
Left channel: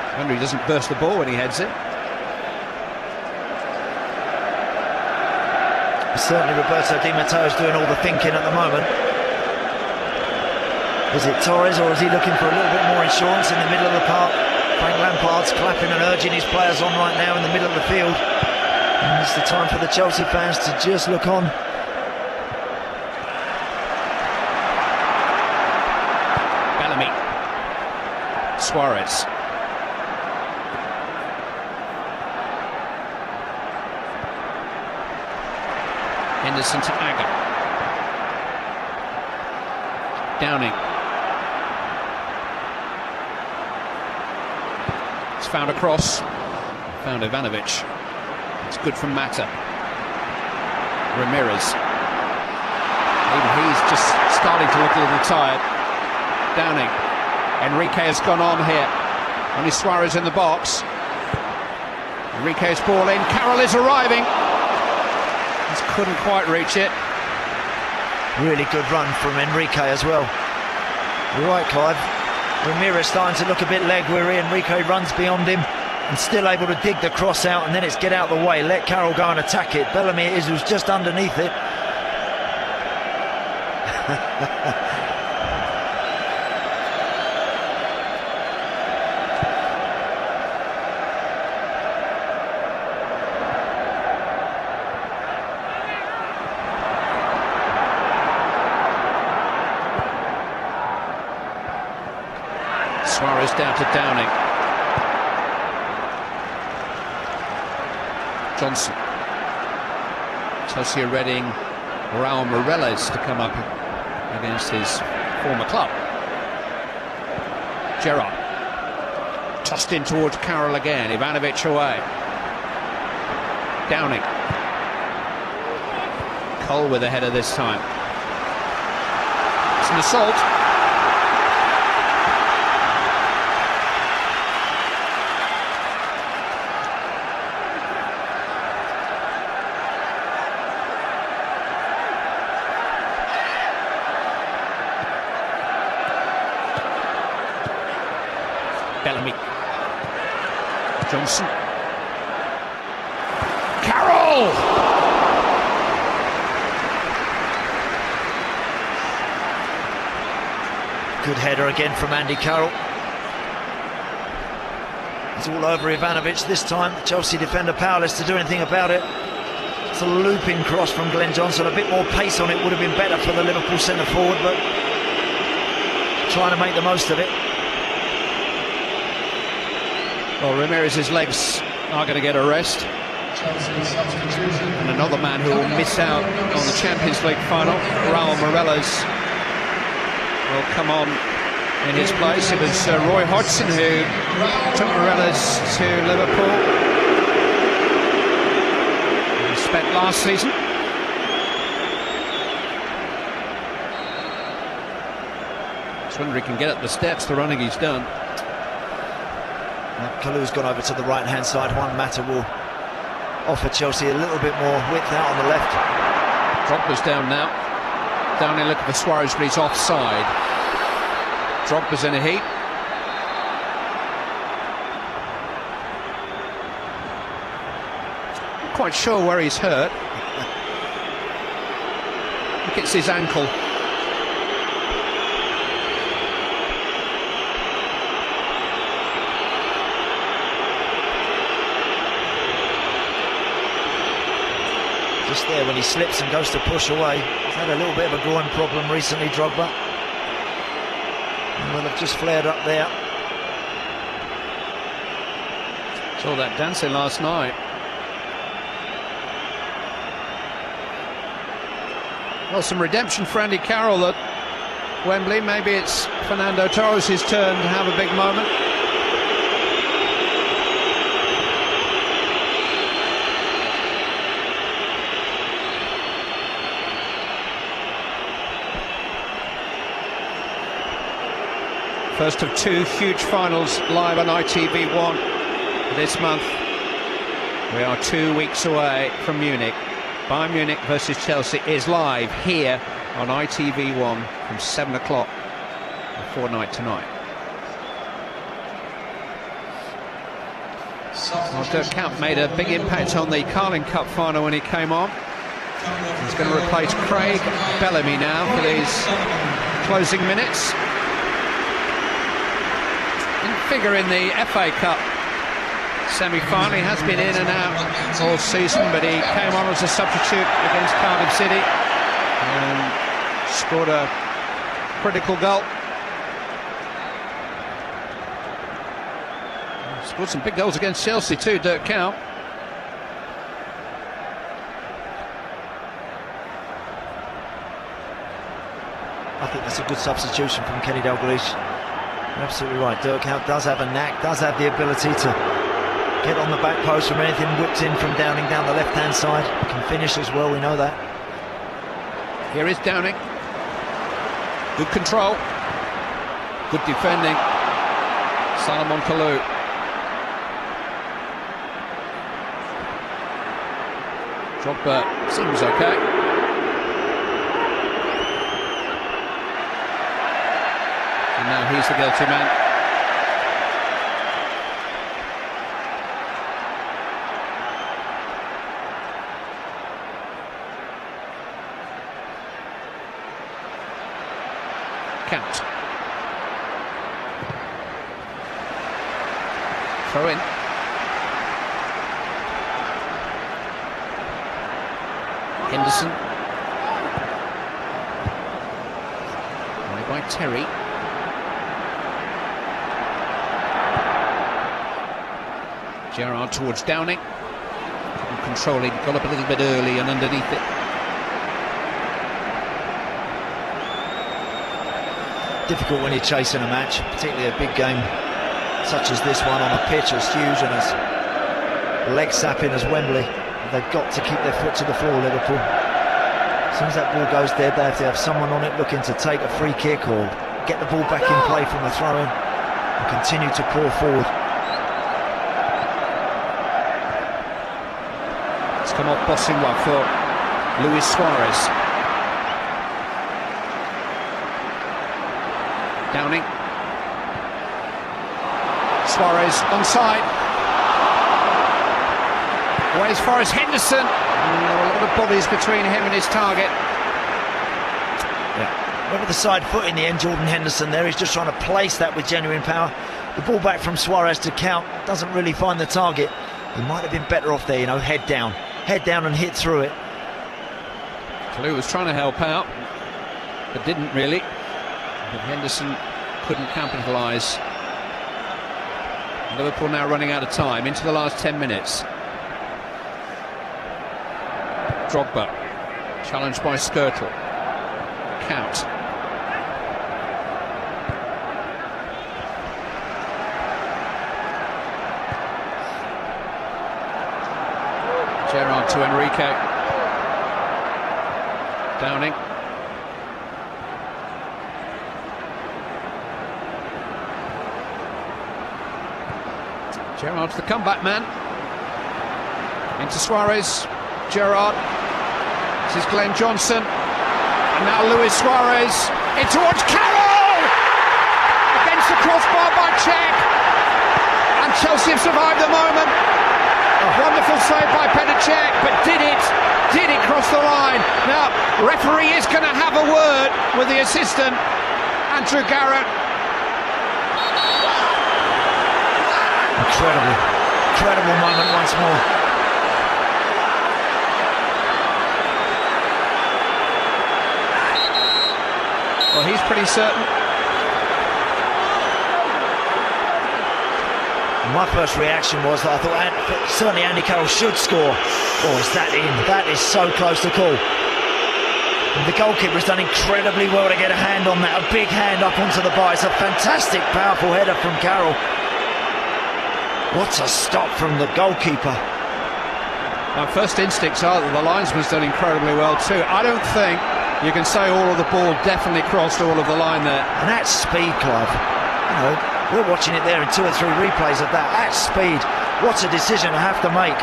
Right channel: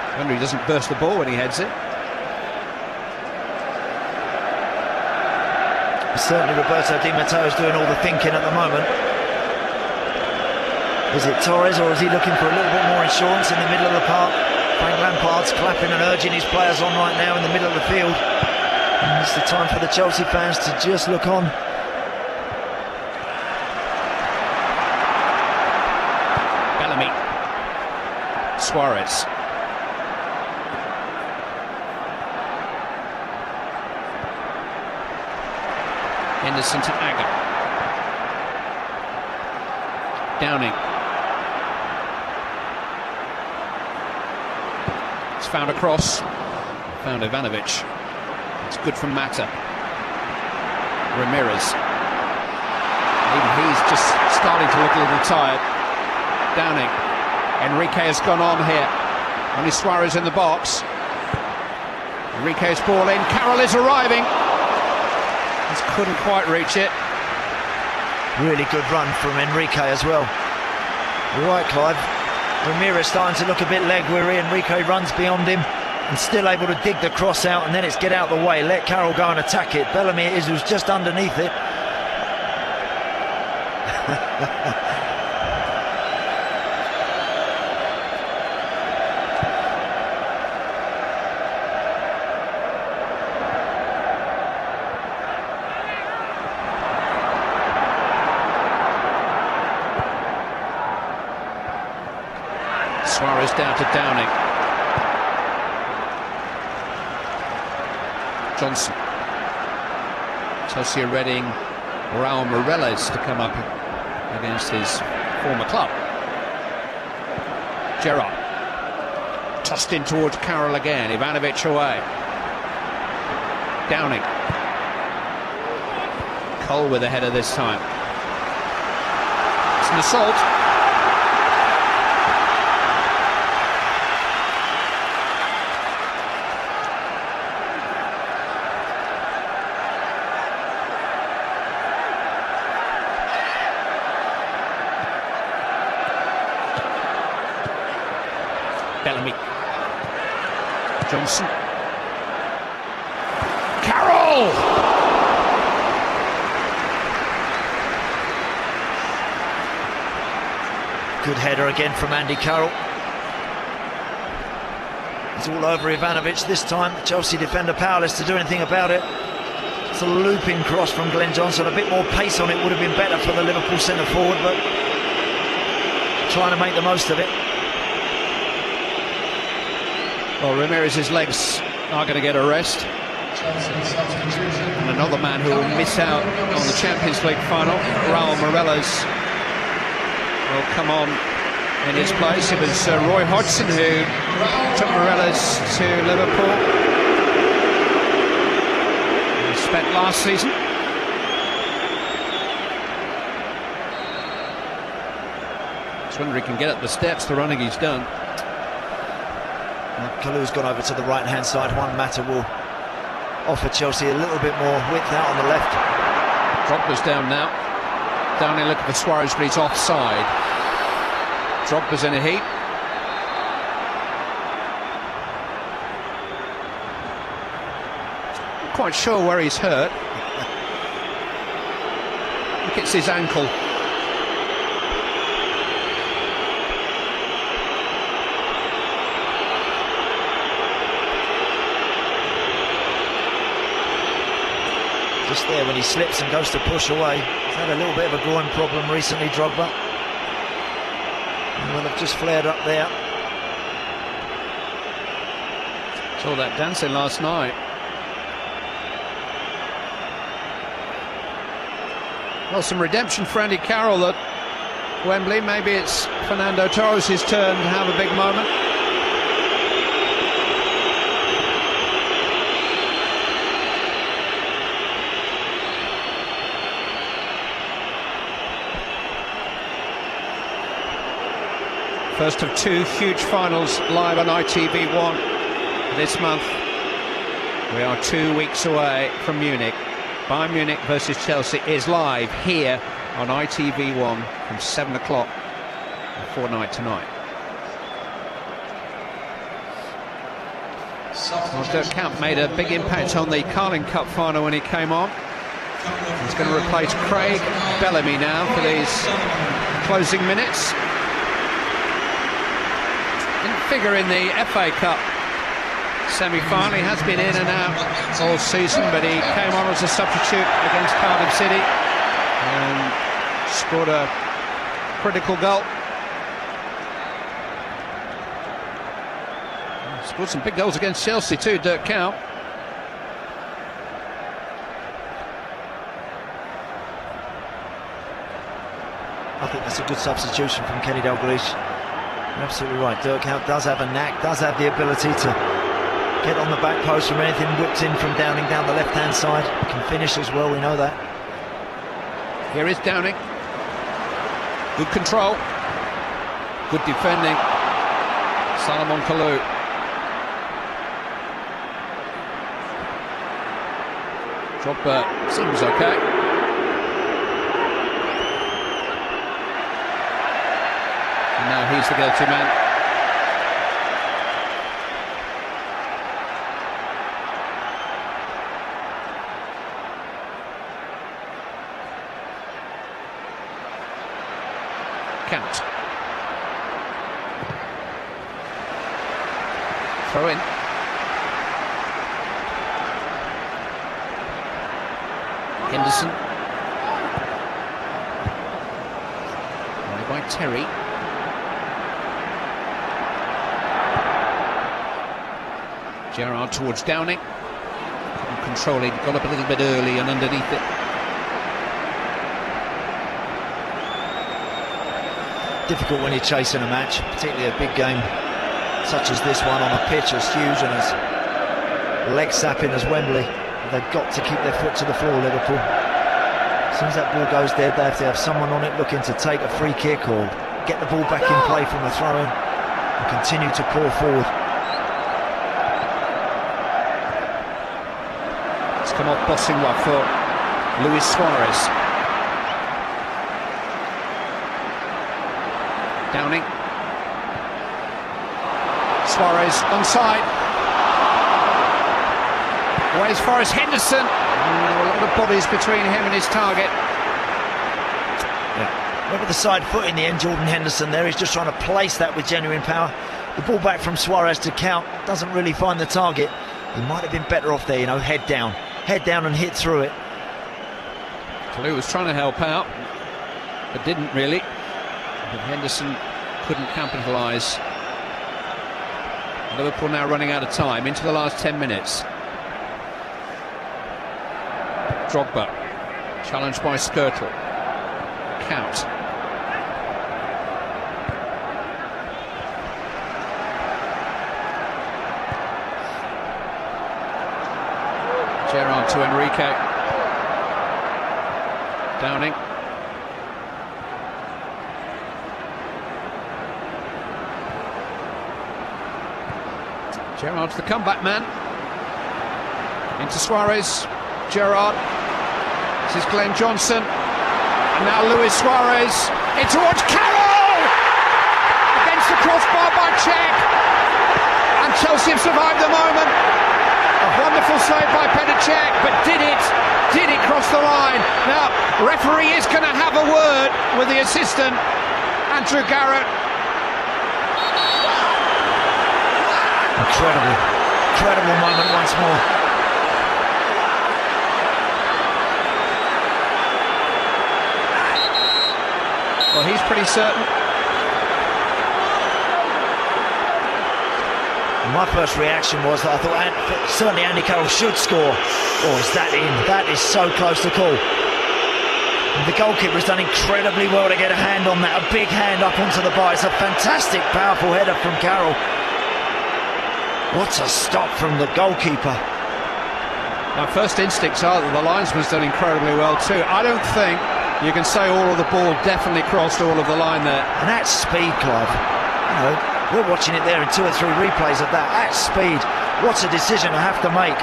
I wonder he doesn't burst the ball when he heads it. Certainly Roberto Di Matteo is doing all the thinking at the moment. Is it Torres, or is he looking for a little bit more reassurance in the middle of the park. Frank Lampard's clapping and urging his players on right now in the middle of the field. And it's the time for the Chelsea fans to just look on. Bellamy. Suarez. Henderson to Agger. Downing. It's found a cross. Found Ivanovic. It's good from Mata. Ramirez. He's just starting to look a little tired. Downing. Enrique has gone on here. Only Suarez in the box. Enrique's ball in. Carroll is arriving. Just couldn't quite reach it. Really good run from Enrique as well. You're right, Clive. Ramirez starting to look a bit lag where Enrique runs beyond him and still able to dig the cross out, and then it's get out of the way, let Carroll go and attack it. Bellamy it is, who's just underneath it. Suarez down to Downing. Johnson. Chelsea are readying Raul Meireles to come up against his former club. Gerrard. Tossed in towards Carroll again. Ivanovic away. Downing. Cole with the header this time. It's an assault. Bellamy. Johnson. Carroll! Good header again from Andy Carroll. It's all over Ivanovic this time. The Chelsea defender powerless to do anything about it. It's a looping cross from Glenn Johnson. A bit more pace on it would have been better for the Liverpool centre forward, but trying to make the most of it. Well, Ramirez's legs are going to get a rest. And another man who will miss out on the Champions League final, Raul Meireles, will come on in his place. It was Roy Hodgson who took Meireles to Liverpool. He spent last season. Just wonder if he can get up the steps, the running he's done. Kalu's gone over to the right hand side. Juan Mata will offer Chelsea a little bit more width out on the left. Drogba's down now. Down in looking for Suarez, but he's offside. Drogba's in the heat. Not quite sure where he's hurt. I think it's his ankle. Just there when he slips and goes to push away. He's had a little bit of a groin problem recently, Drogba. Well, they've just flared up there. Saw that dancing last night. Well, some redemption for Andy Carroll at Wembley. Maybe it's Fernando Torres' turn to have a big moment. First of two huge finals live on ITV1 this month. We are 2 weeks away from Munich. Bayern Munich versus Chelsea is live here on ITV1 from 7 o'clock a fortnight tonight. Oscar Camp made a big impact on the Carling Cup final when he came on. He's going to replace Craig Bellamy now for his closing minutes. figure in the FA Cup semi-final. He has been in and out all season, but he came on as a substitute against Cardiff City and scored a critical goal. Scored some big goals against Chelsea too, Dirk Kuyt. I think it's a good substitution from Kenny Dalglish. Absolutely right. Dirk Kuyt does have a knack, does have the ability to get on the back post from anything whipped in from Downing down the left-hand side. Can finish as well, we know that. Here is Downing. Good control. Good defending. Solomon Kalou. Drogba seems okay. And now here's the go-to man. Count. Throw in. Henderson. By Terry. Gerrard towards Downing. Controlling. Got up a little bit early and underneath it. Difficult when you're chasing a match, particularly a big game such as this one on a pitch as huge and as leg-sapping as Wembley. They've got to keep their foot to the floor, Liverpool. As soon as that ball goes there, if they have someone on it looking to take a free kick or get the ball back in play from the throw-in and continue to pour forward. It's come off bossing well for Luis Suarez. Downing. Suarez onside. Away as far as Henderson. The bodies between him and his target. Over the side foot in the end, Jordan Henderson there. He's just trying to place that with genuine power. The ball back from Suarez to Kuyt doesn't really find the target. He might have been better off there, you know, head down and hit through it. Kalou was trying to help out, but didn't really. But Henderson couldn't capitalise. Liverpool now running out of time into the last 10 minutes. Drogba, challenged by Skirtle. Count. Gerrard to Enrique. Downing. Gerrard's the comeback man. Into Suarez. Gerrard. This is Glenn Johnson. Now Luis Suarez. In towards Carroll! Against the crossbar by Cech. And Chelsea have survived the moment. A wonderful save by Petr Cech, but did it cross the line? Now, referee is going to have a word with the assistant, Andrew Garrett. Incredible moment once more. Well, he's pretty certain. My first reaction was that I thought certainly Andy Carroll should score. Oh, is that in? That is so close to call. And the goalkeeper has done incredibly well to get a hand on that. A big hand up onto the bar. It's a fantastic, powerful header from Carroll. What a stop from the goalkeeper. My first instincts are that the linesman's done incredibly well too. I don't think you can say all of the ball definitely crossed all of the line there. And that speed, Clive. You know, we're watching it there in 2 or 3 replays of that. At speed. What's a decision to have to make?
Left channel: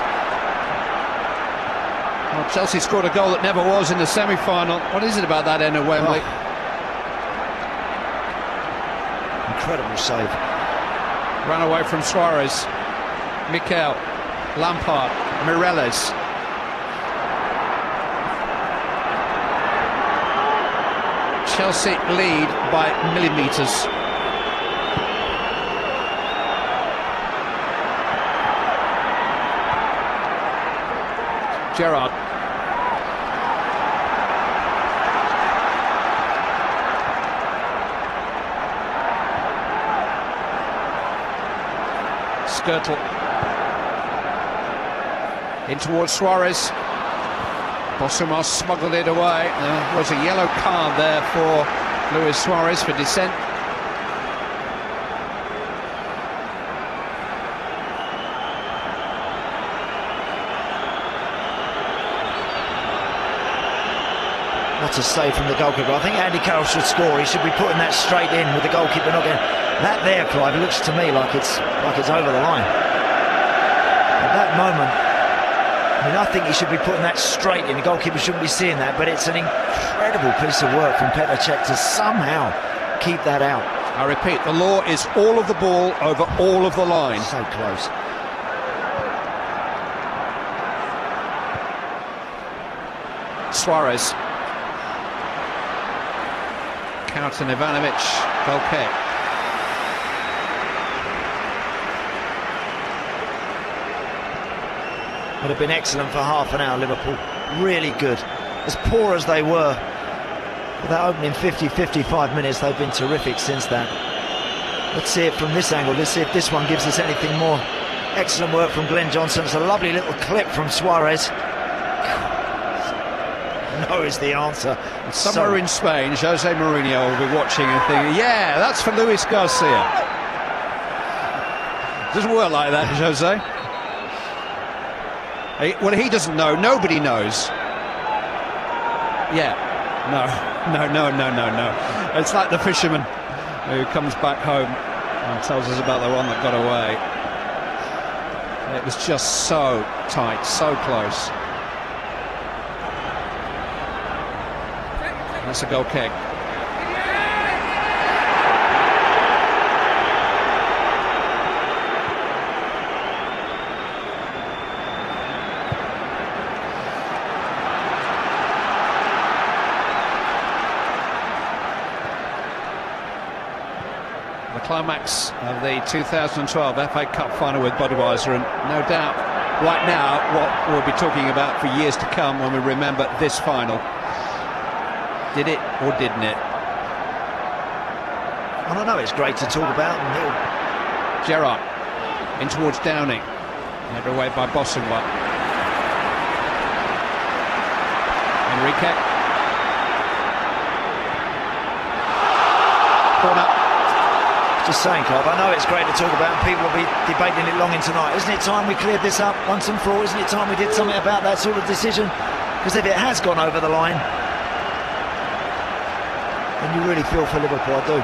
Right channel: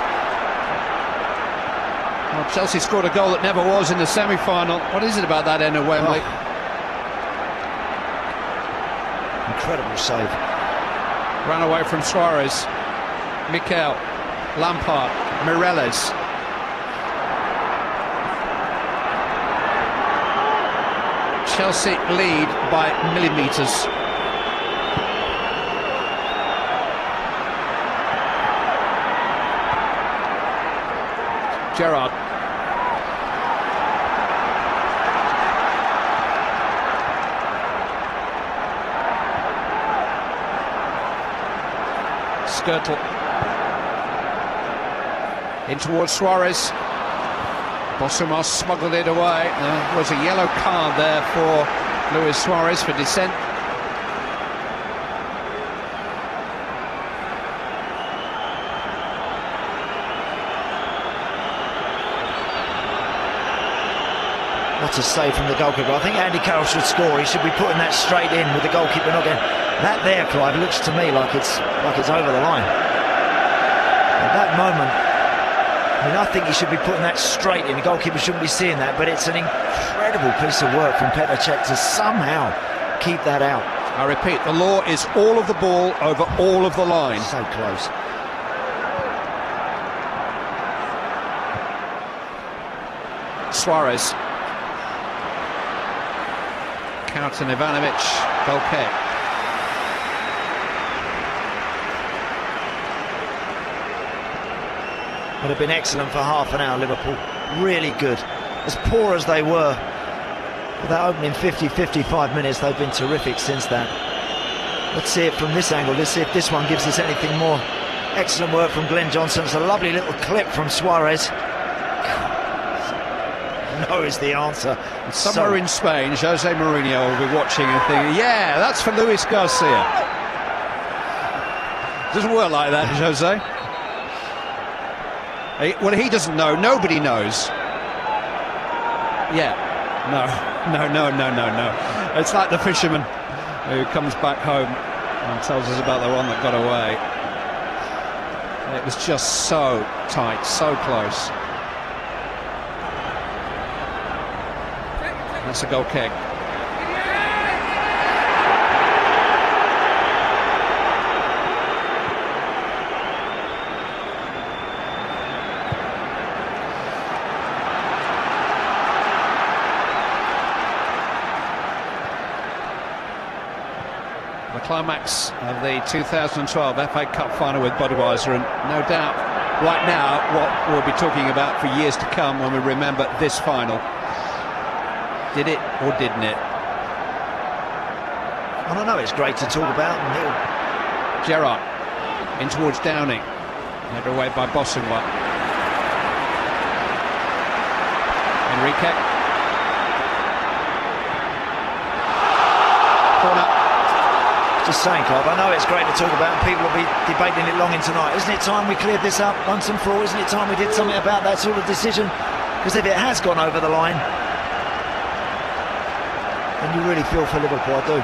Well, Chelsea scored a goal that never was in the semi-final. What is it about that end of Wembley? Incredible save. Run away from Suarez. Mikel, Lampard, Mireles. Chelsea lead by millimetres. Gerrard. Skirtle. In towards Suarez. Bosomos smuggled it away. There was a yellow card there for Luis Suarez for dissent. What to say from the goalkeeper. I think Andy Carroll should score. He should be putting that straight in with the goalkeeper not going. That there, Clive, it looks to me like it's over the line. At that moment, I mean, I think he should be putting that straight in. The goalkeeper shouldn't be seeing that, but it's an incredible piece of work from Petr Cech to somehow keep that out. I repeat, the law is all of the ball over all of the line. So close. Suarez. Kautin Ivanovic, Belpet. Would have been excellent for half an hour, Liverpool. Really good. As poor as they were, that opening 50-55 minutes, they've been terrific since that. Let's see it from this angle. Let's see if this one gives us anything more. Excellent work from Glenn Johnson. It's a lovely little clip from Suarez. No is the answer. Somewhere in Spain, Jose Mourinho will be watching and thinking, yeah, that's for Luis Garcia. Doesn't work like that, Jose. Well, he doesn't know. Nobody knows. Yeah. No. It's like the fisherman who comes back home and tells us about the one that got away. It was just so tight, so close. That's a goal kick. The climax of the 2012 FA Cup final with Budweiser, and no doubt right now what we'll be talking about for years to come when we remember this final. Did it or didn't it? I don't know, it's great to talk about. Gerrard in towards Downing, led away by Bosingwa. Enrique. Just saying, Clive, I know it's great to talk about, and people will be debating it long into tonight. Isn't it time we cleared this up once and for all? Isn't it time we did something about that sort of decision? Because if it has gone over the line, and you really feel for Liverpool, I do.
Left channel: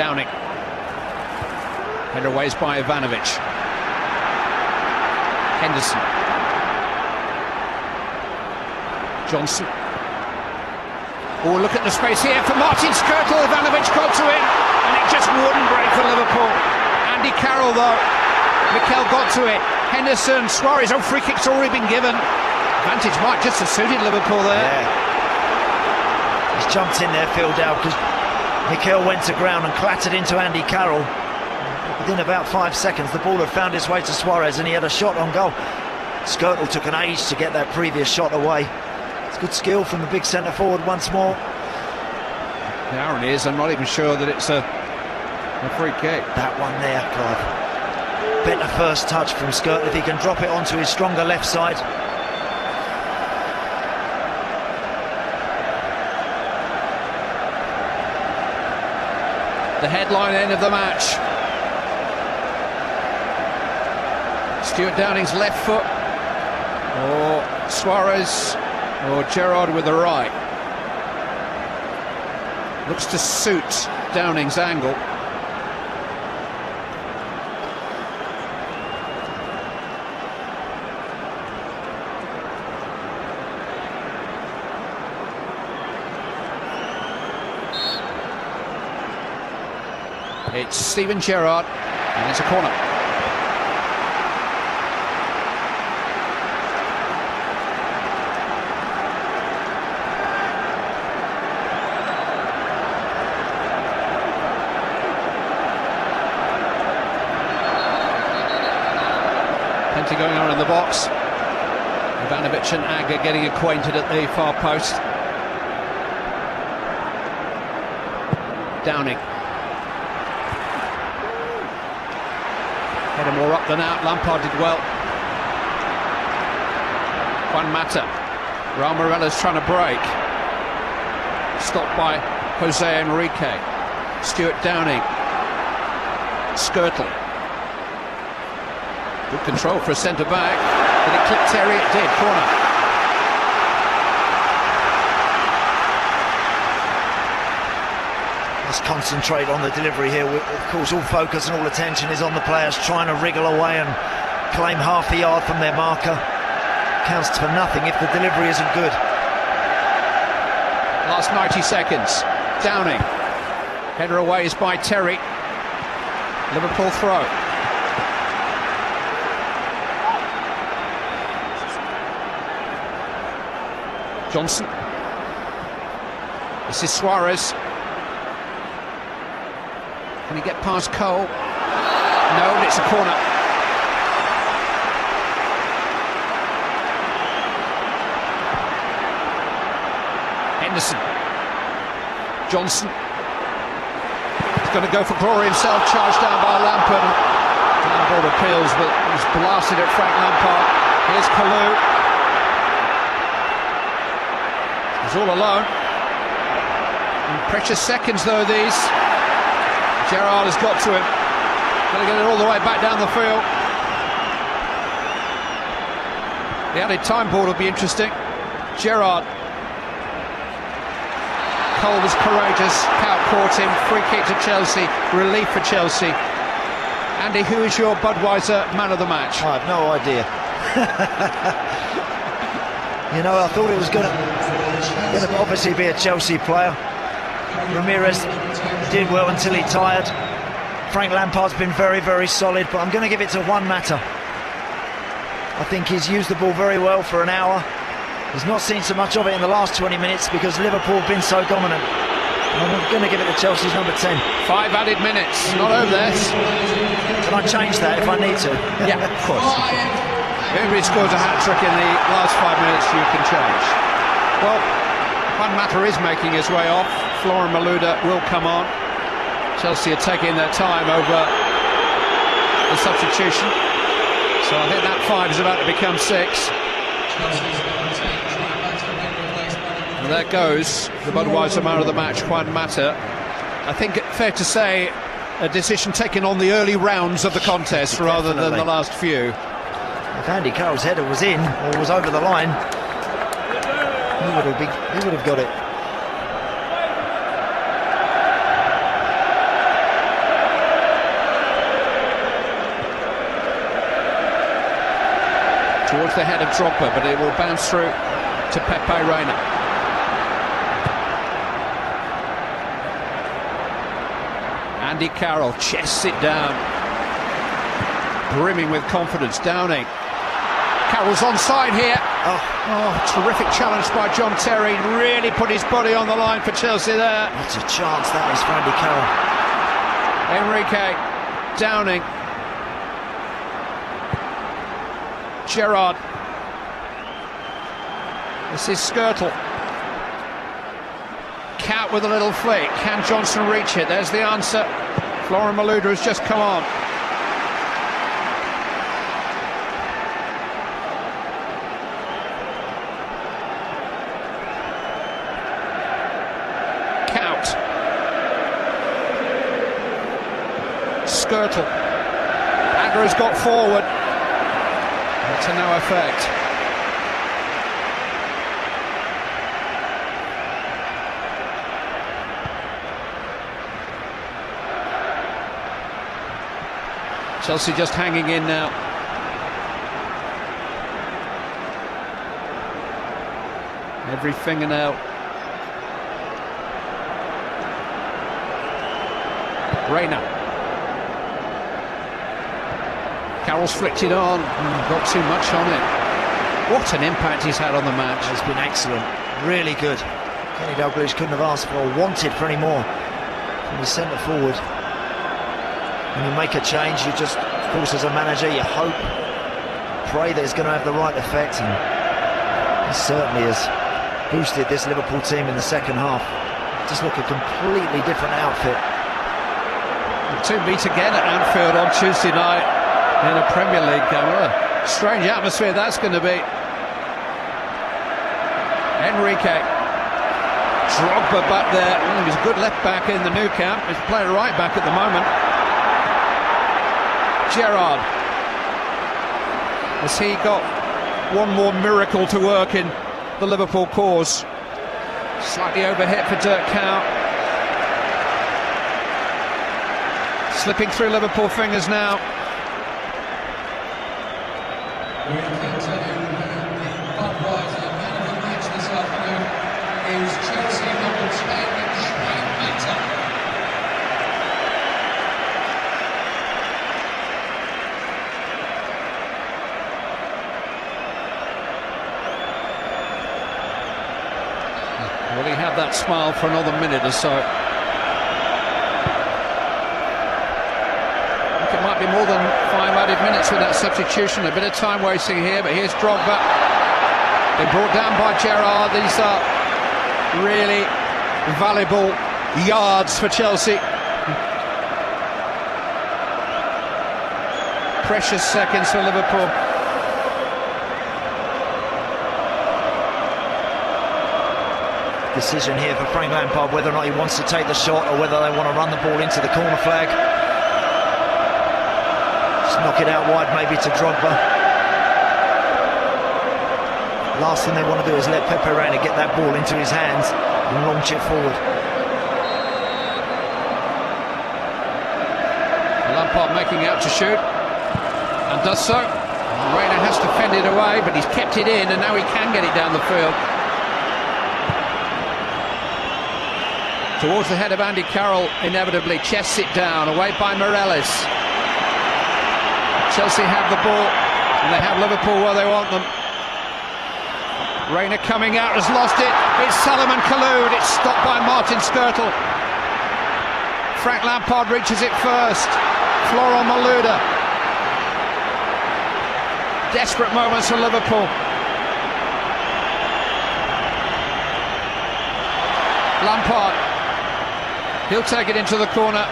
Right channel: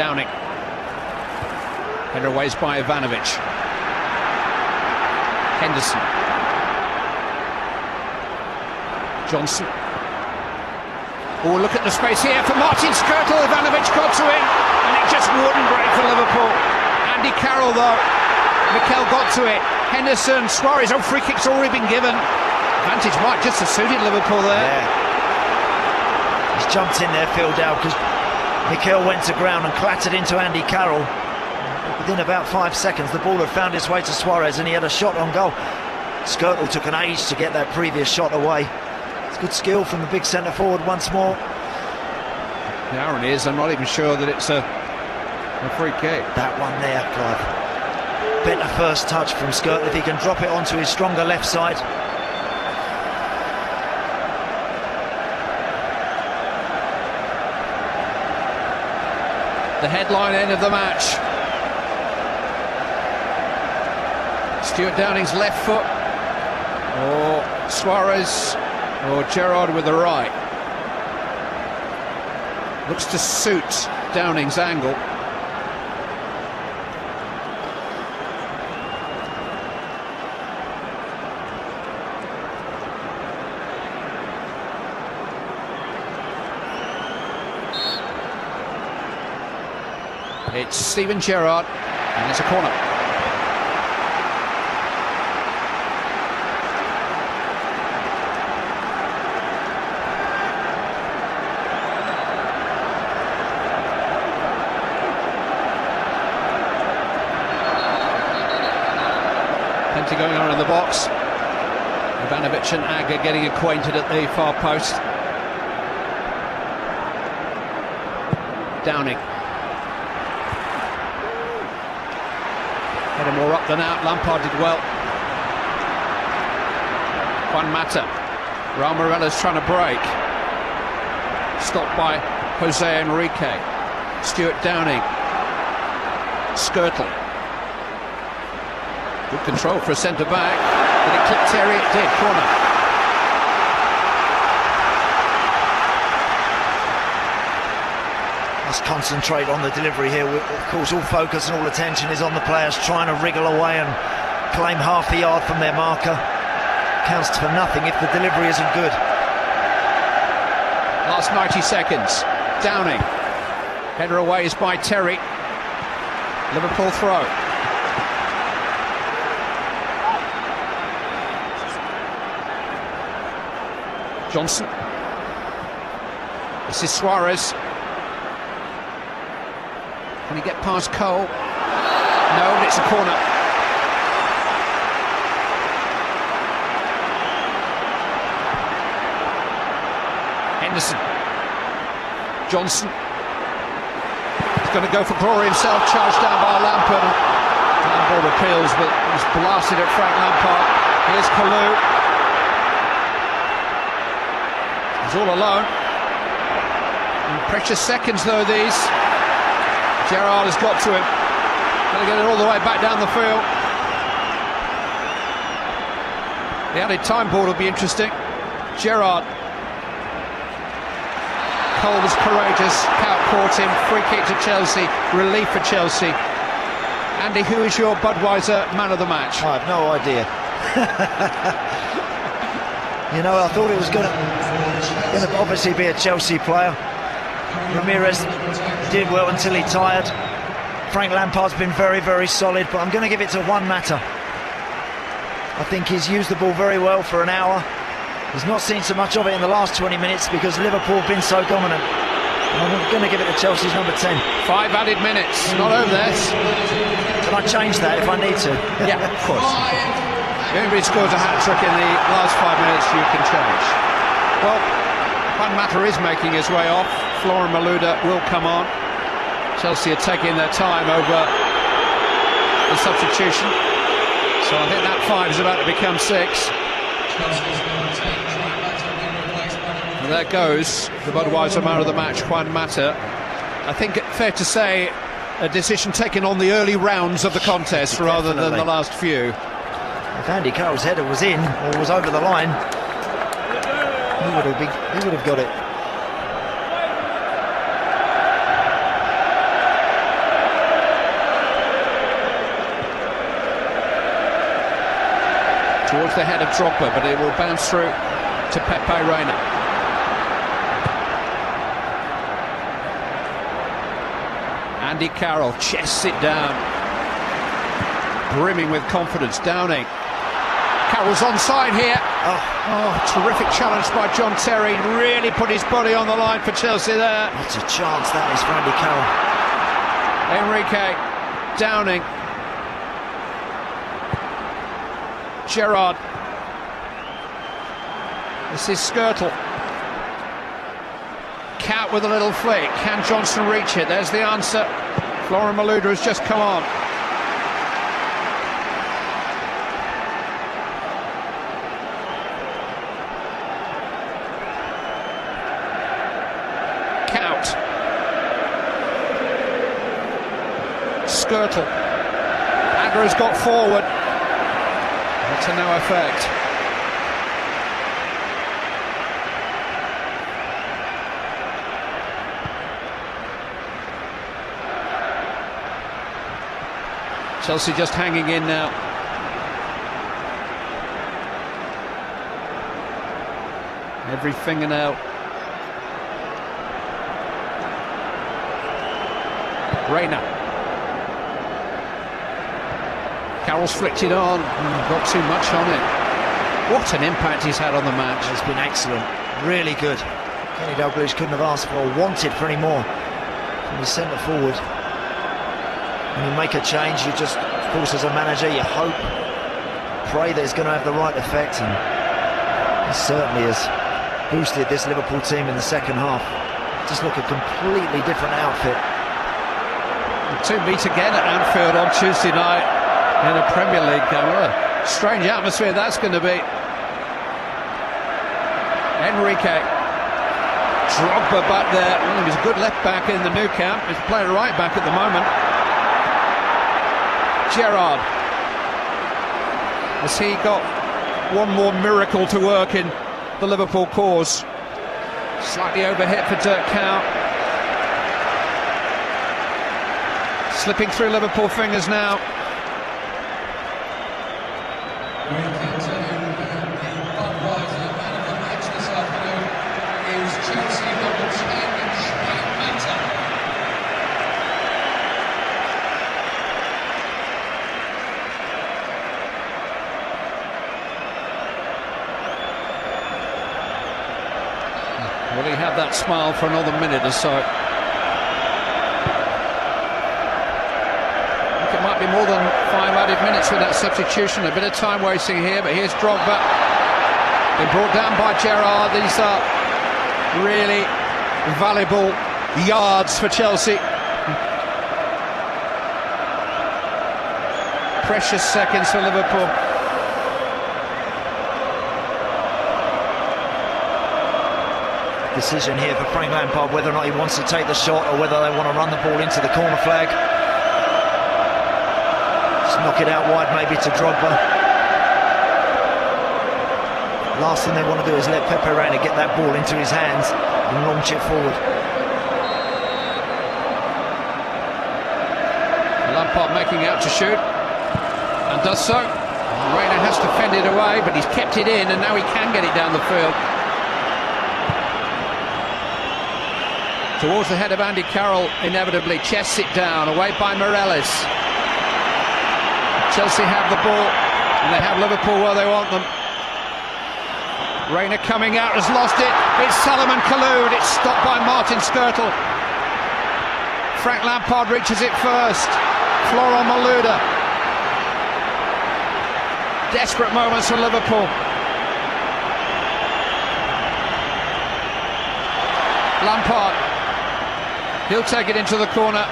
Downing. Better ways by Ivanovic. Henderson. Johnson. Oh, look at the space here for Martin Skirtle. Ivanovic got to him, and it just wouldn't break for Liverpool. Andy Carroll, though. Mikel got to it. Henderson, Suarez. Oh, free kick's already been given. Advantage might just have suited Liverpool there. He's jumped in there, Phil Dowd, because Mikel went to ground and clattered into Andy Carroll. But within about 5 seconds, the ball had found its way to Suarez, and he had a shot on goal. Skirtle took an age to get that previous shot away. It's good skill from the big centre forward once more. The irony is, I'm not even sure that it's a free kick. That one there, better first touch from Skirtle if he can drop it onto his stronger left side. The headline end of the match. Stuart Downing's left foot, or Suarez, or Gerrard with the right. Looks to suit Downing's angle. It's Steven Gerrard, and it's a corner. Plenty going on March and Agger getting acquainted at the far post. Downing. Getting more up than out. Lampard did well. Juan Mata. Raul Morella's trying to break. Stopped by Jose Enrique. Stuart Downing. Skirtle. Good control for a centre back. Did it clip Terry? It did. Let's concentrate on the delivery here. Of course, all focus and all attention is on the players trying to wriggle away and claim half the yard from their marker. Counts for nothing if the delivery isn't good. Last 90 seconds. Downing. Header away is by Terry. Liverpool throw. Johnson. This is Suarez. Can he get past Cole? No, it's a corner. Henderson. Johnson. He's going to go for glory himself, charged down by Lampard. Handball appeals, but it's blasted at Frank Lampard. Here's Camus. He's all alone. Precious seconds though these. Gerrard has got to him. Going to get it all the way back down the field. The added time board will be interesting. Gerrard. Cole was courageous. Cow caught him. Free kick to Chelsea. Relief for Chelsea. Andy, who is your Budweiser man of the match? I have no idea. You know, I thought it was going to obviously be a Chelsea player. Ramirez did well until he tired. Frank Lampard's been very, very solid, but I'm going to give it to Juan Mata. I think he's used the ball very well for an hour. He's not seen so much of it in the last 20 minutes because Liverpool have been so dominant. I'm going to give it to Chelsea's number 10. 5 added minutes. Not over there. Can I change that if I need to? Yeah, of course. Everybody scores a hat-trick in the last 5 minutes, you can change. Well, Juan Mata is making his way off. Flora Malouda will come on. Chelsea are taking their time over the substitution. So I think that 5 is about to become 6. And there goes the Budweiser man of the match, Juan Mata. I think it's fair to say a decision taken on the early rounds of the contest rather than the last few. If Andy Carroll's header was in, it was over the line, he would have got it. Towards the head of Drogba, but it will bounce through to Pepe Reina. Andy Carroll chests it down, brimming with confidence. Downing. Carroll's onside here. Oh, terrific challenge by John Terry. Really put his body on the line for Chelsea there. It's a chance that is for Andy Carroll. Enrique. Downing. Gerrard. This is Skirtle. Cat with a little flick. Can Johnson reach it? There's the answer. Flora Malouda has just come on. Count. Skirtle. Agger has got forward. To no effect. Chelsea just hanging in now. Every fingernail. Reina. Carroll's flicked it on, got too much on it. What an impact he's had on the match. It's been excellent, really good. Kenny Dalglish couldn't have asked for or wanted for any more from the centre forward. When you make a change, you just, of course, as a manager, you hope, pray that it's going to have the right effect. And He certainly has boosted this Liverpool team in the second half. Just look a completely different outfit. To meet again at Anfield on Tuesday night in the Premier League game. What a strange atmosphere that's going to be. Enrique. Drogba back there. He was a good left back in the Nou Camp. He's playing right back at the moment. Gerrard. Has he got one more miracle to work in the Liverpool cause? Slightly overhit for Dirk Kuyt. Slipping through Liverpool fingers now. Will he have that smile for another minute or so? It might be more than 5 added minutes with that substitution. A bit of time wasting here, but here's Drogba. They're brought down by Gerrard. These are really valuable yards for Chelsea. Precious seconds for Liverpool. Decision here for Frank Lampard whether or not he wants to take the shot or whether they want to run the ball into the corner flag. Just knock it out wide maybe to Drogba. Last thing they want to do is let Pepe Reina get that ball into his hands and launch it forward. Lampard making out to shoot. And does so. Reina has to fend it away, but he's kept it in and now he can get it down the field. Towards the head of Andy Carroll, inevitably. Chests it down, away by Morelos. Chelsea have the ball, and they have Liverpool where they want them. Reina coming out, has lost it. It's Salomon Kalou. It's stopped by Martin Skrtel. Frank Lampard reaches it first. Florian Malouda. Desperate moments in Liverpool. Lampard. He'll take it into the corner.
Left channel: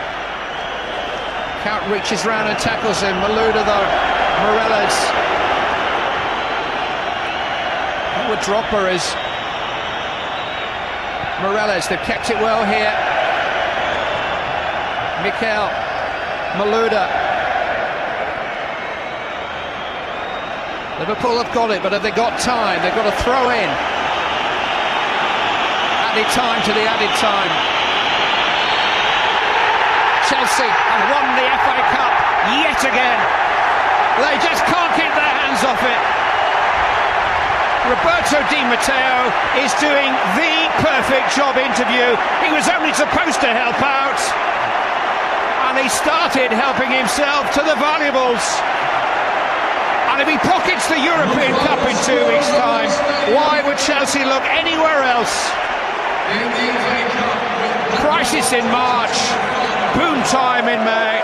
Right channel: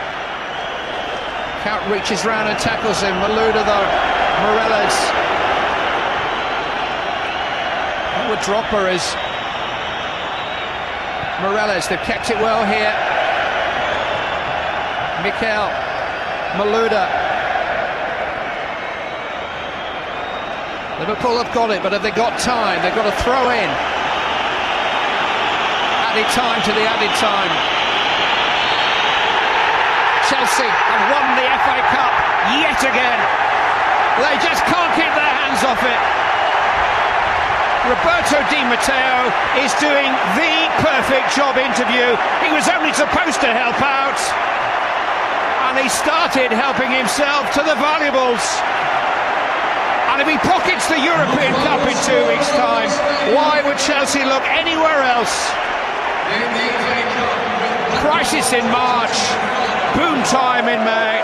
Kuyt reaches round and tackles him. Malouda though. Morelos. What Drogba is. Morelos, they've kept it well here. Mikel. Malouda. Liverpool have got it, but have they got time? They've got to throw in. Added time to the added time. Chelsea have won the FA Cup yet again. They just can't keep their hands off it. Roberto Di Matteo is doing the perfect job interview. He was only supposed to help out, and he started helping himself to the valuables. And if he pockets the European Cup in 2 weeks' time, why would Chelsea look anywhere else? Crisis in March. Boom time in May.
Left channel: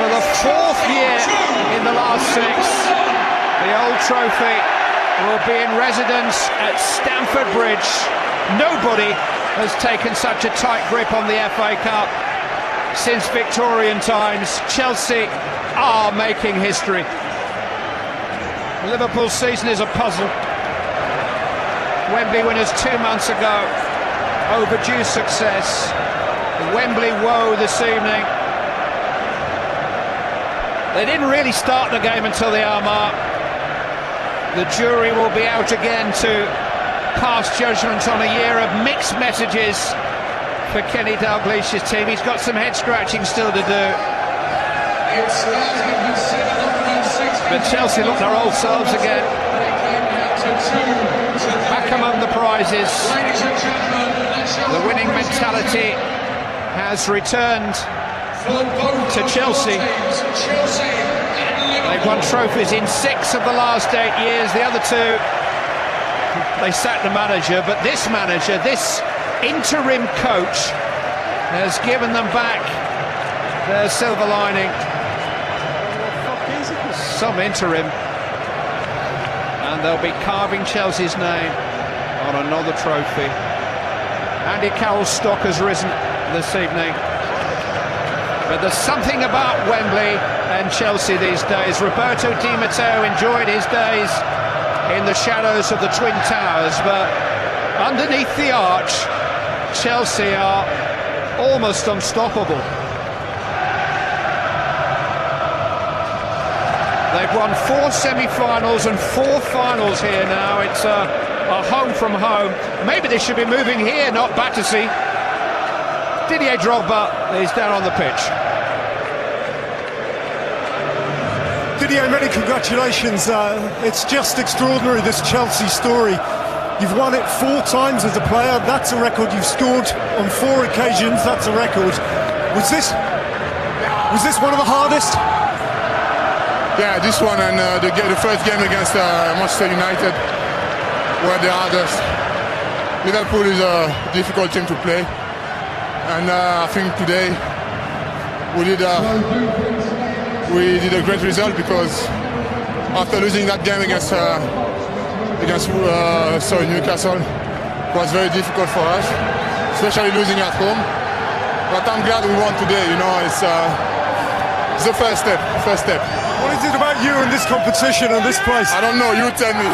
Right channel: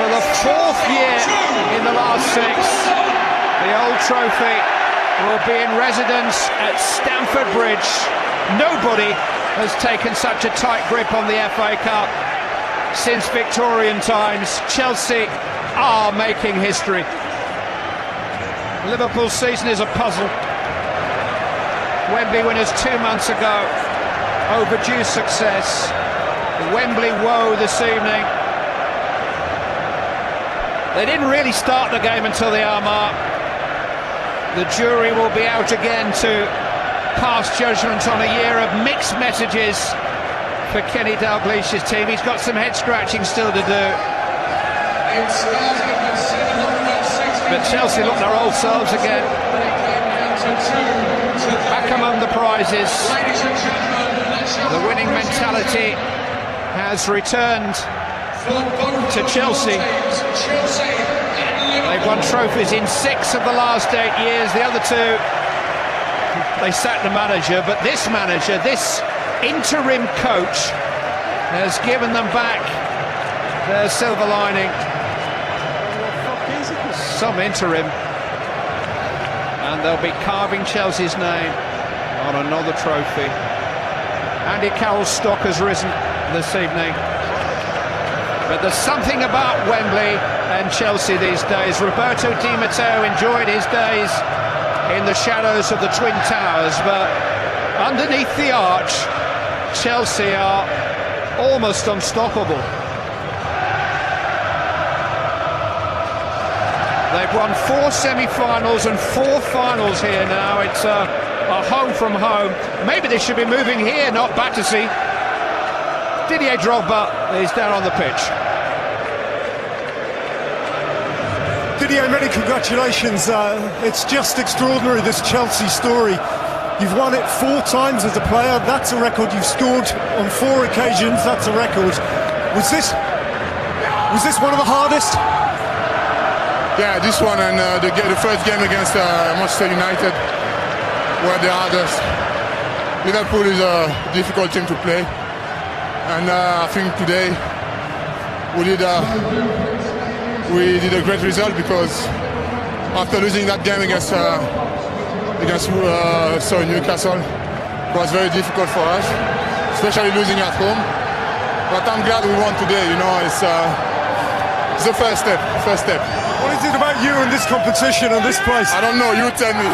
For the 4th year in the last 6, the old trophy will be in residence at Stamford Bridge. Nobody has taken such a tight grip on the FA Cup since Victorian times. Chelsea are making history. Liverpool's season is a puzzle. Wembley winners 2 months ago. Overdue success. The Wembley woe this evening. They didn't really start the game until the hour mark. The jury will be out again to pass judgment on a year of mixed messages for Kenny Dalglish's team. He's got some head scratching still to do. But Chelsea look their old selves again. Back among the prizes. The winning mentality has returned to Chelsea. They've won trophies in 6 of the last 8 years. The other 2, they sacked the manager, but this manager, this interim coach, has given them back their silver lining. Some interim. And they'll be carving Chelsea's name on another trophy. Andy Carroll's stock has risen this evening. But there's something about Wembley and Chelsea these days. Roberto Di Matteo enjoyed his days in the shadows of the Twin Towers, but underneath the arch, Chelsea are almost unstoppable. They've won 4 semi-finals and 4 finals here now. It's a home from home. Maybe they should be moving here, not Battersea. Didier Drogba is down on the pitch. Didier, many congratulations. It's just extraordinary, this Chelsea story. You've won it 4 times as a player. That's a record. You've scored on 4 occasions. That's a record. Was this one of the hardest? Yeah, this one and the first game against Manchester United were the hardest. Liverpool is a difficult team to play. And I think today we did a great result, because after losing that game against Newcastle, it was very difficult for us, especially losing at home. But I'm glad we won today. You know, it's the first step. What is it about you in this competition and this place? I don't know. You tell me.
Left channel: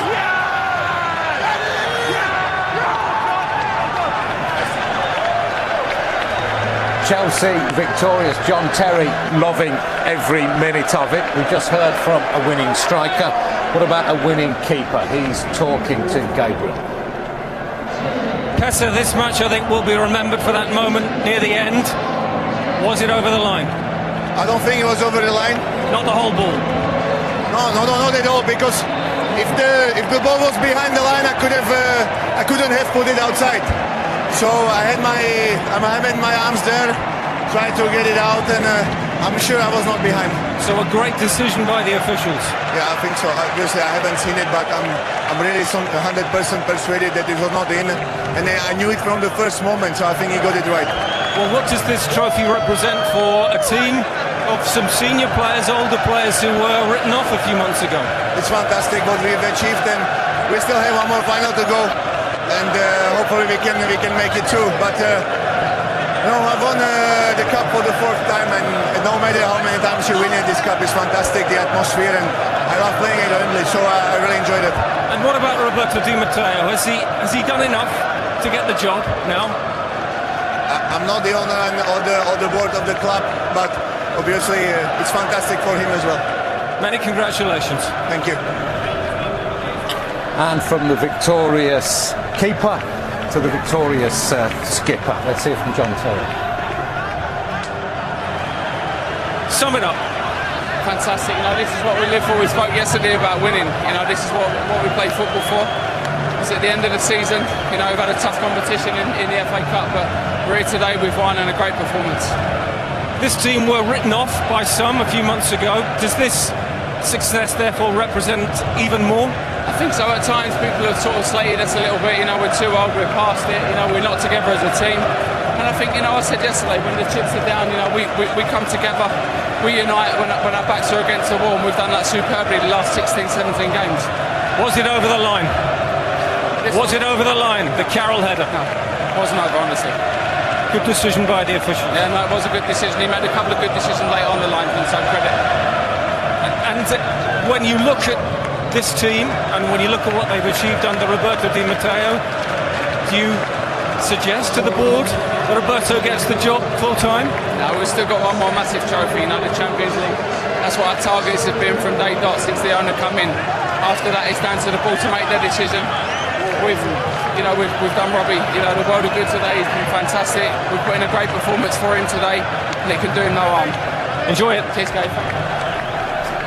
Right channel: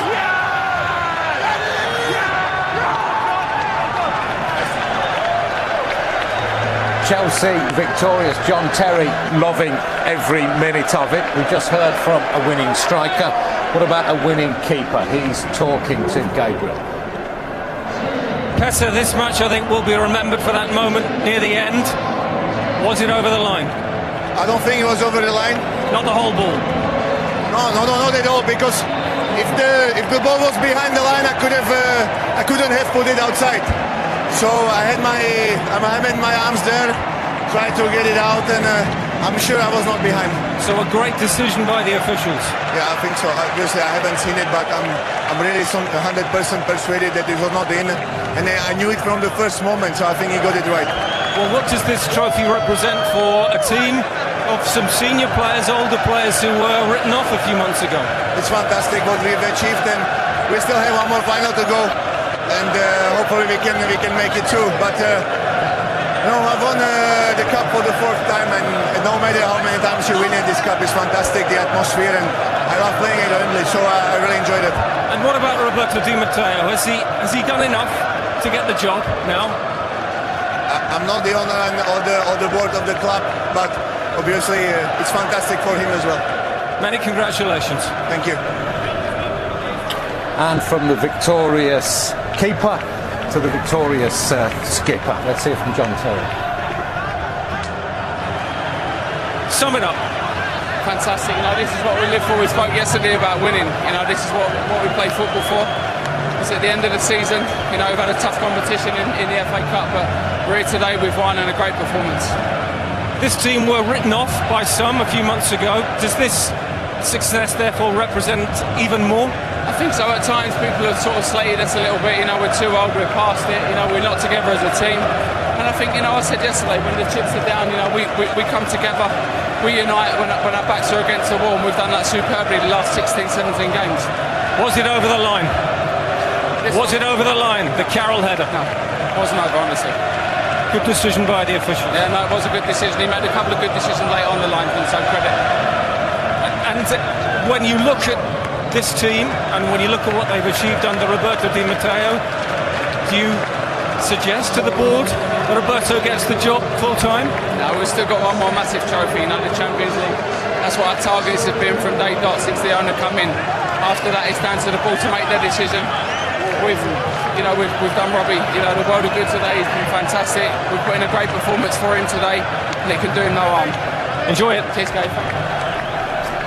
Chelsea victorious. John Terry loving every minute of it. We just heard from a winning striker. What about a winning keeper? He's talking to Gabriel. Pesa, this match I think will be remembered for that moment near the end. Was it over the line? I don't think it was over the line. Not the whole ball? No, not at all. Because if the ball was behind the line, I couldn't have put it outside. So I had my arms there, tried to get it out, and I'm sure I was not behind. So a great decision by the officials. Yeah, I think so. Obviously, I haven't seen it, but I'm really 100% persuaded that it was not in, and I knew it from the first moment. So I think he got it right. Well, what does this trophy represent for a team of some senior players, older players who were written off a few months ago? It's fantastic what we've achieved, and we still have one more final to go. And hopefully we can make it too. But we won the cup for the 4th time, and no matter how many times you win it, this cup is fantastic. The atmosphere, and I love playing at Wembley, so I really enjoyed it. And what about Roberto Di Matteo? Has he done enough to get the job now? I'm not the owner or the board of the club, but obviously it's fantastic for him as well. Many congratulations. Thank you. And from the victorious keeper to the victorious skipper. Let's hear from John Terry. Sum it up. Fantastic. This is what we live for. We spoke yesterday about winning. This is what we play football for. It's at the end of the season. We've had a tough competition in the FA Cup, but we're here today. We've won, and a great performance. This team were written off by some a few months ago. Does this success therefore represent even more? I think so. At times people have sort of slated us a little bit. We're too old, we're past it. We're not together as a team. And I think, I said yesterday, when the chips are down, we come together, we unite when our backs are against the wall, and we've done that superbly the last 16, 17 games. Was it over the line? Was it over the line? The Carroll header? It wasn't over, honestly. Good decision by the official. Yeah, it was a good decision. He made a couple of good decisions later on the line, so credit. And when you look at this team, and when you look at what they've achieved under Roberto Di Matteo, do you suggest to the board that Roberto gets the job full time? No, we've still got one more massive trophy, the Champions League. That's what our targets have been from day dot since the owner come in. After that, it's down to the board to make the decision. We've done Robbie. The world of good today. He's been fantastic. We've put in a great performance for him today, and it can do him no harm. Enjoy it. Cheers, Gabe.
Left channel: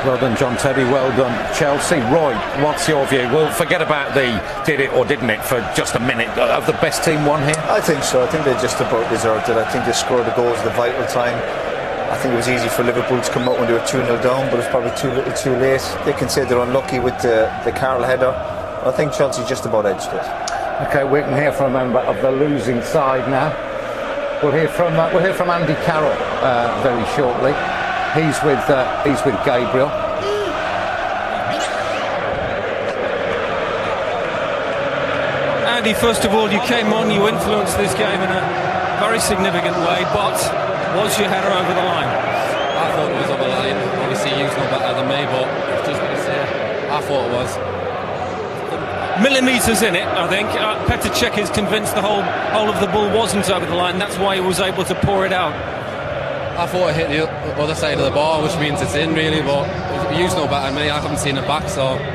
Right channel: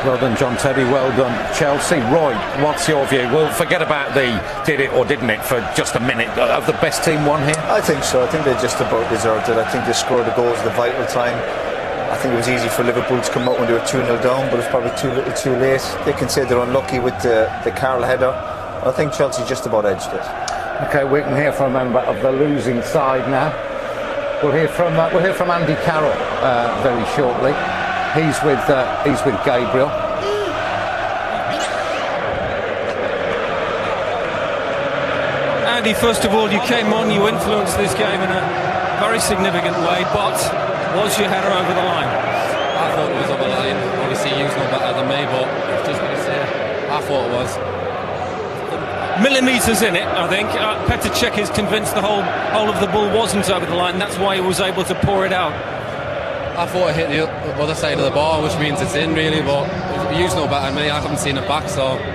Well done, John Terry. Well done, Chelsea. Roy, what's your view? We'll forget about the did it or didn't it for just a minute. Have the best team won here? I think so. I think they just about deserved it. I think they scored the goals at the vital time. I think it was easy for Liverpool to come out when they were 2-0 down, but it's probably too little too late. They can say they're unlucky with the Carroll header. I think Chelsea just about edged it. Okay, we can hear from a member of the losing side now. We'll hear from Andy Carroll very shortly. He's with Gabriel. Andy, first of all, you came on, you influenced this game in a very significant way, but was your header over the line? I thought it was over the line. Obviously, he's not better than me, but I thought it was. Millimetres in it, I think. Petr Cech is convinced the whole of the ball wasn't over the line. That's why he was able to pour it out. I thought it hit the other side of the ball, which means it's in, really, but you know better than me. I haven't seen it back, so...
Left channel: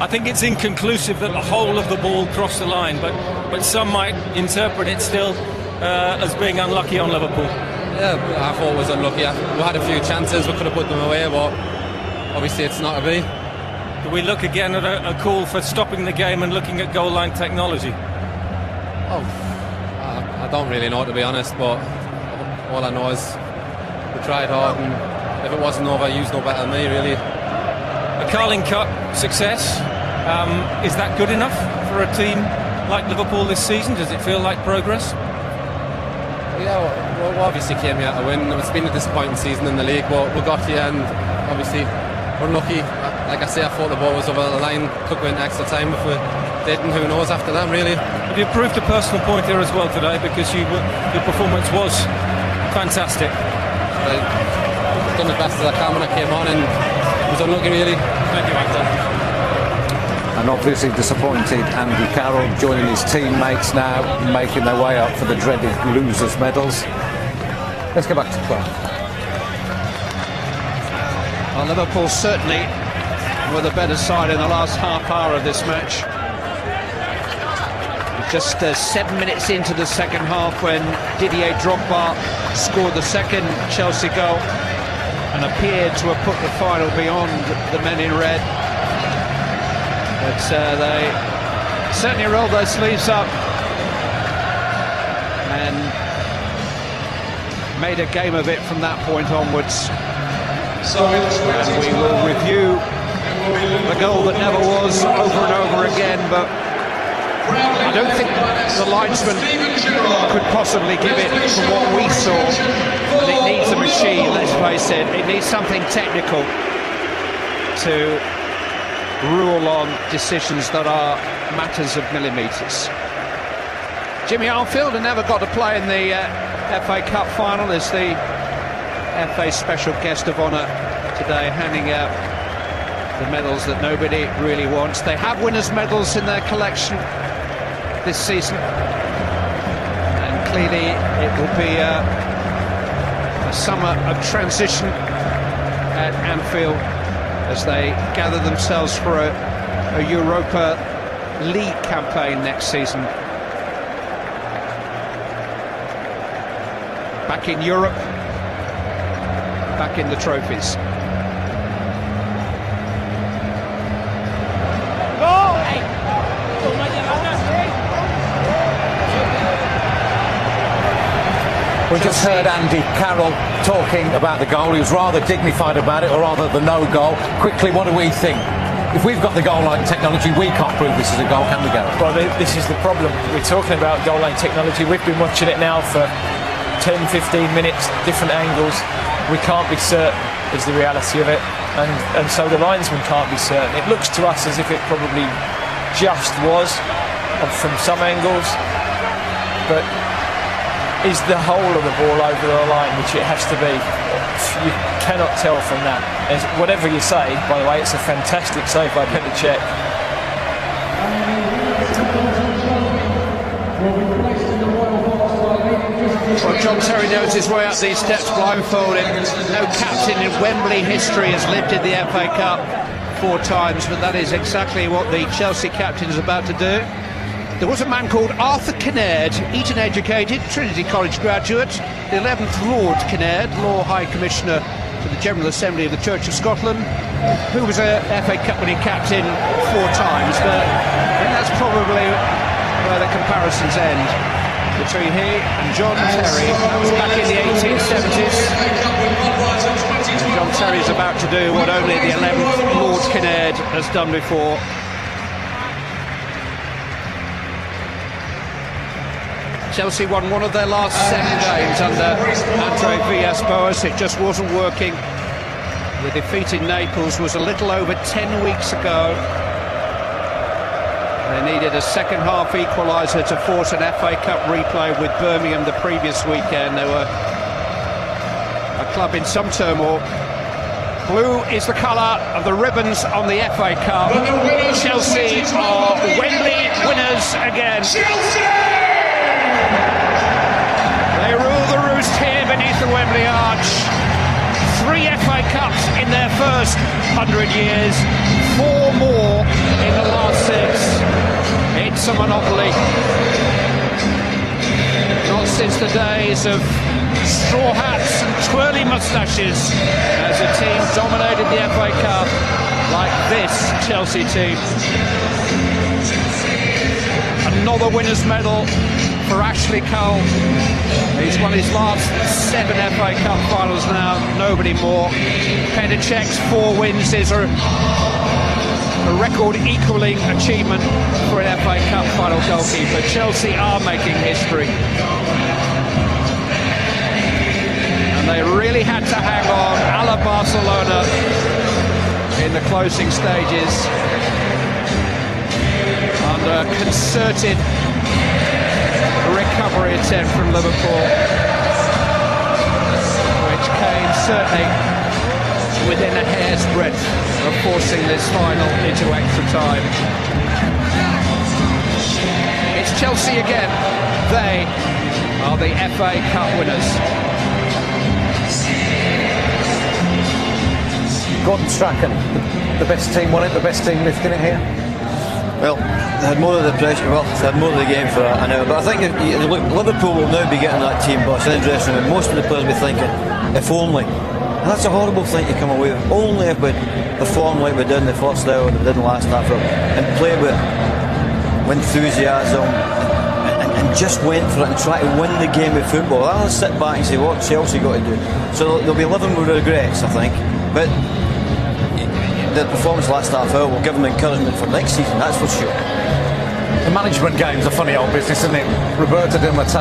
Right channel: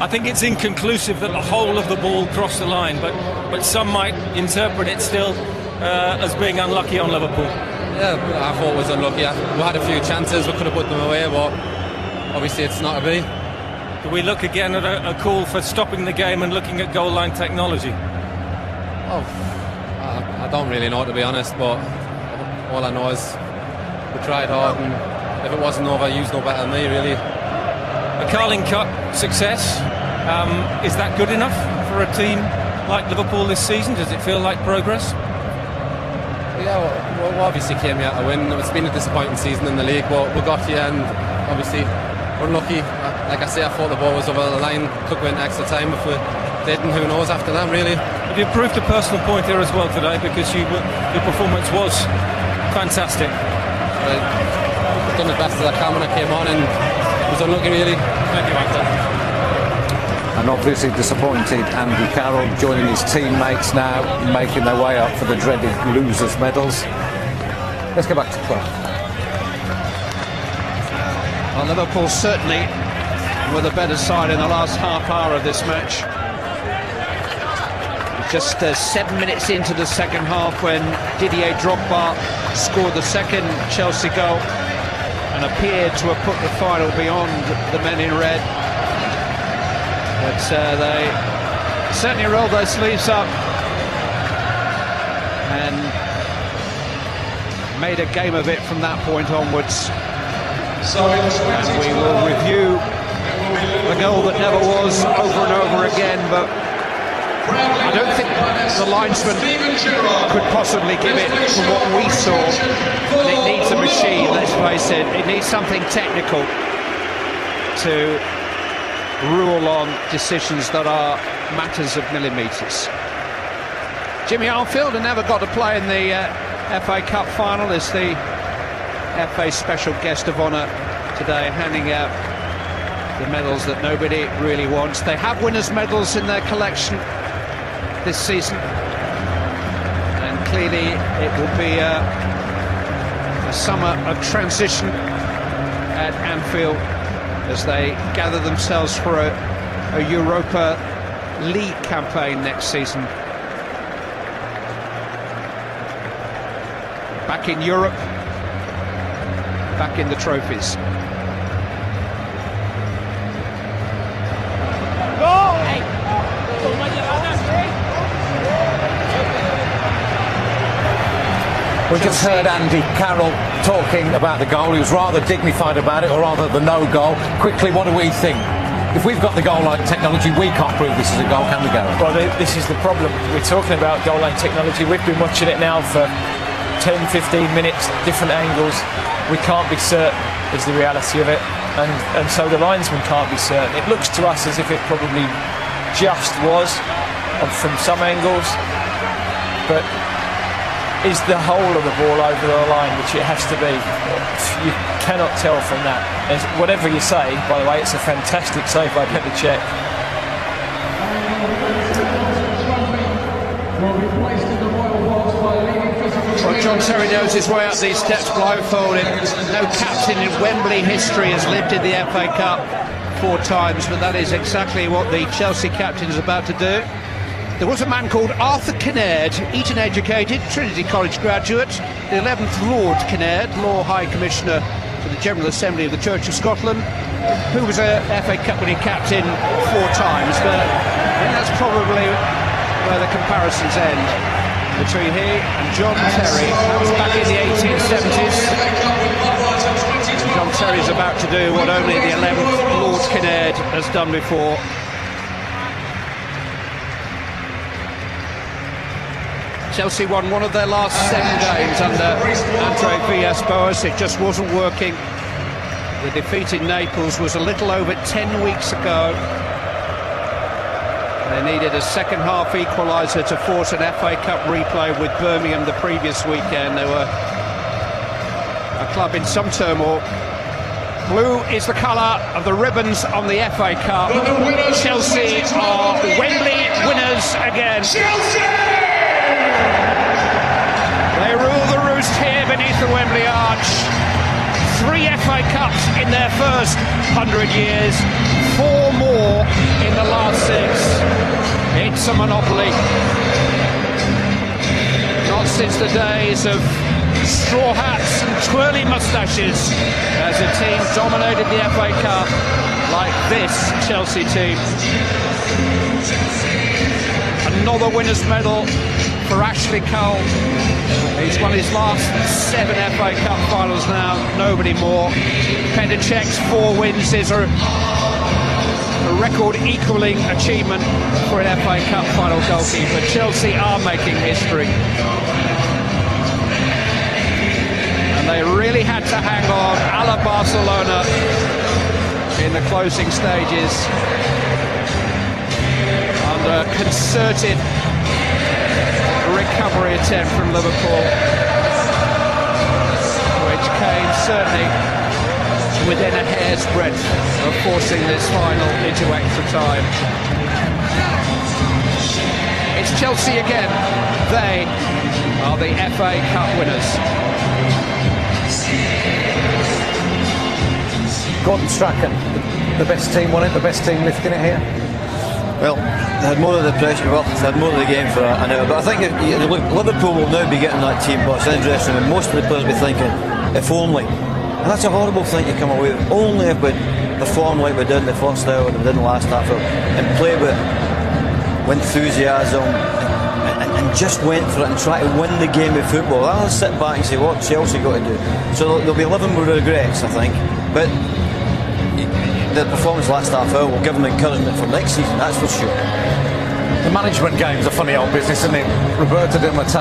I think it's inconclusive that the whole of the ball crossed the line, but some might interpret it still as being unlucky on Liverpool. Yeah, I thought it was unlucky. We had a few chances, we could have put them away, but obviously it's not a me. Do we look again at a call for stopping the game and looking at goal line technology? I don't really know, to be honest, but all I know is we tried hard, and if it wasn't over, you know better than me, really. The Carling Cup success, is that good enough for a team like Liverpool this season? Does it feel like progress? Yeah, we obviously came here to win. It's been a disappointing season in the league, but we got here, and obviously we're lucky. Like I say, I thought the ball was over the line, could win extra time if we didn't, who knows after that, really. But you proved a personal point here as well today, because your performance was fantastic. I've done the best as I can when I came on, and it was unlucky, really. And obviously disappointed Andy Carroll joining his teammates now, making their way up for the dreaded losers' medals. Let's go back to Prague. Well, Liverpool certainly were the better side in the last half hour of this match. Just 7 minutes into the second half when Didier Drogba scored the second Chelsea goal and appeared to have put the final beyond the men in red. But they certainly rolled their sleeves up and made a game of it from that point onwards. And we will review the goal that never was over and over again, but I don't think the linesman could possibly give it to what we saw. It needs a machine, let's face it. It needs something technical to rule on decisions that are matters of millimetres. Jimmy Arfield, who never got to play in the FA Cup final, is the FA special guest of honour today, handing out the medals that nobody really wants. They have winners' medals in their collection this season, and clearly it will be a summer of transition at Anfield as they gather themselves for a Europa League campaign next season. Back in Europe, back in the trophies. We just heard Andy Carroll talking about the goal. He was rather dignified about it, or rather the no goal. Quickly, what do we think? If we've got the goal line technology, we can't prove this is a goal, can we, Gary? Well, this is the problem. We're talking about goal line technology. We've been watching it now for 10, 15 minutes, different angles. We can't be certain is the reality of it, and so the linesman can't be certain. It looks to us as if it probably just was from some angles, but is the whole of the ball over the line, which it has to be? You cannot tell from that. And whatever you say, by the way, it's a fantastic save by Petr Cech. John Terry knows his way up these steps blindfolded. No captain in Wembley history has lived in the FA Cup 4 times, but that is exactly what the Chelsea captain is about to do. There was a man called Arthur Kinnaird, Eton educated, Trinity College graduate, the 11th Lord Kinnaird, Law High Commissioner to the General Assembly of the Church of Scotland, who was a FA Cup winning captain 4 times, but I think that's probably where the comparisons end between he and John Terry. That was back in the 1870s. John Terry's about to do what only the 11th Lord Kinnaird has done before. Chelsea won one of their last 7 games under Andre Villas-Boas. It just wasn't working. The defeat in Naples was a little over 10 weeks ago. They needed a second half equaliser to force an FA Cup replay with Birmingham the previous weekend. They were a club in some turmoil. Blue is the colour of the ribbons on the FA Cup. Chelsea are Wembley winners again. They rule the roost here beneath the Wembley Arch. 3 FA Cups in their first 100 years, 4 more in the last 6. It's a monopoly. Not since the days of straw hats, twirling moustaches, as a team dominated the FA Cup like this Chelsea team. Another winner's medal for Ashley Cole. He's won his last 7 FA Cup finals now, nobody more. Petr Cech's 4 wins is a record equaling achievement for an FA Cup final goalkeeper. Chelsea are making history. And they really had to hang on, a la Barcelona, in the closing stages. Under concerted recovery attempt from Liverpool, which came certainly within a hair's breadth of forcing this final into extra time. It's Chelsea again. They are the FA Cup winners. Gordon Strachan, the best team won it, the best team lifting it here. Well, more of the press, had more of the games for that, I know. But I think Liverpool will now be getting that team bus. Interesting. Most of the players will be thinking, if only. That's a horrible thing to come away with. Only if we perform like we did in the first hour and we did in the last half and play with enthusiasm and just went for it and try to win the game of football. I'll sit back and say, what Chelsea got to do? So they'll be living with regrets, I think. But the performance last half hour will give them encouragement for next season, that's for sure. The management game's a funny old business, isn't it? Roberto Di Matteo